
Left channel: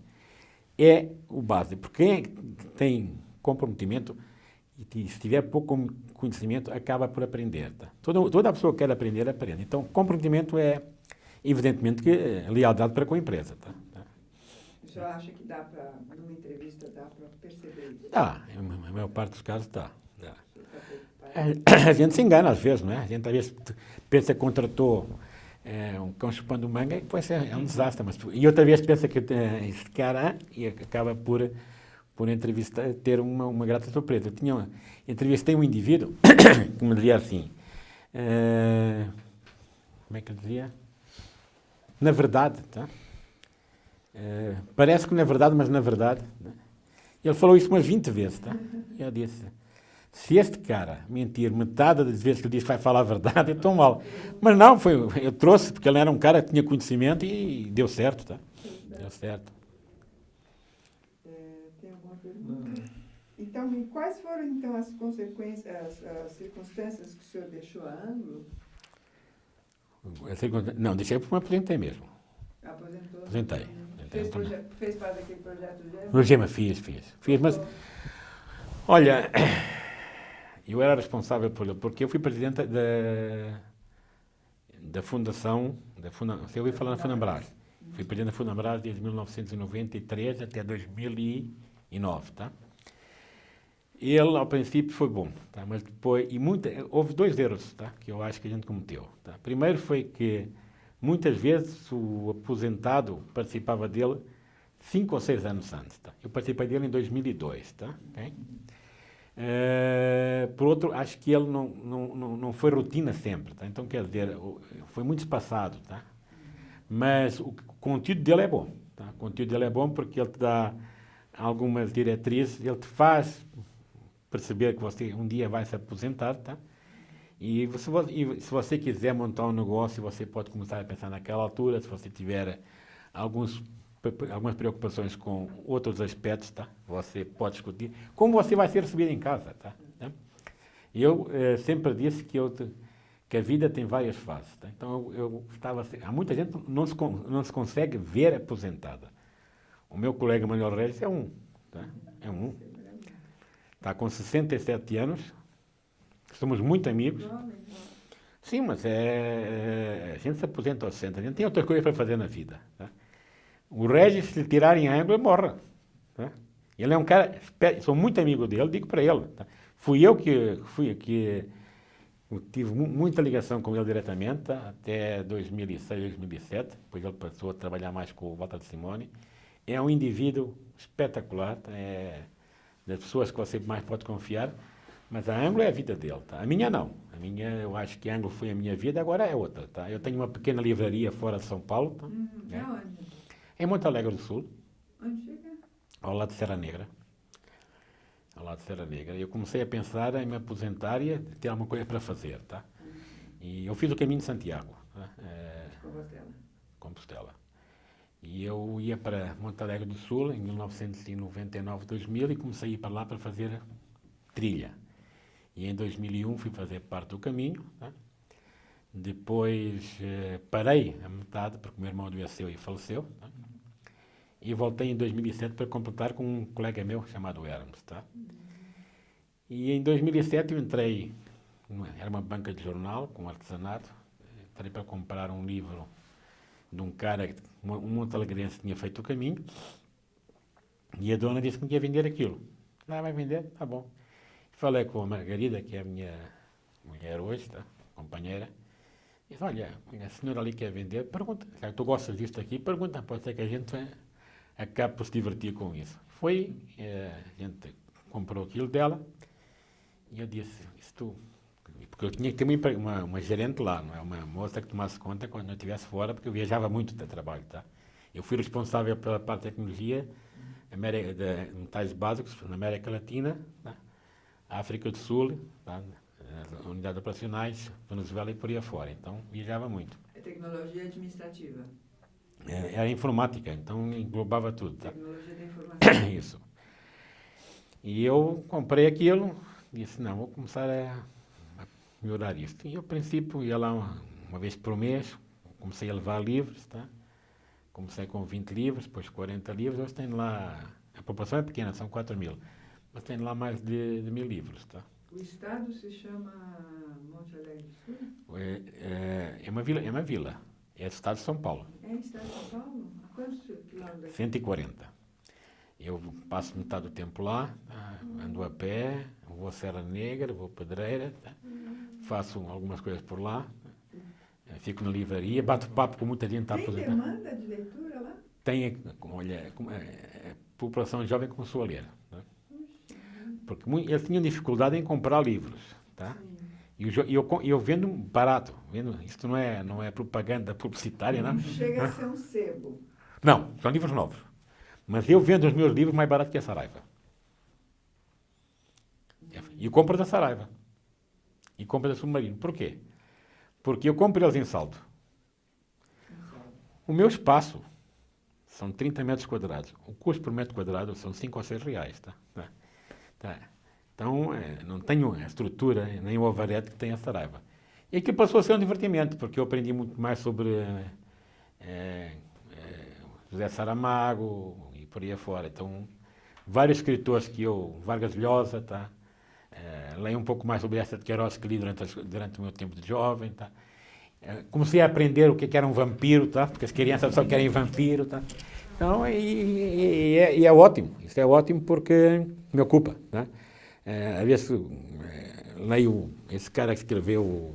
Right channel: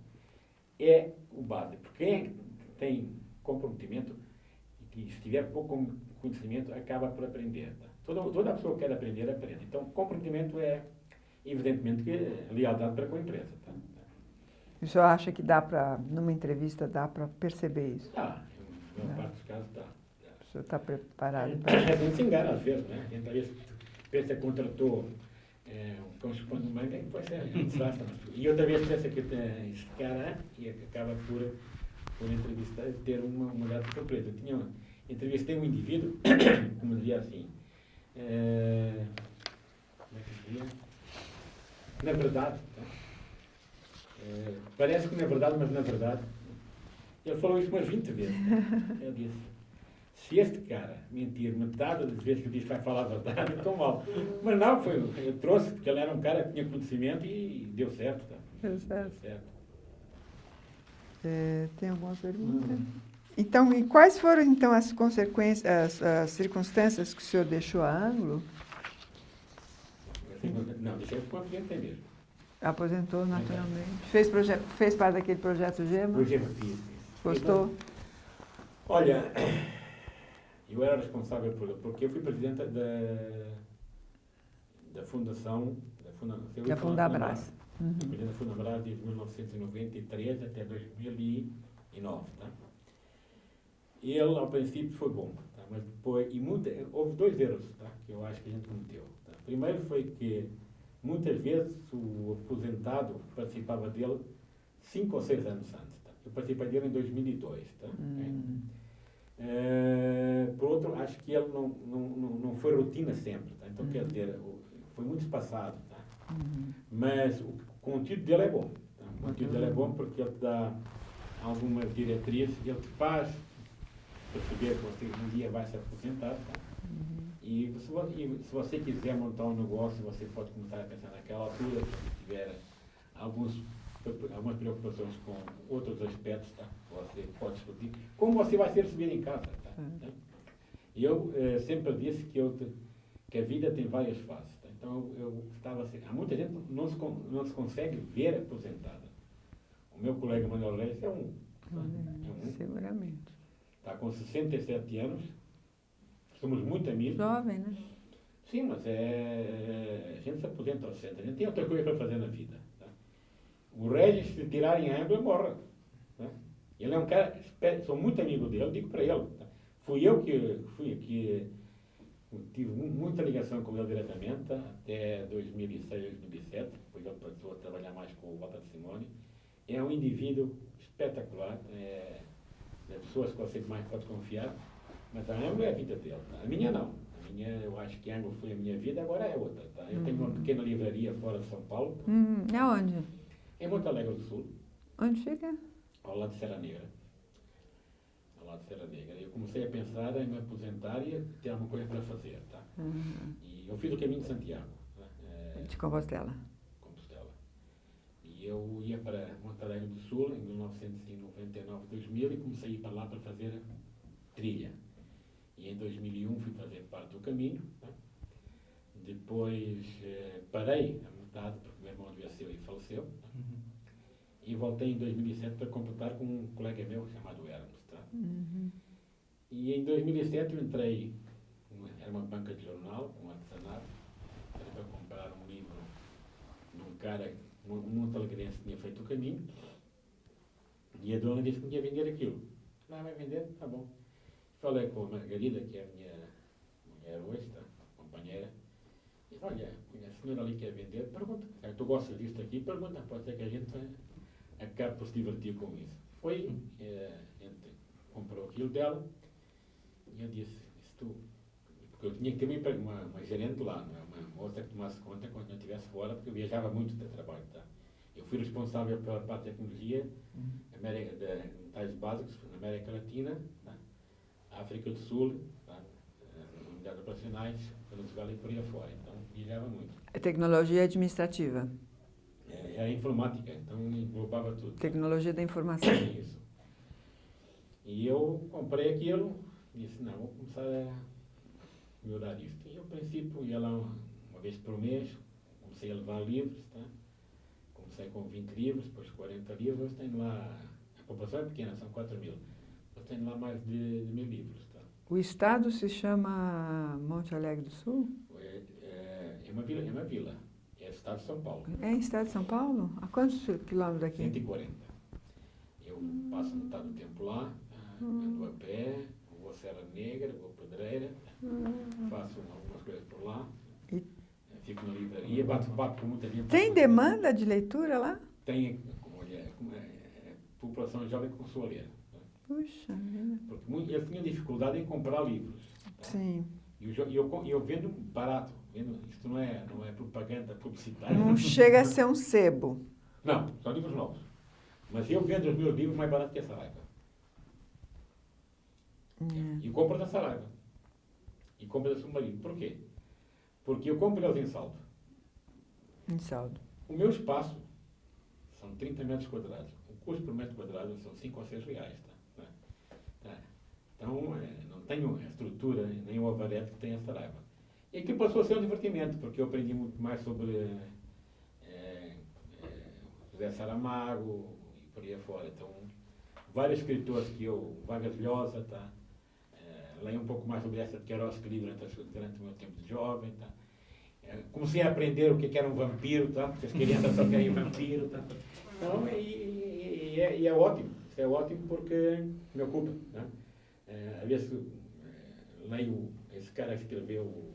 é o base. Porque quem tem comprometimento e se tiver pouco conhecimento, acaba por aprender, tá? Toda pessoa que quer aprender, aprende. Então, comprometimento é, evidentemente, que lealdade para com a empresa, tá? O senhor acha que dá para, numa entrevista, dá para perceber isso? Dá, na maior parte dos casos dá. O senhor está preparado? A gente se engana às vezes, não é? A gente às vezes pensa que contratou um cão chupando manga e depois é um desastre. E outra vez pensa que esse cara e acaba por entrevistar, ter uma grata surpresa. Entrevistei um indivíduo que me dizia assim, como é que ele dizia? Na verdade, tá? Parece que não é verdade, mas na verdade. Ele falou isso umas 20 vezes. Tá? Eu disse, se este cara mentir metade das vezes que ele disse que vai falar a verdade, é tão mal. Mas não, eu trouxe, porque ele era um cara que tinha conhecimento e deu certo. Tá? Deu certo. Tem alguma pergunta? Então, e quais foram então as consequências, as circunstâncias que o senhor deixou a Anglo? Não, deixei porque me aposentei mesmo. Aposentou Aposentei. naturalmente. Fez parte daquele projeto Gema? No Gema fiz, mas, olha, eu era responsável por ele, porque eu fui presidente da fundação, eu ia falar na Funambras. Fui presidente da Funambras desde 1993 até 2009, tá? Ele, ao princípio, foi bom, tá? Mas depois, houve 2 erros, tá? Que eu acho que a gente cometeu. Tá? Primeiro foi que, muitas vezes, o aposentado participava dele 5 ou 6 anos antes. Tá? Eu participei dele em 2002. Tá? Okay? Por outro, acho que ele não foi rotina sempre. Tá? Então, quer dizer, foi muito espaçado. Tá? Mas o conteúdo dele é bom. Tá? O conteúdo dele é bom porque ele te dá algumas diretrizes, ele te faz perceber que você um dia vai se aposentar, tá? E se você quiser montar um negócio, você pode começar a pensar naquela altura, se você tiver algumas preocupações com outros aspectos, tá? Você pode discutir como você vai ser recebido em casa, tá? Eu sempre disse que a vida tem várias fases, tá? Então há muita gente não se consegue ver aposentada. O meu colega Manuel Reis é um, tá? É um. Seguramente. Está com 67 anos, somos muito amigos. Jovem, né? Sim, mas a gente se aposenta aos 60, a gente tem outras coisas para fazer na vida. Tá? O Regis, se lhe tirarem a ângulo, ele morre. Tá? Ele é um cara, sou muito amigo dele, digo para ele. Tá? Fui eu que tive muita ligação com ele diretamente, tá? Até 2006, 2007, depois ele passou a trabalhar mais com o Walter Simone. É um indivíduo espetacular, tá? Das pessoas que você mais pode confiar, mas a Anglo é a vida dele, tá? A minha não. Eu acho que a Anglo foi a minha vida, agora é outra, tá? Eu tenho uma pequena livraria fora de São Paulo. Tá? Aonde? Em Monte Alegre do Sul. Onde fica? Ao lado de Serra Negra. Ao lado de Serra Negra. Eu comecei a pensar em me aposentar e ter alguma coisa para fazer, tá? E eu fiz o caminho de Santiago. Tá? De Compostela. E eu ia para Monte Alegre do Sul em 1999, 2000 e comecei a ir para lá para fazer trilha. E em 2001 fui fazer parte do caminho. Tá? Depois parei a metade porque o meu irmão adoeceu e faleceu. Tá? E voltei em 2007 para completar com um colega meu chamado Hermes. Tá? E em 2007 eu entrei, era uma banca de jornal com artesanato, entrei para comprar um livro de um cara, um montalegrense que tinha feito o caminho, e a dona disse que me ia vender aquilo. Vai vender? Tá bom. Falei com a Margarida, que é a minha mulher hoje, tá? Companheira, e disse, olha, a senhora ali quer vender, pergunta, se tu gostas disto aqui, pergunta, pode ser que a gente acabe por se divertir com isso. A gente comprou aquilo dela, e eu disse, porque eu tinha que ter uma gerente lá, não é? Uma moça que tomasse conta quando eu estivesse fora, porque eu viajava muito de trabalho, tá? Eu fui responsável pela parte de tecnologia, de metais básicos na América Latina, tá? África do Sul, tá? Unidades operacionais, Venezuela e por aí afora. Então, viajava muito. É tecnologia administrativa. Era informática, então englobava tudo. Tá? Tecnologia da informação. Isso. E eu comprei aquilo, disse, não, vou começar a melhorar isto. E, ao princípio, ia lá uma vez por mês, comecei a levar livros, tá? Comecei com 20 livros, depois 40 livros, hoje tenho lá, a população é pequena, são 4.000, mas tenho lá mais de 1.000 livros, tá? O estado se chama Monte Alegre do Sul? É uma vila. É do estado de São Paulo. É em estado de São Paulo? A quantos quilômetros daqui? 140. Eu passo metade do tempo lá, ando a pé, vou a Serra Negra, vou a Pedreira, faço algumas coisas por lá, fico na livraria, bato papo com muita gente. Tem demanda de leitura lá? Tem, olha, a população jovem começou a ler. Tá? Puxa. Porque eles tinham dificuldade em comprar livros. Tá? Sim. E eu vendo barato. Isto não é propaganda publicitária. Não chega a ser um sebo. Não, são livros novos. Mas eu vendo os meus livros mais barato que a Saraiva. E compro da Saraiva. E compro da Submarino. Por quê? Porque eu compro eles em saldo. Em saldo. O meu espaço são 30 metros quadrados. O custo por metro quadrado são 5 ou 6 reais. Tá. Então, não tenho a estrutura, nem o alvarete que tem a Saraiva. E aquilo passou a ser um divertimento, porque eu aprendi muito mais sobre José Saramago e por aí afora. Então, vários escritores Vargas Llosa, tá? Leio um pouco mais sobre essa de Queiroz que li durante o meu tempo de jovem, tá? Comecei a aprender o que era um vampiro, tá? Porque as crianças só querem vampiro, tá? Então, e é ótimo. Isso é ótimo porque me ocupa, tá? Às vezes leio esse cara que escreveu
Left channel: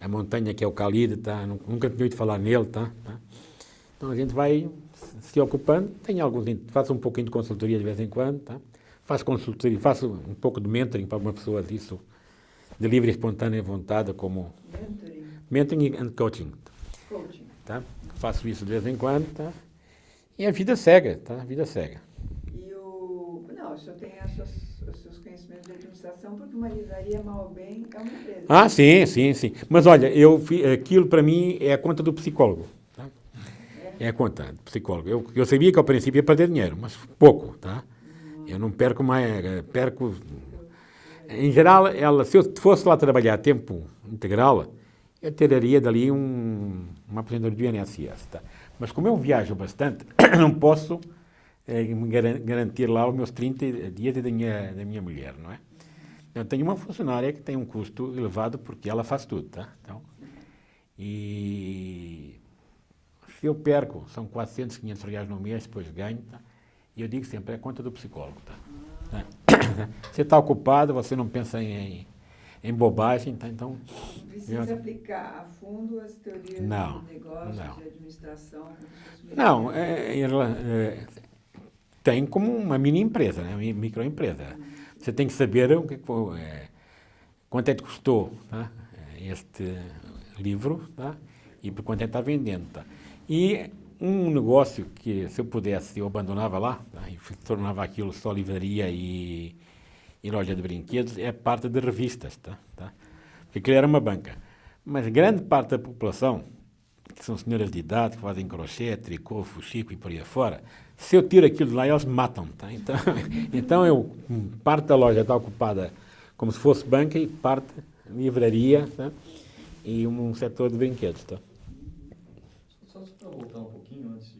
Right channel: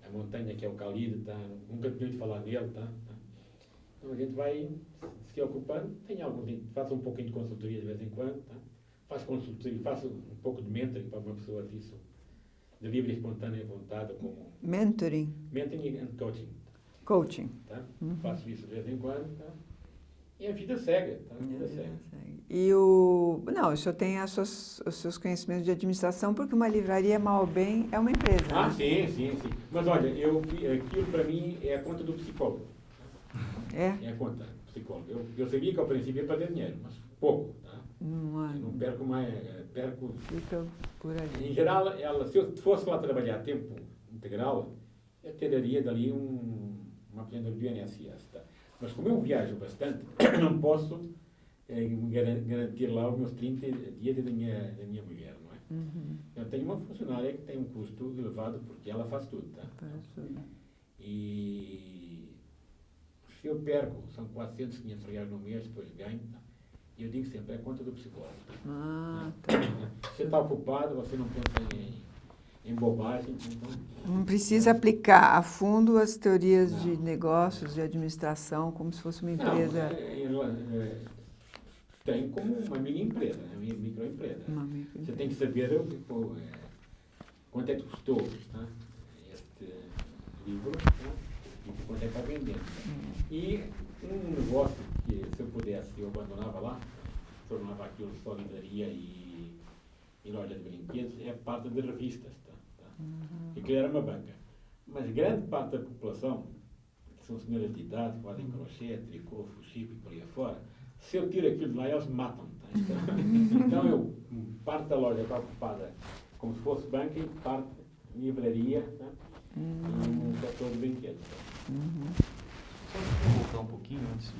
A Montanha, que é o Khalid, tá? Nunca tinha ouvido falar nele, tá? Então a gente vai se ocupando, faço um pouquinho de consultoria de vez em quando, tá? Faço consultoria, faço um pouco de mentoring para uma pessoa disso, de livre e espontânea vontade, como... Mentoring? Mentoring and coaching. Coaching. Tá? Faço isso de vez em quando, tá? E a vida segue, tá? A vida segue. Não, o senhor tem os seus conhecimentos de administração, porque uma livraria, mal ou bem, é uma empresa. Ah, sim. Mas olha, aquilo para mim é a conta do psicólogo. Tá? É a conta do psicólogo. Eu sabia que ao princípio ia perder dinheiro, mas pouco, tá? Eu não perco mais, perco... Em geral, se eu fosse lá trabalhar a tempo integral, eu tiraria dali uma aposentadoria do INSS, tá? Mas como eu viajo bastante, não posso garantir lá os meus 30 dias da minha mulher, não é? Eu tenho uma funcionária que tem um custo elevado porque ela faz tudo, tá? Então, e se eu perco, são 400, 500 reais no mês, depois ganho, tá? E eu digo sempre, é a conta do psicólogo, tá? Você está ocupado, você não pensa em bobagem, tá? Então... Não precisa aplicar a fundo as teorias de negócios, de administração, como se fosse uma empresa. Não, tem como uma mini empresa, né? Uma microempresa. Você tem que saber quanto é que custou, tá? Este livro, tá? E por quanto é que está vendendo. Tá? E um negócio que, se eu pudesse, eu abandonava lá, tá? E tornava aquilo só livraria e loja de brinquedos, é parte de revistas. Tá? Porque aquilo era uma banca. Mas grande parte da população, que são senhoras de idade, que fazem crochê, tricô, fuxico e por aí afora, se eu tiro aquilo de lá, elas matam. Tá? Então parte da loja está ocupada como se fosse banca e parte livraria, tá? E um setor de brinquedos. Tá? Só para voltar um pouquinho antes de...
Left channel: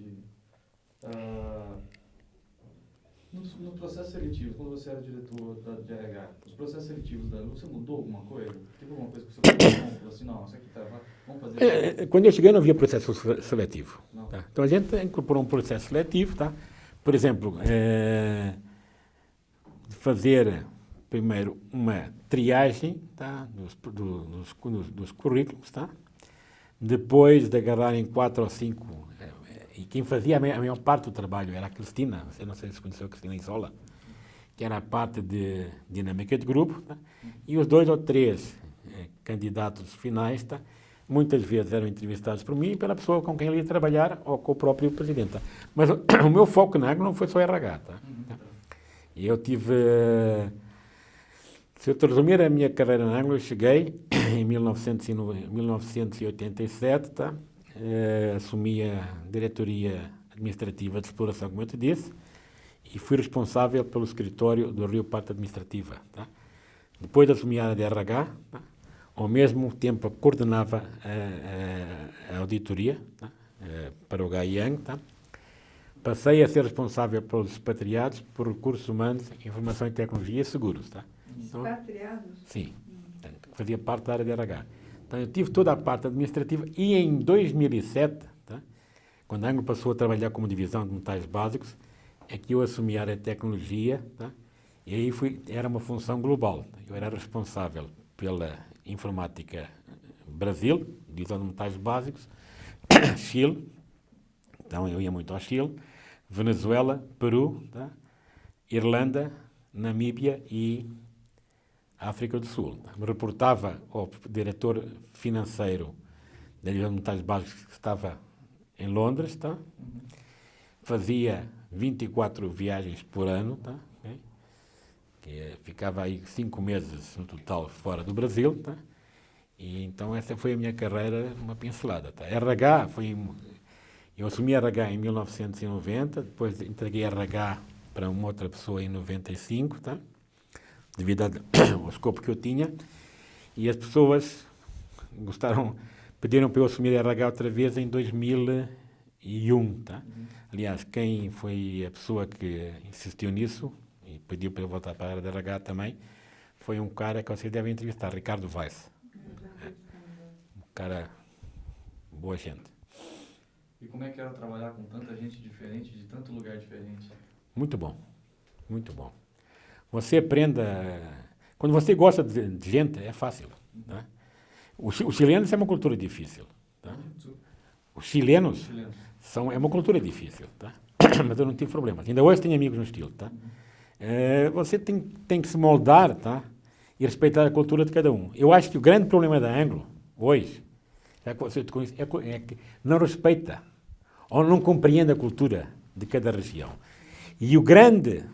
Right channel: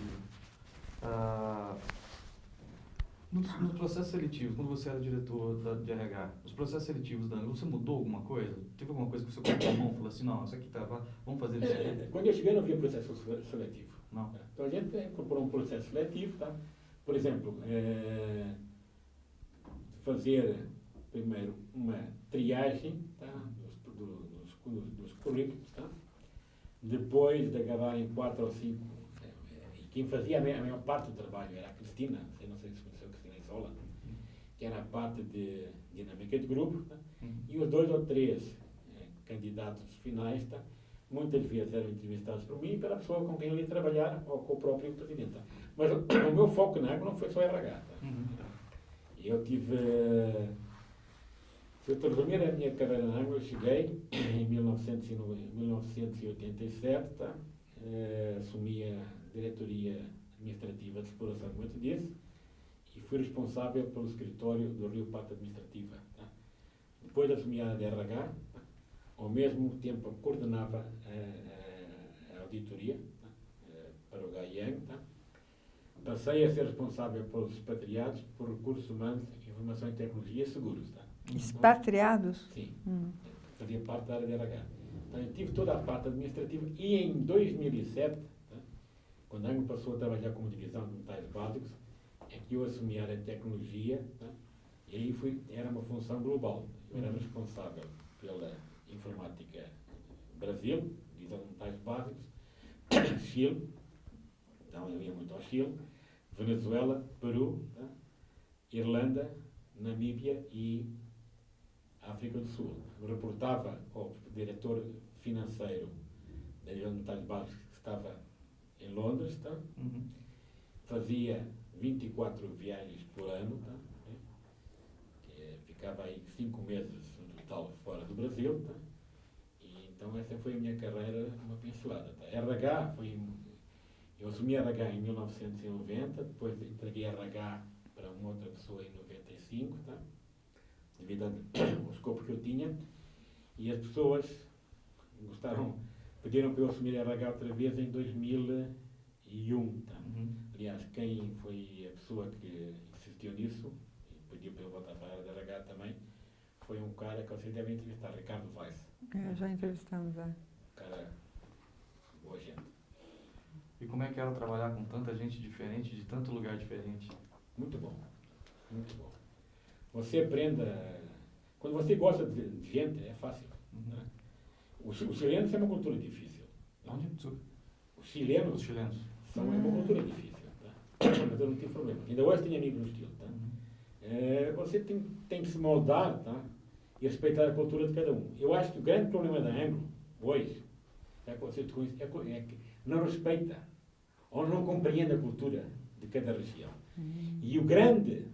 Nos processos seletivos, quando você era diretor de RH, os processos seletivos da Anglo, você mudou alguma coisa? Teve alguma coisa que você falou assim, não, isso aqui tá, vamos fazer isso? Quando eu cheguei não havia processo seletivo. Tá? Então a gente incorporou um processo seletivo, tá? Por exemplo, fazer primeiro uma triagem, tá? dos currículos, tá? Depois de agarrarem 4 ou 5, e quem fazia a maior parte do trabalho era a Cristina, você não sei se conheceu a Cristina Isola, que era a parte de dinâmica de grupo, tá? E os 2 ou 3 candidatos finais, tá? Muitas vezes eram entrevistados por mim e pela pessoa com quem ele ia trabalhar ou com o próprio presidente. Tá? Mas o meu foco na Anglo não foi só RH. Tá? E eu tive... Se eu te resumir a minha carreira na Anglo, eu cheguei em 1987, tá? Assumi a diretoria administrativa de exploração, como eu te disse, e fui responsável pelo escritório do Rio Parte Administrativa. Tá? Depois de assumir a área de RH, tá? Ao mesmo tempo coordenava a auditoria, tá? Para o GAIANG. Tá? Passei a ser responsável pelos expatriados, por recursos humanos, informação e tecnologia e seguros. Tá? Expatriados? Sim, fazia parte da área de RH. Então, eu tive toda a parte administrativa e em 2007, tá? Quando a Anglo passou a trabalhar como divisão de metais básicos, é que eu assumi a área de tecnologia, tá? E aí era uma função global. Eu era responsável pela informática Brasil, divisão de metais básicos, Chile, então eu ia muito ao Chile, Venezuela, Peru, tá? Irlanda, Namíbia e África do Sul. Me reportava ao diretor financeiro da divisão de metais básicos que estava em Londres, tá? Fazia 24 viagens por ano, tá? Ficava aí 5 meses no total fora do Brasil, tá? E então essa foi a minha carreira, uma pincelada, tá? RH eu assumi RH em 1990, depois entreguei RH para uma outra pessoa em 95, tá? Devido ao escopo que eu tinha, e as pessoas pediram para eu assumir RH outra vez em 2001, tá? Aliás, quem foi a pessoa que insistiu nisso e pediu para eu voltar para a área de RH também, foi um cara que vocês devem entrevistar, Ricardo Weiss. Já entrevistamos. Um cara, boa gente. E como é que era trabalhar com tanta gente diferente, de tanto lugar diferente? Muito bom, muito bom. Você aprenda... Quando você gosta de gente, é fácil. Tá? Os chilenos é uma cultura difícil. Tá? Os chilenos é uma cultura difícil. Tá? Mas eu não tive problemas. Ainda hoje tenho amigos no estilo. Tá? Você tem que se moldar, tá? E respeitar a cultura de cada um. Eu acho que o grande problema da Anglo, hoje, é que não respeita ou não compreende a cultura de cada região. E o grande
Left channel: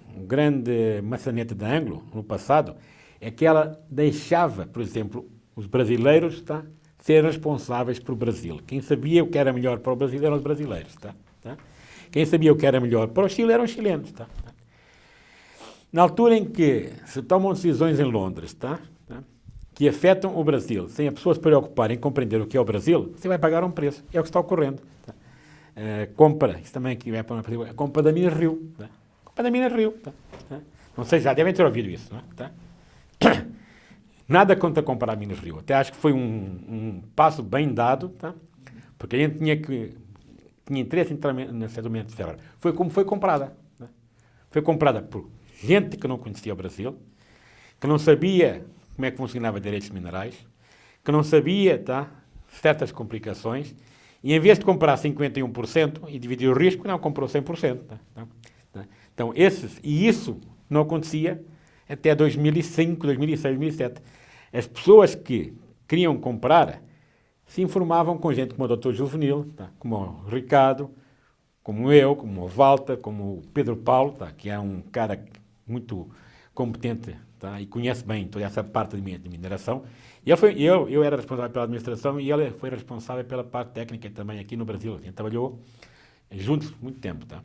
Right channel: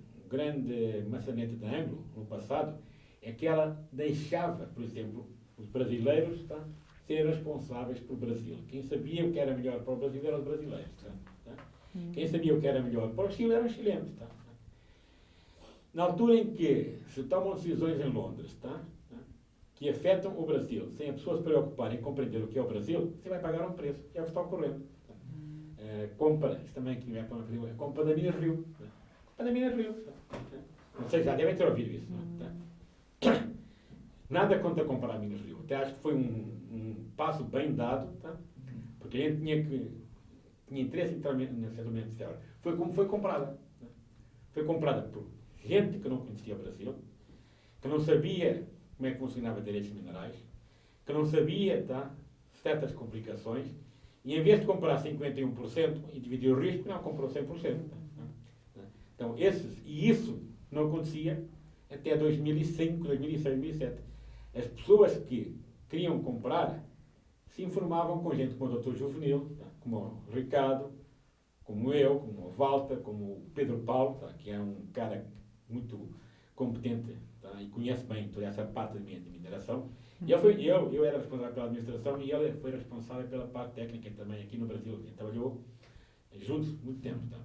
maçanete da Anglo, no passado, é que ela deixava, por exemplo, os brasileiros, tá, ser responsáveis pelo Brasil. Quem sabia o que era melhor para o Brasil eram os brasileiros. Tá? Quem sabia o que era melhor para o Chile eram os chilenos. Tá? Na altura em que se tomam decisões em Londres, tá, que afetam o Brasil, sem as pessoas se preocuparem em compreender o que é o Brasil, você vai pagar um preço. É o que está ocorrendo. Tá? Compra, isso também aqui vai para uma compra da Minas Rio. Tá? Compra da Minas Rio. Tá? Não sei, já devem ter ouvido isso. Não é? Tá? Nada contra comprar a Minas Rio. Até acho que foi um passo bem dado, tá? Porque a gente tinha interesse em entrar no setor de ferro. Foi como foi comprada. Tá? Foi comprada por gente que não conhecia o Brasil, que não sabia como é que funcionava direitos minerais, que não sabia, tá, certas complicações, e em vez de comprar 51% e dividir o risco, não, comprou 100%. Tá? Então, isso não acontecia até 2005, 2006, 2007. As pessoas que queriam comprar se informavam com gente como o Dr. Juvenil, tá, como o Ricardo, como eu, como o Walter, como o Pedro Paulo, tá, que é um cara muito competente, tá, e conhece bem toda essa parte de mineração. E eu era responsável pela administração e ele foi responsável pela parte técnica também aqui no Brasil. A gente trabalhou juntos muito tempo. Tá?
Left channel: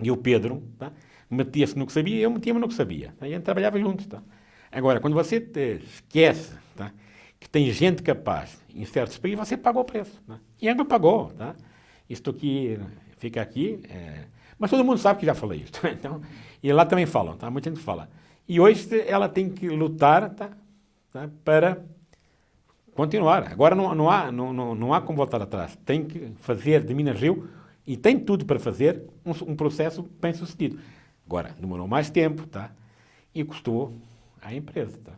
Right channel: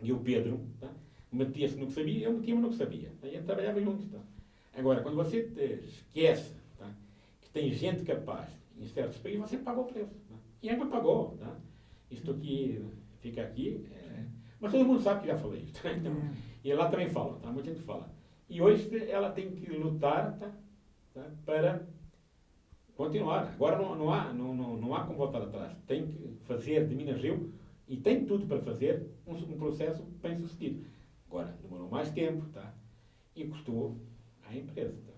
E o Pedro, tá, metia-se no que sabia e eu metia-me no que sabia. Tá? E a gente trabalhava juntos. Tá? Agora, quando você esquece, tá, que tem gente capaz em certos países, você paga o preço. Tá? E ainda pagou. Tá? Isto aqui fica aqui. Mas todo mundo sabe que já falei isso. Tá? Então, e lá também falam, tá? Muita gente fala. E hoje ela tem que lutar, tá, para continuar. Agora não há como voltar atrás. Tem que fazer de Minas Rio, e tem tudo para fazer, um processo bem sucedido. Agora, demorou mais tempo, tá? E custou à empresa. Tá?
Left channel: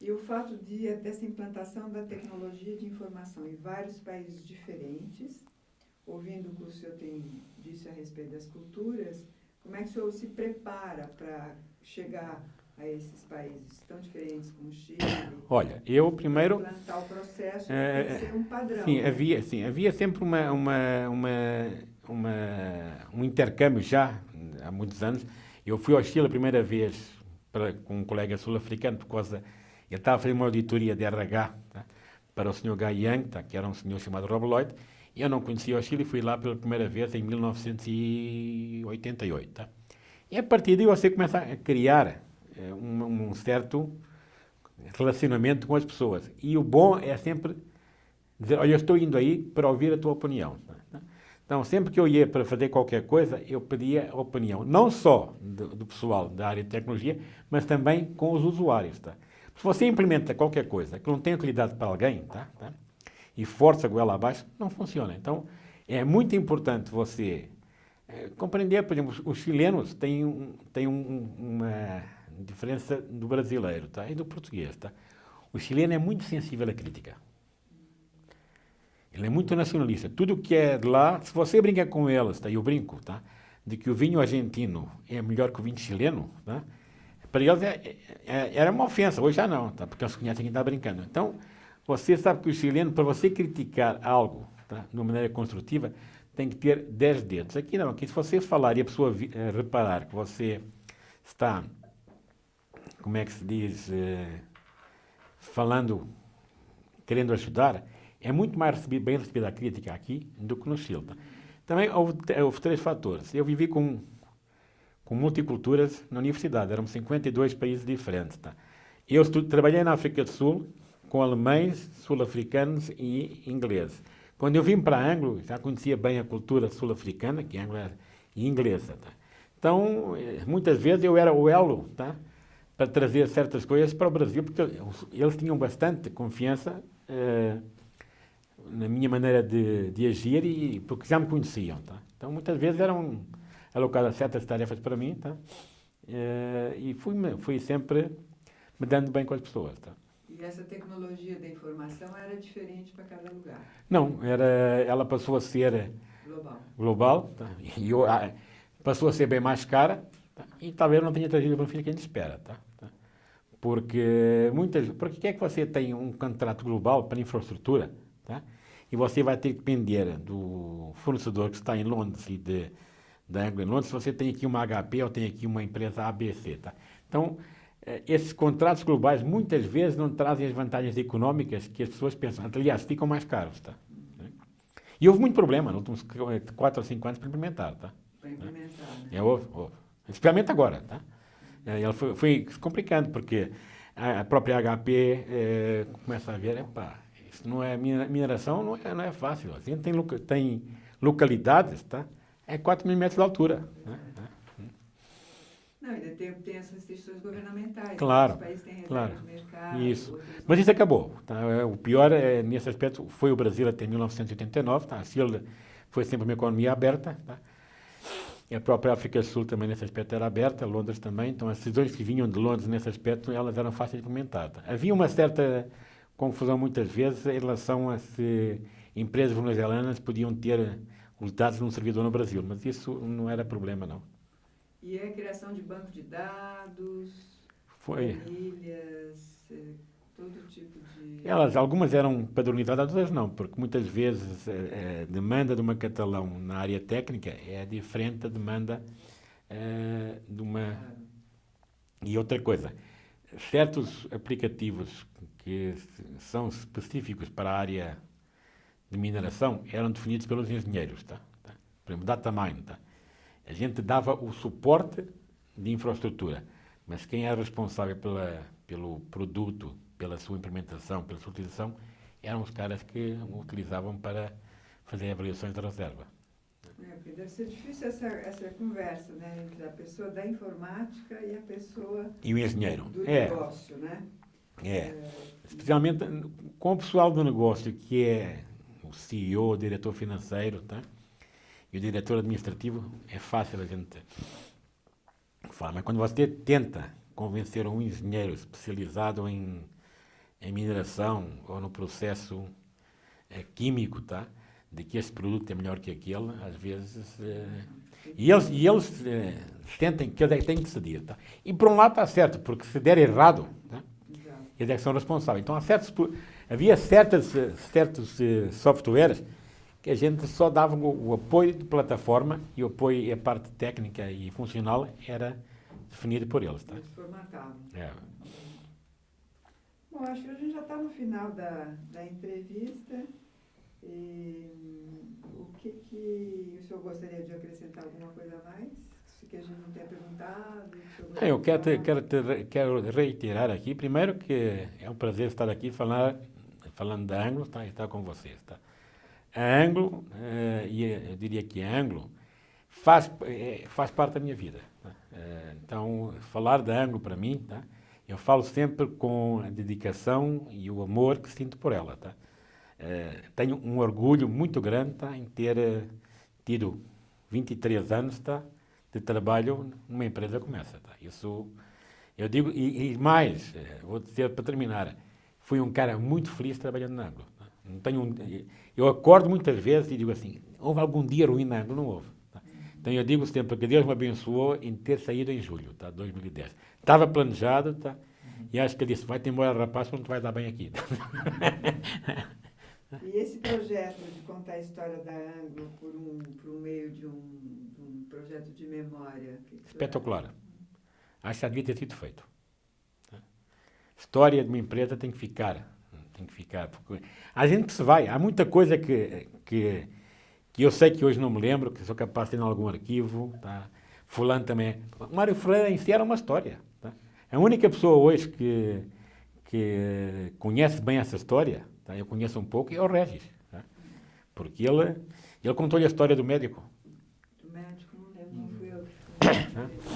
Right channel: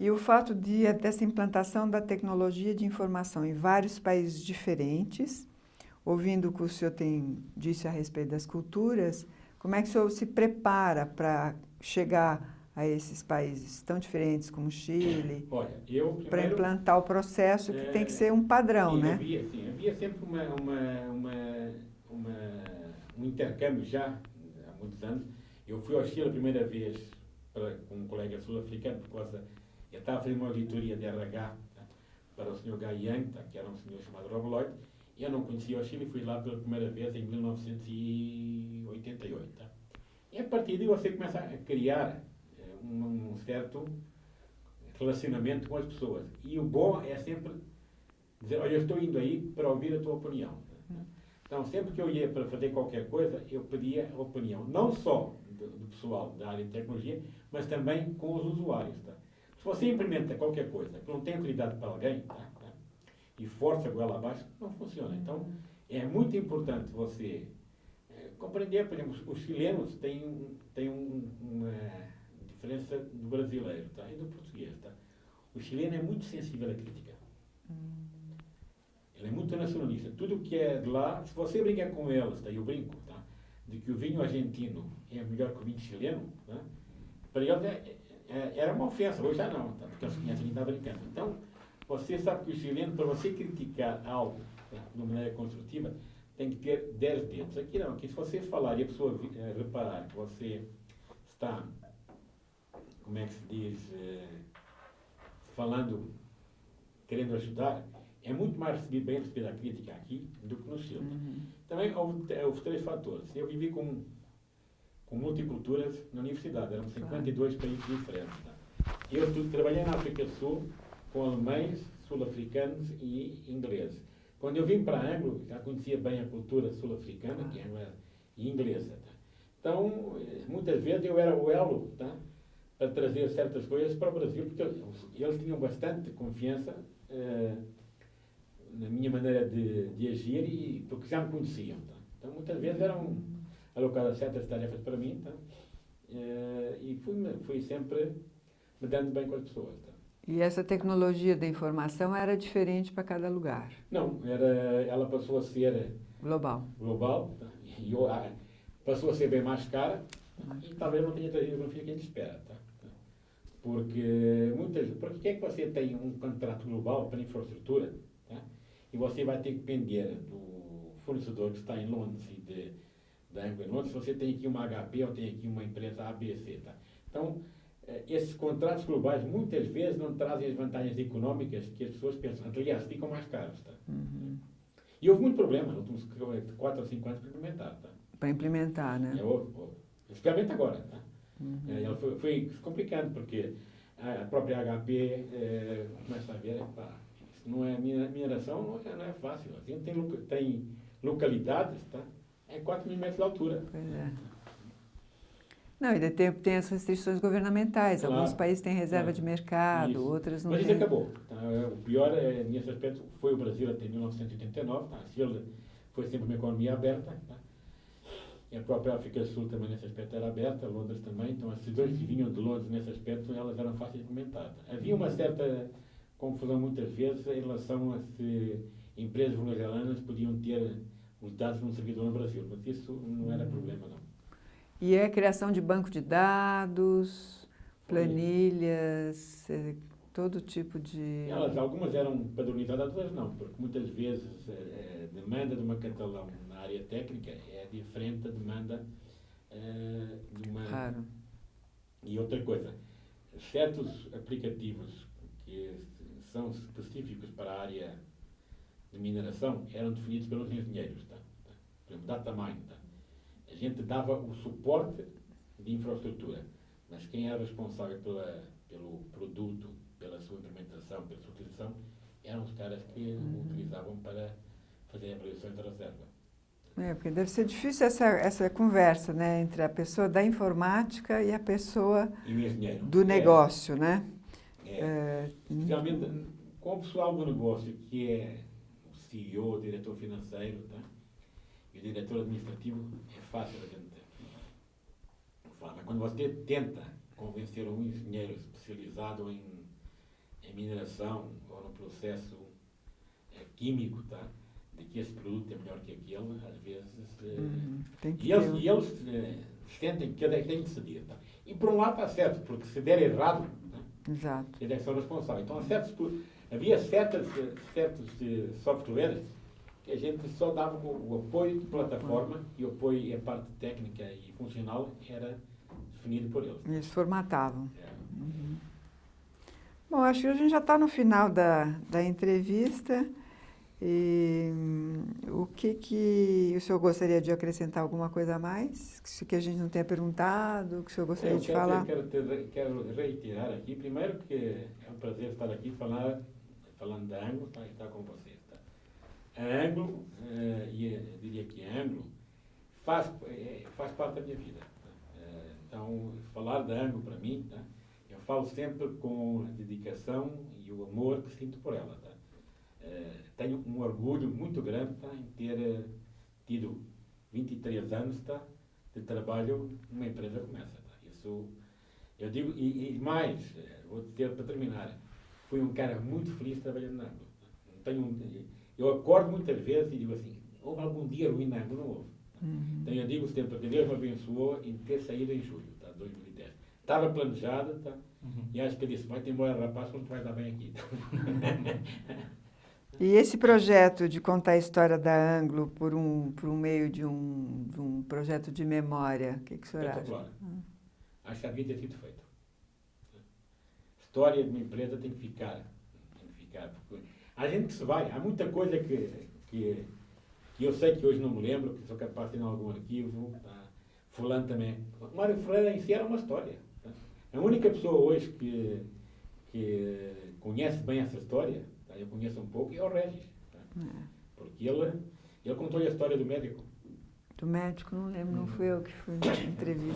E o fato dessa implantação da tecnologia de informação em vários países diferentes, ouvindo o que o senhor disse a respeito das culturas, como é que o senhor se prepara para chegar a esses países tão diferentes como o Chile? Olha, eu primeiro... Para implantar o processo, tem que ser um padrão, sim, né? Havia sempre um intercâmbio já, há muitos anos. Eu fui ao Chile a primeira vez com um colega sul-africano, por causa... Ele estava a fazer uma auditoria de RH, tá, para o Sr. Guy Young, tá, que era um senhor chamado Rob Lloyd, e eu não conhecia o Chile e fui lá pela primeira vez em 1988. Tá? E a partir daí você começa a criar um certo relacionamento com as pessoas. E o bom é sempre dizer, olha, eu estou indo aí para ouvir a tua opinião. Tá? Então, sempre que eu ia para fazer qualquer coisa, eu pedia a opinião, não só do pessoal da área de tecnologia, mas também com os usuários. Tá? Se você implementa qualquer coisa que não tem utilidade para alguém, tá? E força a goela abaixo, não funciona. Então, é muito importante você compreender, por exemplo, os chilenos têm uma diferença do brasileiro, tá? E do português, tá? O chileno é muito sensível à crítica. Ele é muito nacionalista. Tudo que é de lá, se você brincar com eles, tá? Eu brinco, tá? De que o vinho argentino é melhor que o vinho chileno, tá? Para eles era uma ofensa. Hoje já não, tá? Porque eles conhecem quem está brincando. Então, você sabe que o chileno, para você criticar algo, tá? De uma maneira construtiva, tem que ter 10 dedos. Aqui não. Aqui se você falar e a pessoa reparar que você está, como é que se diz, falando, querendo ajudar, é muito mais bem recebida a crítica aqui do que no Chile. Tá? Também houve 3 fatores. Eu vivi com multiculturas na universidade. Eram 52 países diferentes. Tá? Eu trabalhei na África do Sul com alemães, sul-africanos e ingleses. Quando eu vim para Anglo, já conhecia bem a cultura sul-africana, que é anglo e inglesa. Tá? Então, muitas vezes eu era o elo, tá? Para trazer certas coisas para o Brasil, porque eles tinham bastante confiança na minha maneira de agir, e porque já me conheciam. Tá? Então, muitas vezes eram alocadas certas tarefas para mim, tá? E fui sempre me dando bem com as pessoas. Tá? E essa tecnologia da informação era diferente para cada lugar? Não, ela passou a ser global, tá? E passou a ser bem mais cara, tá? E talvez não tenha trazido o benefício que a gente espera. Tá? Porque o que é que você tem um contrato global para infraestrutura, tá? E você vai ter que depender do fornecedor que está em Londres e da Anglo em Londres, se você tem aqui uma HP ou tem aqui uma empresa ABC. Tá? Então, esses contratos globais muitas vezes não trazem as vantagens económicas que as pessoas pensam. Aliás, ficam mais caros. Tá? E houve muito problema nos últimos 4 ou 5 anos para implementar. Tá? Para implementar, né? Houve. Especialmente agora. Tá? Ela foi complicando, porque a própria HP começa a ver, isso não é mineração, não é fácil. A gente tem localidades, tá? 4 mil metros de altura. Não, ainda tem as restrições governamentais. Claro, alguns países têm reserva de mercado, isso. outros não. Mas isso têm. acabou. Tá? O pior, nesse aspecto, foi o Brasil até 1989. Tá? A Chile foi sempre uma economia aberta. Tá? E a própria África do Sul também nesse aspecto era aberta, Londres também. Então as decisões que vinham de Londres nesse aspecto, elas eram fáceis de implementar. Tá? Havia uma certa confusão muitas vezes em relação a se empresas venezuelanas podiam ter os dados de um servidor no Brasil, mas isso não era problema, não. E a criação de banco de dados, planilhas, todo tipo de... Algumas eram padronizadas, outras não, porque muitas vezes a demanda de uma catalão na área técnica é diferente da demanda de uma... Claro. E outra coisa, certos aplicativos que são específicos para a área de mineração eram definidos pelos engenheiros, tá? Por exemplo, data mine, tá? A gente dava o suporte de infraestrutura, mas quem era responsável pelo produto, pela sua implementação, pela sua utilização, eram os caras que o utilizavam para fazer avaliações da reserva. Porque deve ser difícil essa conversa, né, entre a pessoa da informática e a pessoa E o engenheiro. do negócio, né? Especialmente com o pessoal do negócio, que é o CEO, o diretor financeiro, tá? E o diretor administrativo, é fácil a gente falar. Mas quando você tenta convencer um engenheiro especializado em mineração ou no processo químico, tá? De que esse produto é melhor que aquele, às vezes... E eles sentem que têm que ceder. Tá? E por um lado está certo, porque se der errado, tá? Exato. Eles é que são responsáveis. Então havia certos softwares que a gente só dava o apoio de plataforma e o apoio e a parte técnica e funcional era definido por eles. Tá? Eles formatavam. É. Bom, acho que a gente já está no final da entrevista. E o que o senhor gostaria de acrescentar alguma coisa a mais? Que a gente não tenha perguntado, que o senhor gostaria de falar? Quero reiterar aqui, primeiro, que é um prazer estar aqui falando da Anglo, tá? Estar com vocês. Tá? A Anglo, e eu diria que a Anglo, faz parte da minha vida. Tá? Então, falar da Anglo para mim, tá? Eu falo sempre com a dedicação e o amor que sinto por ela, tá? Tenho um orgulho muito grande, tá, em ter tido 23 anos, tá, de trabalho numa empresa como essa, tá? Isso eu digo, e mais, vou dizer para terminar, fui um cara muito feliz trabalhando na Anglo. Tá? Não tenho eu acordo muitas vezes e digo assim, houve algum dia ruim na Anglo? Não houve. Tá? Então eu digo sempre que Deus me abençoou em ter saído em julho, tá, 2010. Estava planejado, tá? E acho que ele disse, vai-te embora, rapaz, não te vai dar bem aqui. E esse projeto de contar a história da Anglo por um meio de um projeto de memória, o que o senhor acha? Espetacular. Acho que devia ter sido feito. História de uma empresa tem que ficar. Porque a gente se vai. Há muita coisa que eu sei que hoje não me lembro, que sou capaz de ter em algum arquivo. Tá? Fulano também. O Mário Ferreira em si era uma história. Tá? A única pessoa hoje que conhece bem essa história, tá? Eu conheço um pouco, é o Regis. Tá? Porque ele contou-lhe a história do médico. Do médico, não lembro, não fui eu que fui na entrevista.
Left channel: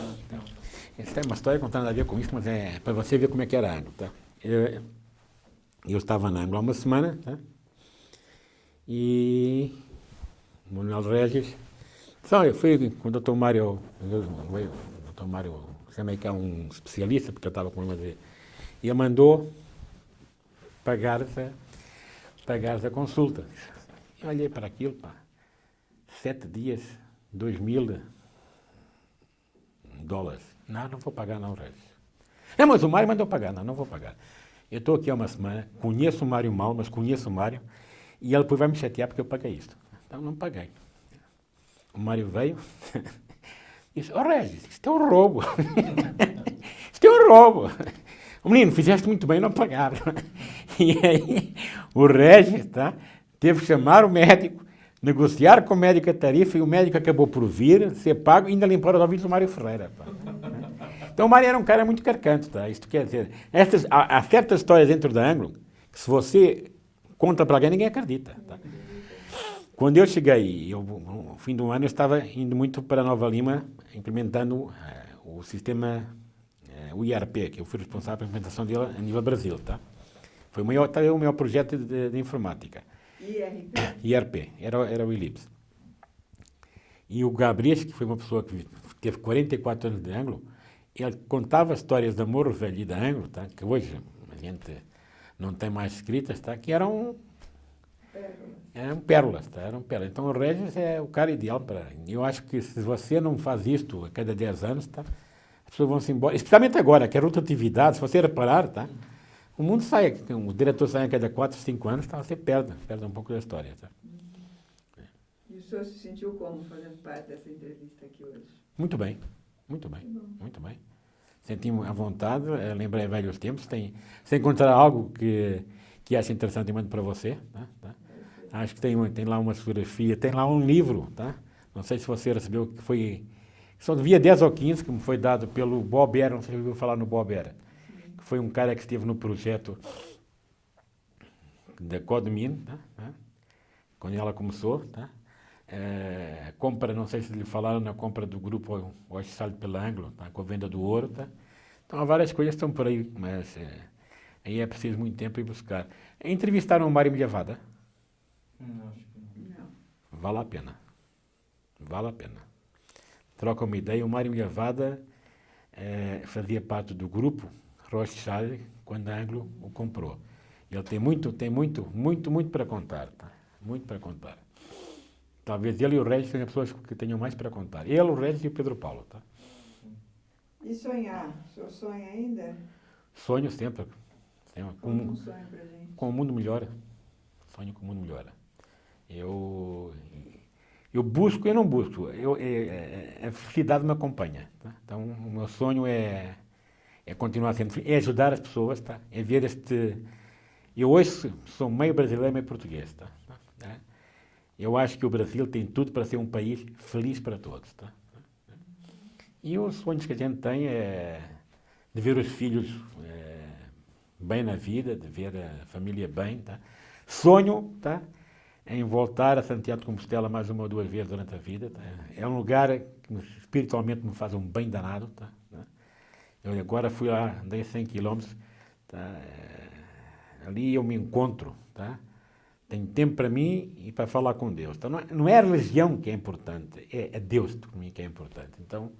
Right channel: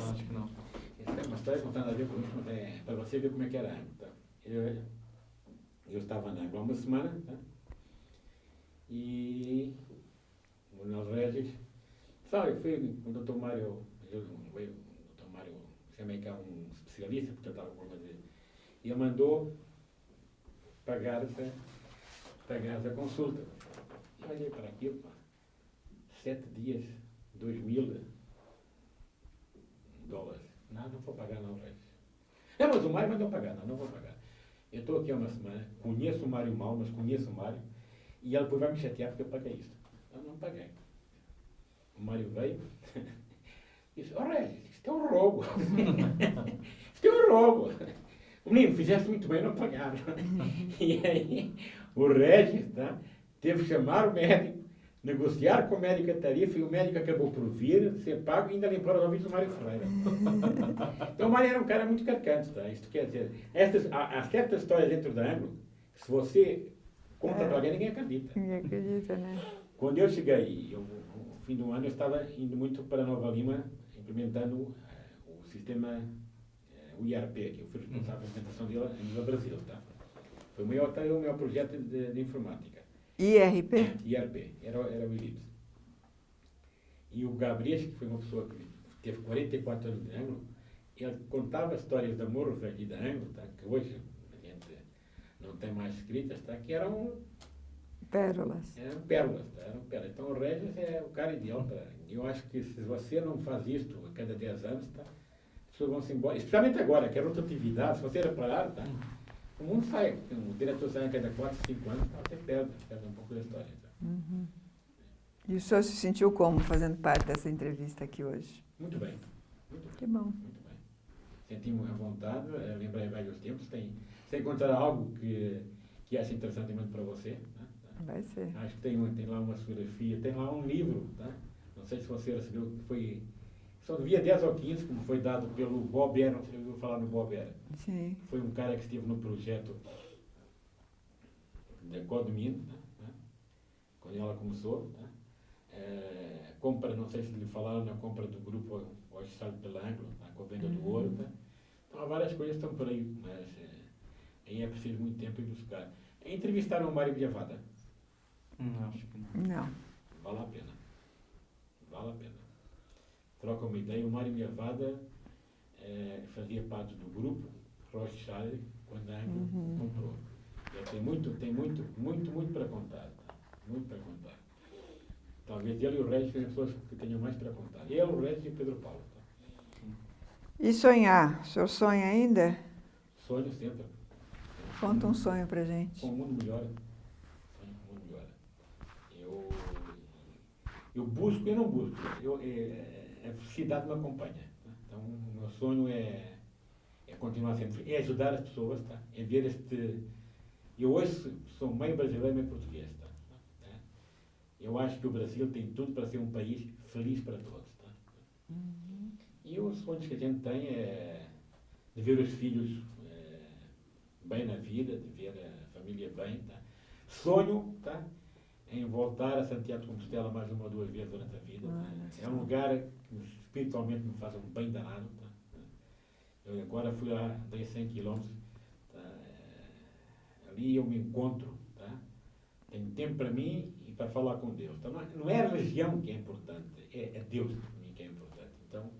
Essa é uma história que não tem nada a ver com isso, mas é para você ver como é que era a Anglo. Tá? Eu estava na Anglo há uma semana, tá? E o Manuel Regis, só eu fui com o Dr. Mário, o Dr. Mário, chamei cá um especialista, porque eu estava com ele, e ele mandou pagar a consulta. Eu olhei para aquilo, pá, 7 dias, $2.000. Não vou pagar não, Regis. Mas o Mário mandou pagar. Não vou pagar. Eu estou aqui há uma semana, conheço o Mário mal, mas conheço o Mário, e ele depois vai me chatear porque eu paguei isto. Então não paguei. O Mário veio e disse, Regis, isto é um roubo. Isto é um roubo. O menino, fizeste muito bem não pagar. E aí o Regis, tá, teve que chamar o médico, negociar com o médico a tarifa, e o médico acabou por vir, ser pago e ainda limpar os ouvidos do Mário Ferreira. Então o Mário era um cara muito carcante, tá? Isto quer dizer, há certas histórias dentro da Anglo que se você conta para alguém, ninguém acredita. Ninguém acredita, né? Quando eu cheguei, no fim do ano, eu estava indo muito para Nova Lima, implementando o sistema, o IRP, que eu fui responsável pela implementação dele a nível Brasil, tá? Foi o maior projeto de informática. IRP? IRP, era o ILIPS. E o Gabriel, que foi uma pessoa que teve 44 anos de Anglo, ele contava histórias de Morro Velho e da Anglo, tá? Que hoje a gente não tem mais escritas, tá? Que eram pérolas. Eram pérolas, tá? Eram pérolas. Então o Regis é o cara ideal para... Eu acho que se você não faz isto a cada 10 anos, tá? As pessoas vão se embora. Especialmente agora, que é rotatividade, se você reparar, tá? O mundo sai, o diretor sai a cada 4, 5 anos, tá? Você perde um pouco da história, tá? Uhum. E o senhor se sentiu como fazendo parte dessa entrevista aqui hoje? Muito bem, muito bem. Que bom. Muito bem. Senti-me à vontade, lembrei velhos tempos. Se encontrar algo que acha interessante, eu mando para você. Tá? Vai ser. Acho que tem lá uma fotografia, tem lá um livro, tá? Não sei se você recebeu, que foi... Só devia 10 ou 15, que me foi dado pelo Bob Era, não sei se você ouviu falar no Bob Era. Sim. Que foi um cara que esteve no projeto da Codmin, tá? Quando ela começou, tá? A compra, não sei se lhe falaram, na compra do grupo Oxalho pela Anglo, tá? Com a venda do ouro, tá? Então há várias coisas que estão por aí, mas aí é preciso muito tempo ir buscar. Entrevistaram o Mário Milhavada? Acho que não. Não. Vale a pena. Vale a pena. Troca uma ideia. O Mário Milhavada fazia parte do grupo Rothschild quando a Anglo o comprou. Ele tem muito para contar. Tá? Muito para contar. Talvez ele e o Regis sejam pessoas que tenham mais para contar. Ele, o Regis e o Pedro Paulo. Tá? E sonhar? O senhor sonha ainda? Sonho sempre. Conta um sonho pra gente. Com o mundo melhor. Sonho com o mundo melhor. Eu busco e não busco. A felicidade me acompanha. Tá? Então, o meu sonho é continuar sendo feliz, é ajudar as pessoas, tá? É ver este... Eu hoje sou meio brasileiro, meio português, tá? Eu acho que o Brasil tem tudo para ser um país feliz para todos, tá? E os sonhos que a gente tem é de ver os filhos bem na vida, de ver a família bem, tá? Sonho, tá? Em voltar a Santiago de Compostela mais uma ou duas vezes durante a vida. Tá? É um lugar que espiritualmente me faz um bem danado. Tá? Eu agora fui lá, andei 100 quilômetros, tá? Ali eu me encontro, tá? Tenho tempo para mim e para falar com Deus. Então, não é a religião que é importante, é Deus para mim que é importante. Então,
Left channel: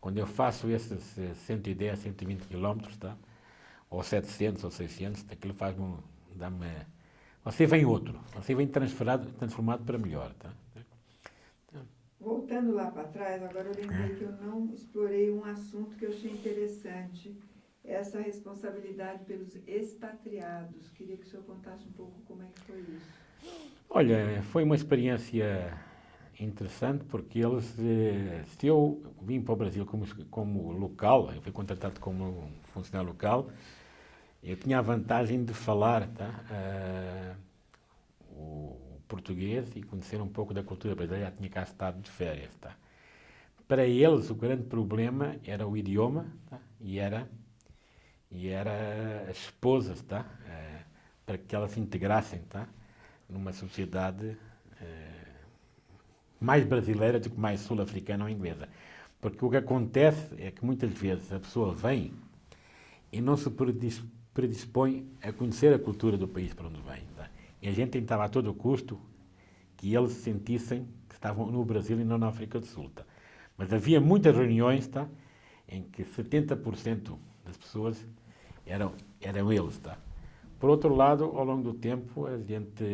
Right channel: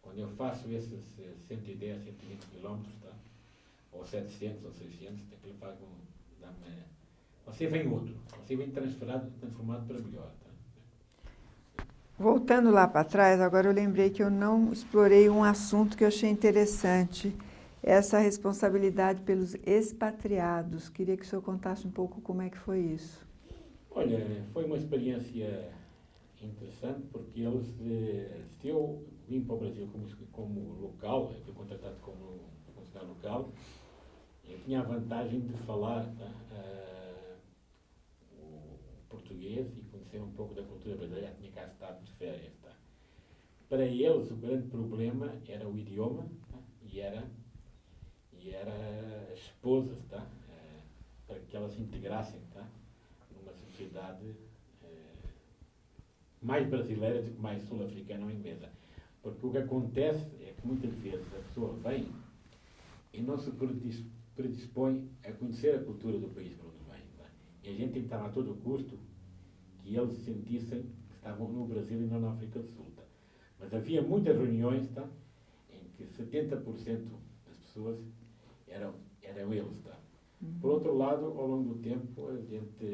quando eu faço esses 110, 120 quilômetros, tá? Ou 700 ou 600, aquilo faz-me, dá-me... Você vem outro, você vem transformado para melhor, tá? Voltando lá para trás, agora eu lembrei que eu não explorei um assunto que eu achei interessante, essa responsabilidade pelos expatriados. Queria que o senhor contasse um pouco como é que foi isso. Olha, foi uma experiência interessante porque eles, se eu vim para o Brasil como local, eu fui contratado como funcionário local, eu tinha a vantagem de falar, tá, o português e conhecer um pouco da cultura brasileira, já tinha cá estado de férias. Tá. Para eles, o grande problema era o idioma, tá, e era as esposas, tá, para que elas se integrassem, tá, numa sociedade mais brasileira do que mais sul-africana ou inglesa. Porque o que acontece é que muitas vezes a pessoa vem e não se predispõe a conhecer a cultura do país para onde vem. Tá? E a gente tentava a todo custo que eles sentissem que estavam no Brasil e não na África do Sul. Tá? Mas havia muitas reuniões, tá, em que 70% das pessoas eram eles. Tá? Por outro lado, ao longo do tempo, a gente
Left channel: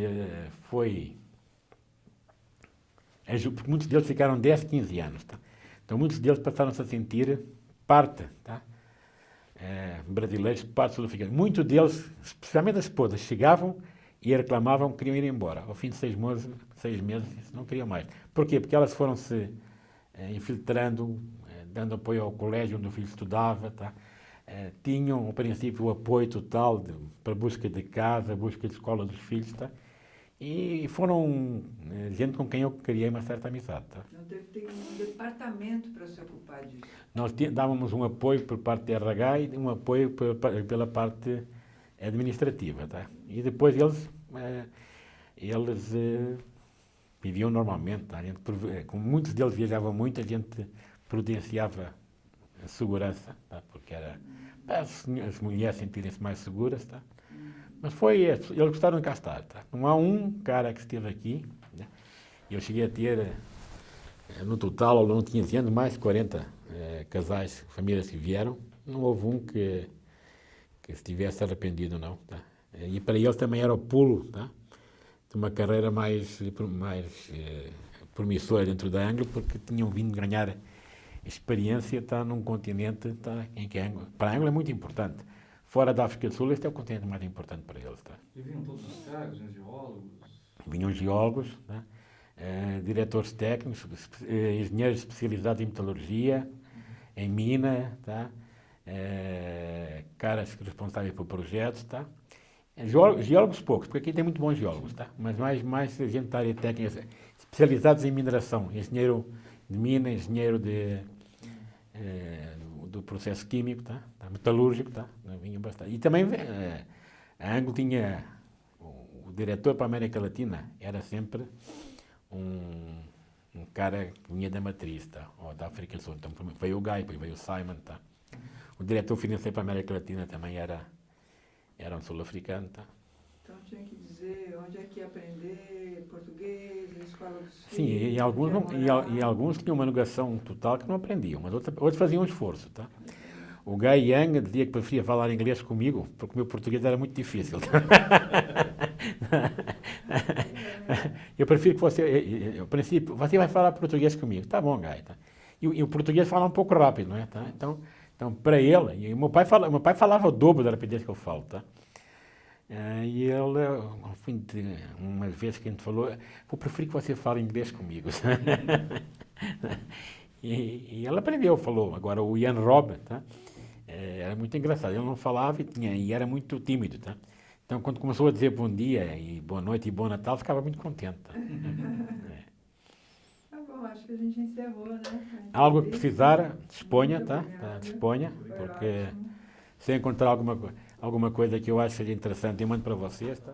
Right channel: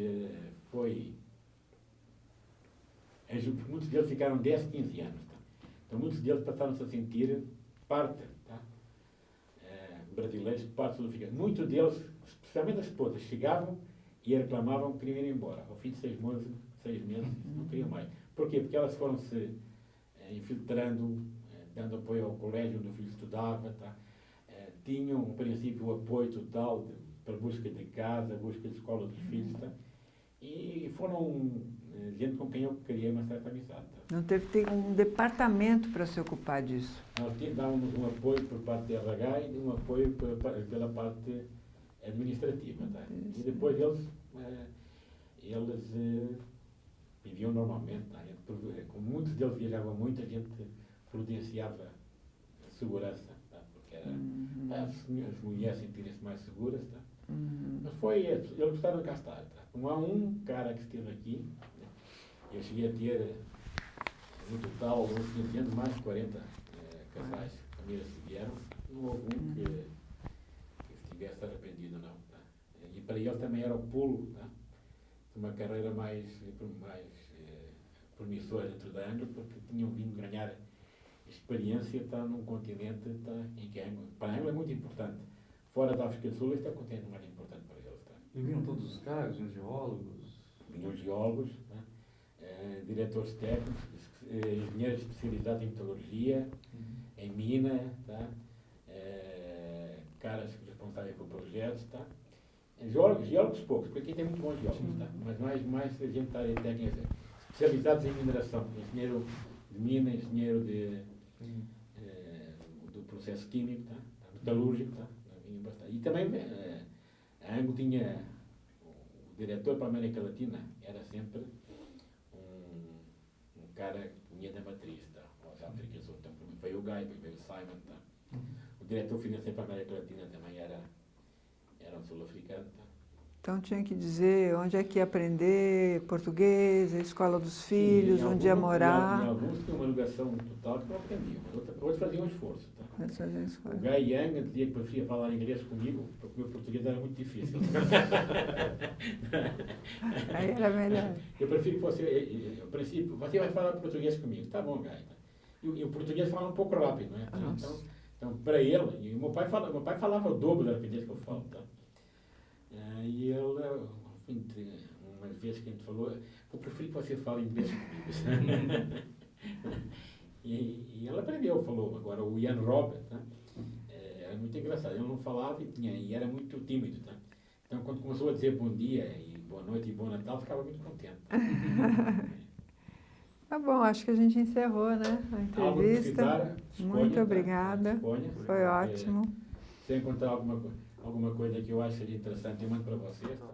foi... Porque muitos deles ficaram 10, 15 anos. Tá? Então, muitos deles passaram-se a sentir parte, tá? Brasileiros, parte sul-africana. Muitos deles, especialmente as esposas, chegavam e reclamavam que queriam ir embora. Ao fim de 6 meses, não queriam mais. Porquê? Porque elas foram se infiltrando, dando apoio ao colégio onde o filho estudava, tá? Tinham, ao princípio, o apoio total para a busca de casa, a busca de escola dos filhos, tá? E foram gente com quem eu criei uma certa amizade. Tá? Não teve que ter um departamento para se ocupar disso? Nós dávamos um apoio por parte da RH e um apoio pela parte administrativa. Tá? E depois eles viviam normalmente. Tá? Como muitos deles viajavam muito, a gente providenciava a segurança, tá? Porque era para as mulheres sentirem-se mais seguras. Tá? Mas eles gostaram de cá estar. Tá? Não há um cara que esteve aqui, né? Eu cheguei a ter, no total, ao longo de 15 anos, mais de 40 casais, famílias que vieram. Não houve um que se tivesse arrependido, não. Tá? E para eles também era o pulo, tá? De uma carreira mais promissora dentro da Anglo, porque tinham vindo ganhar experiência, tá, num continente, tá, em que para a Anglo é muito importante. Fora da África do Sul, este é o continente mais importante para eles. Tá? E vinham todos os cargos, os geólogos? Vinham geólogos, né? Diretores técnicos, engenheiros especializados em metalurgia, em mina, tá? Caras responsáveis por projetos. Tá? Geólogos poucos, porque aqui tem muito bons geólogos, tá? Mas mais gente da área técnica, especializados em mineração, engenheiro de mina, engenheiro do processo químico, tá? Metalúrgico, tá? Vinha bastante. E também a Anglo tinha, o diretor para a América Latina era sempre um cara que vinha da matriz, tá? Ou da África do Sul. Então veio o Guy, depois veio o Simon, tá? O diretor financeiro para a América Latina também era um sul-africano, tá? Então tinha que dizer onde é que ia aprender português, a escola dos Sim, filhos, e alguns, onde ia morar. e alguns tinham uma negação total que não aprendiam, mas outros faziam um esforço. Tá? O Gai Guy Young dizia que preferia falar inglês comigo, porque o meu português era muito difícil. era melhor. Eu prefiro que você, a princípio, você vai falar português comigo. Tá bom, Guy. Tá? E o português fala um pouco rápido, não é? Tá? Então, para ele, e o meu pai falava o dobro da rapidez que eu falo. Tá? E ele, ao fim de uma vez que a gente falou, eu prefiro que você fale inglês comigo. e ele aprendeu, falou. Agora, o Ian Robb, tá? Era muito engraçado. Ele não falava e era muito tímido. Tá? Então, quando começou a dizer bom dia, e boa noite, e bom Natal, ficava muito contente. Tá? Tá bom, acho que a gente encerrou, né? Algo que precisar, disponha. Muito tá? obrigada. Disponha. Foi ótimo. Se encontrar alguma coisa que eu acho que seja interessante, eu mando para vocês. Tá?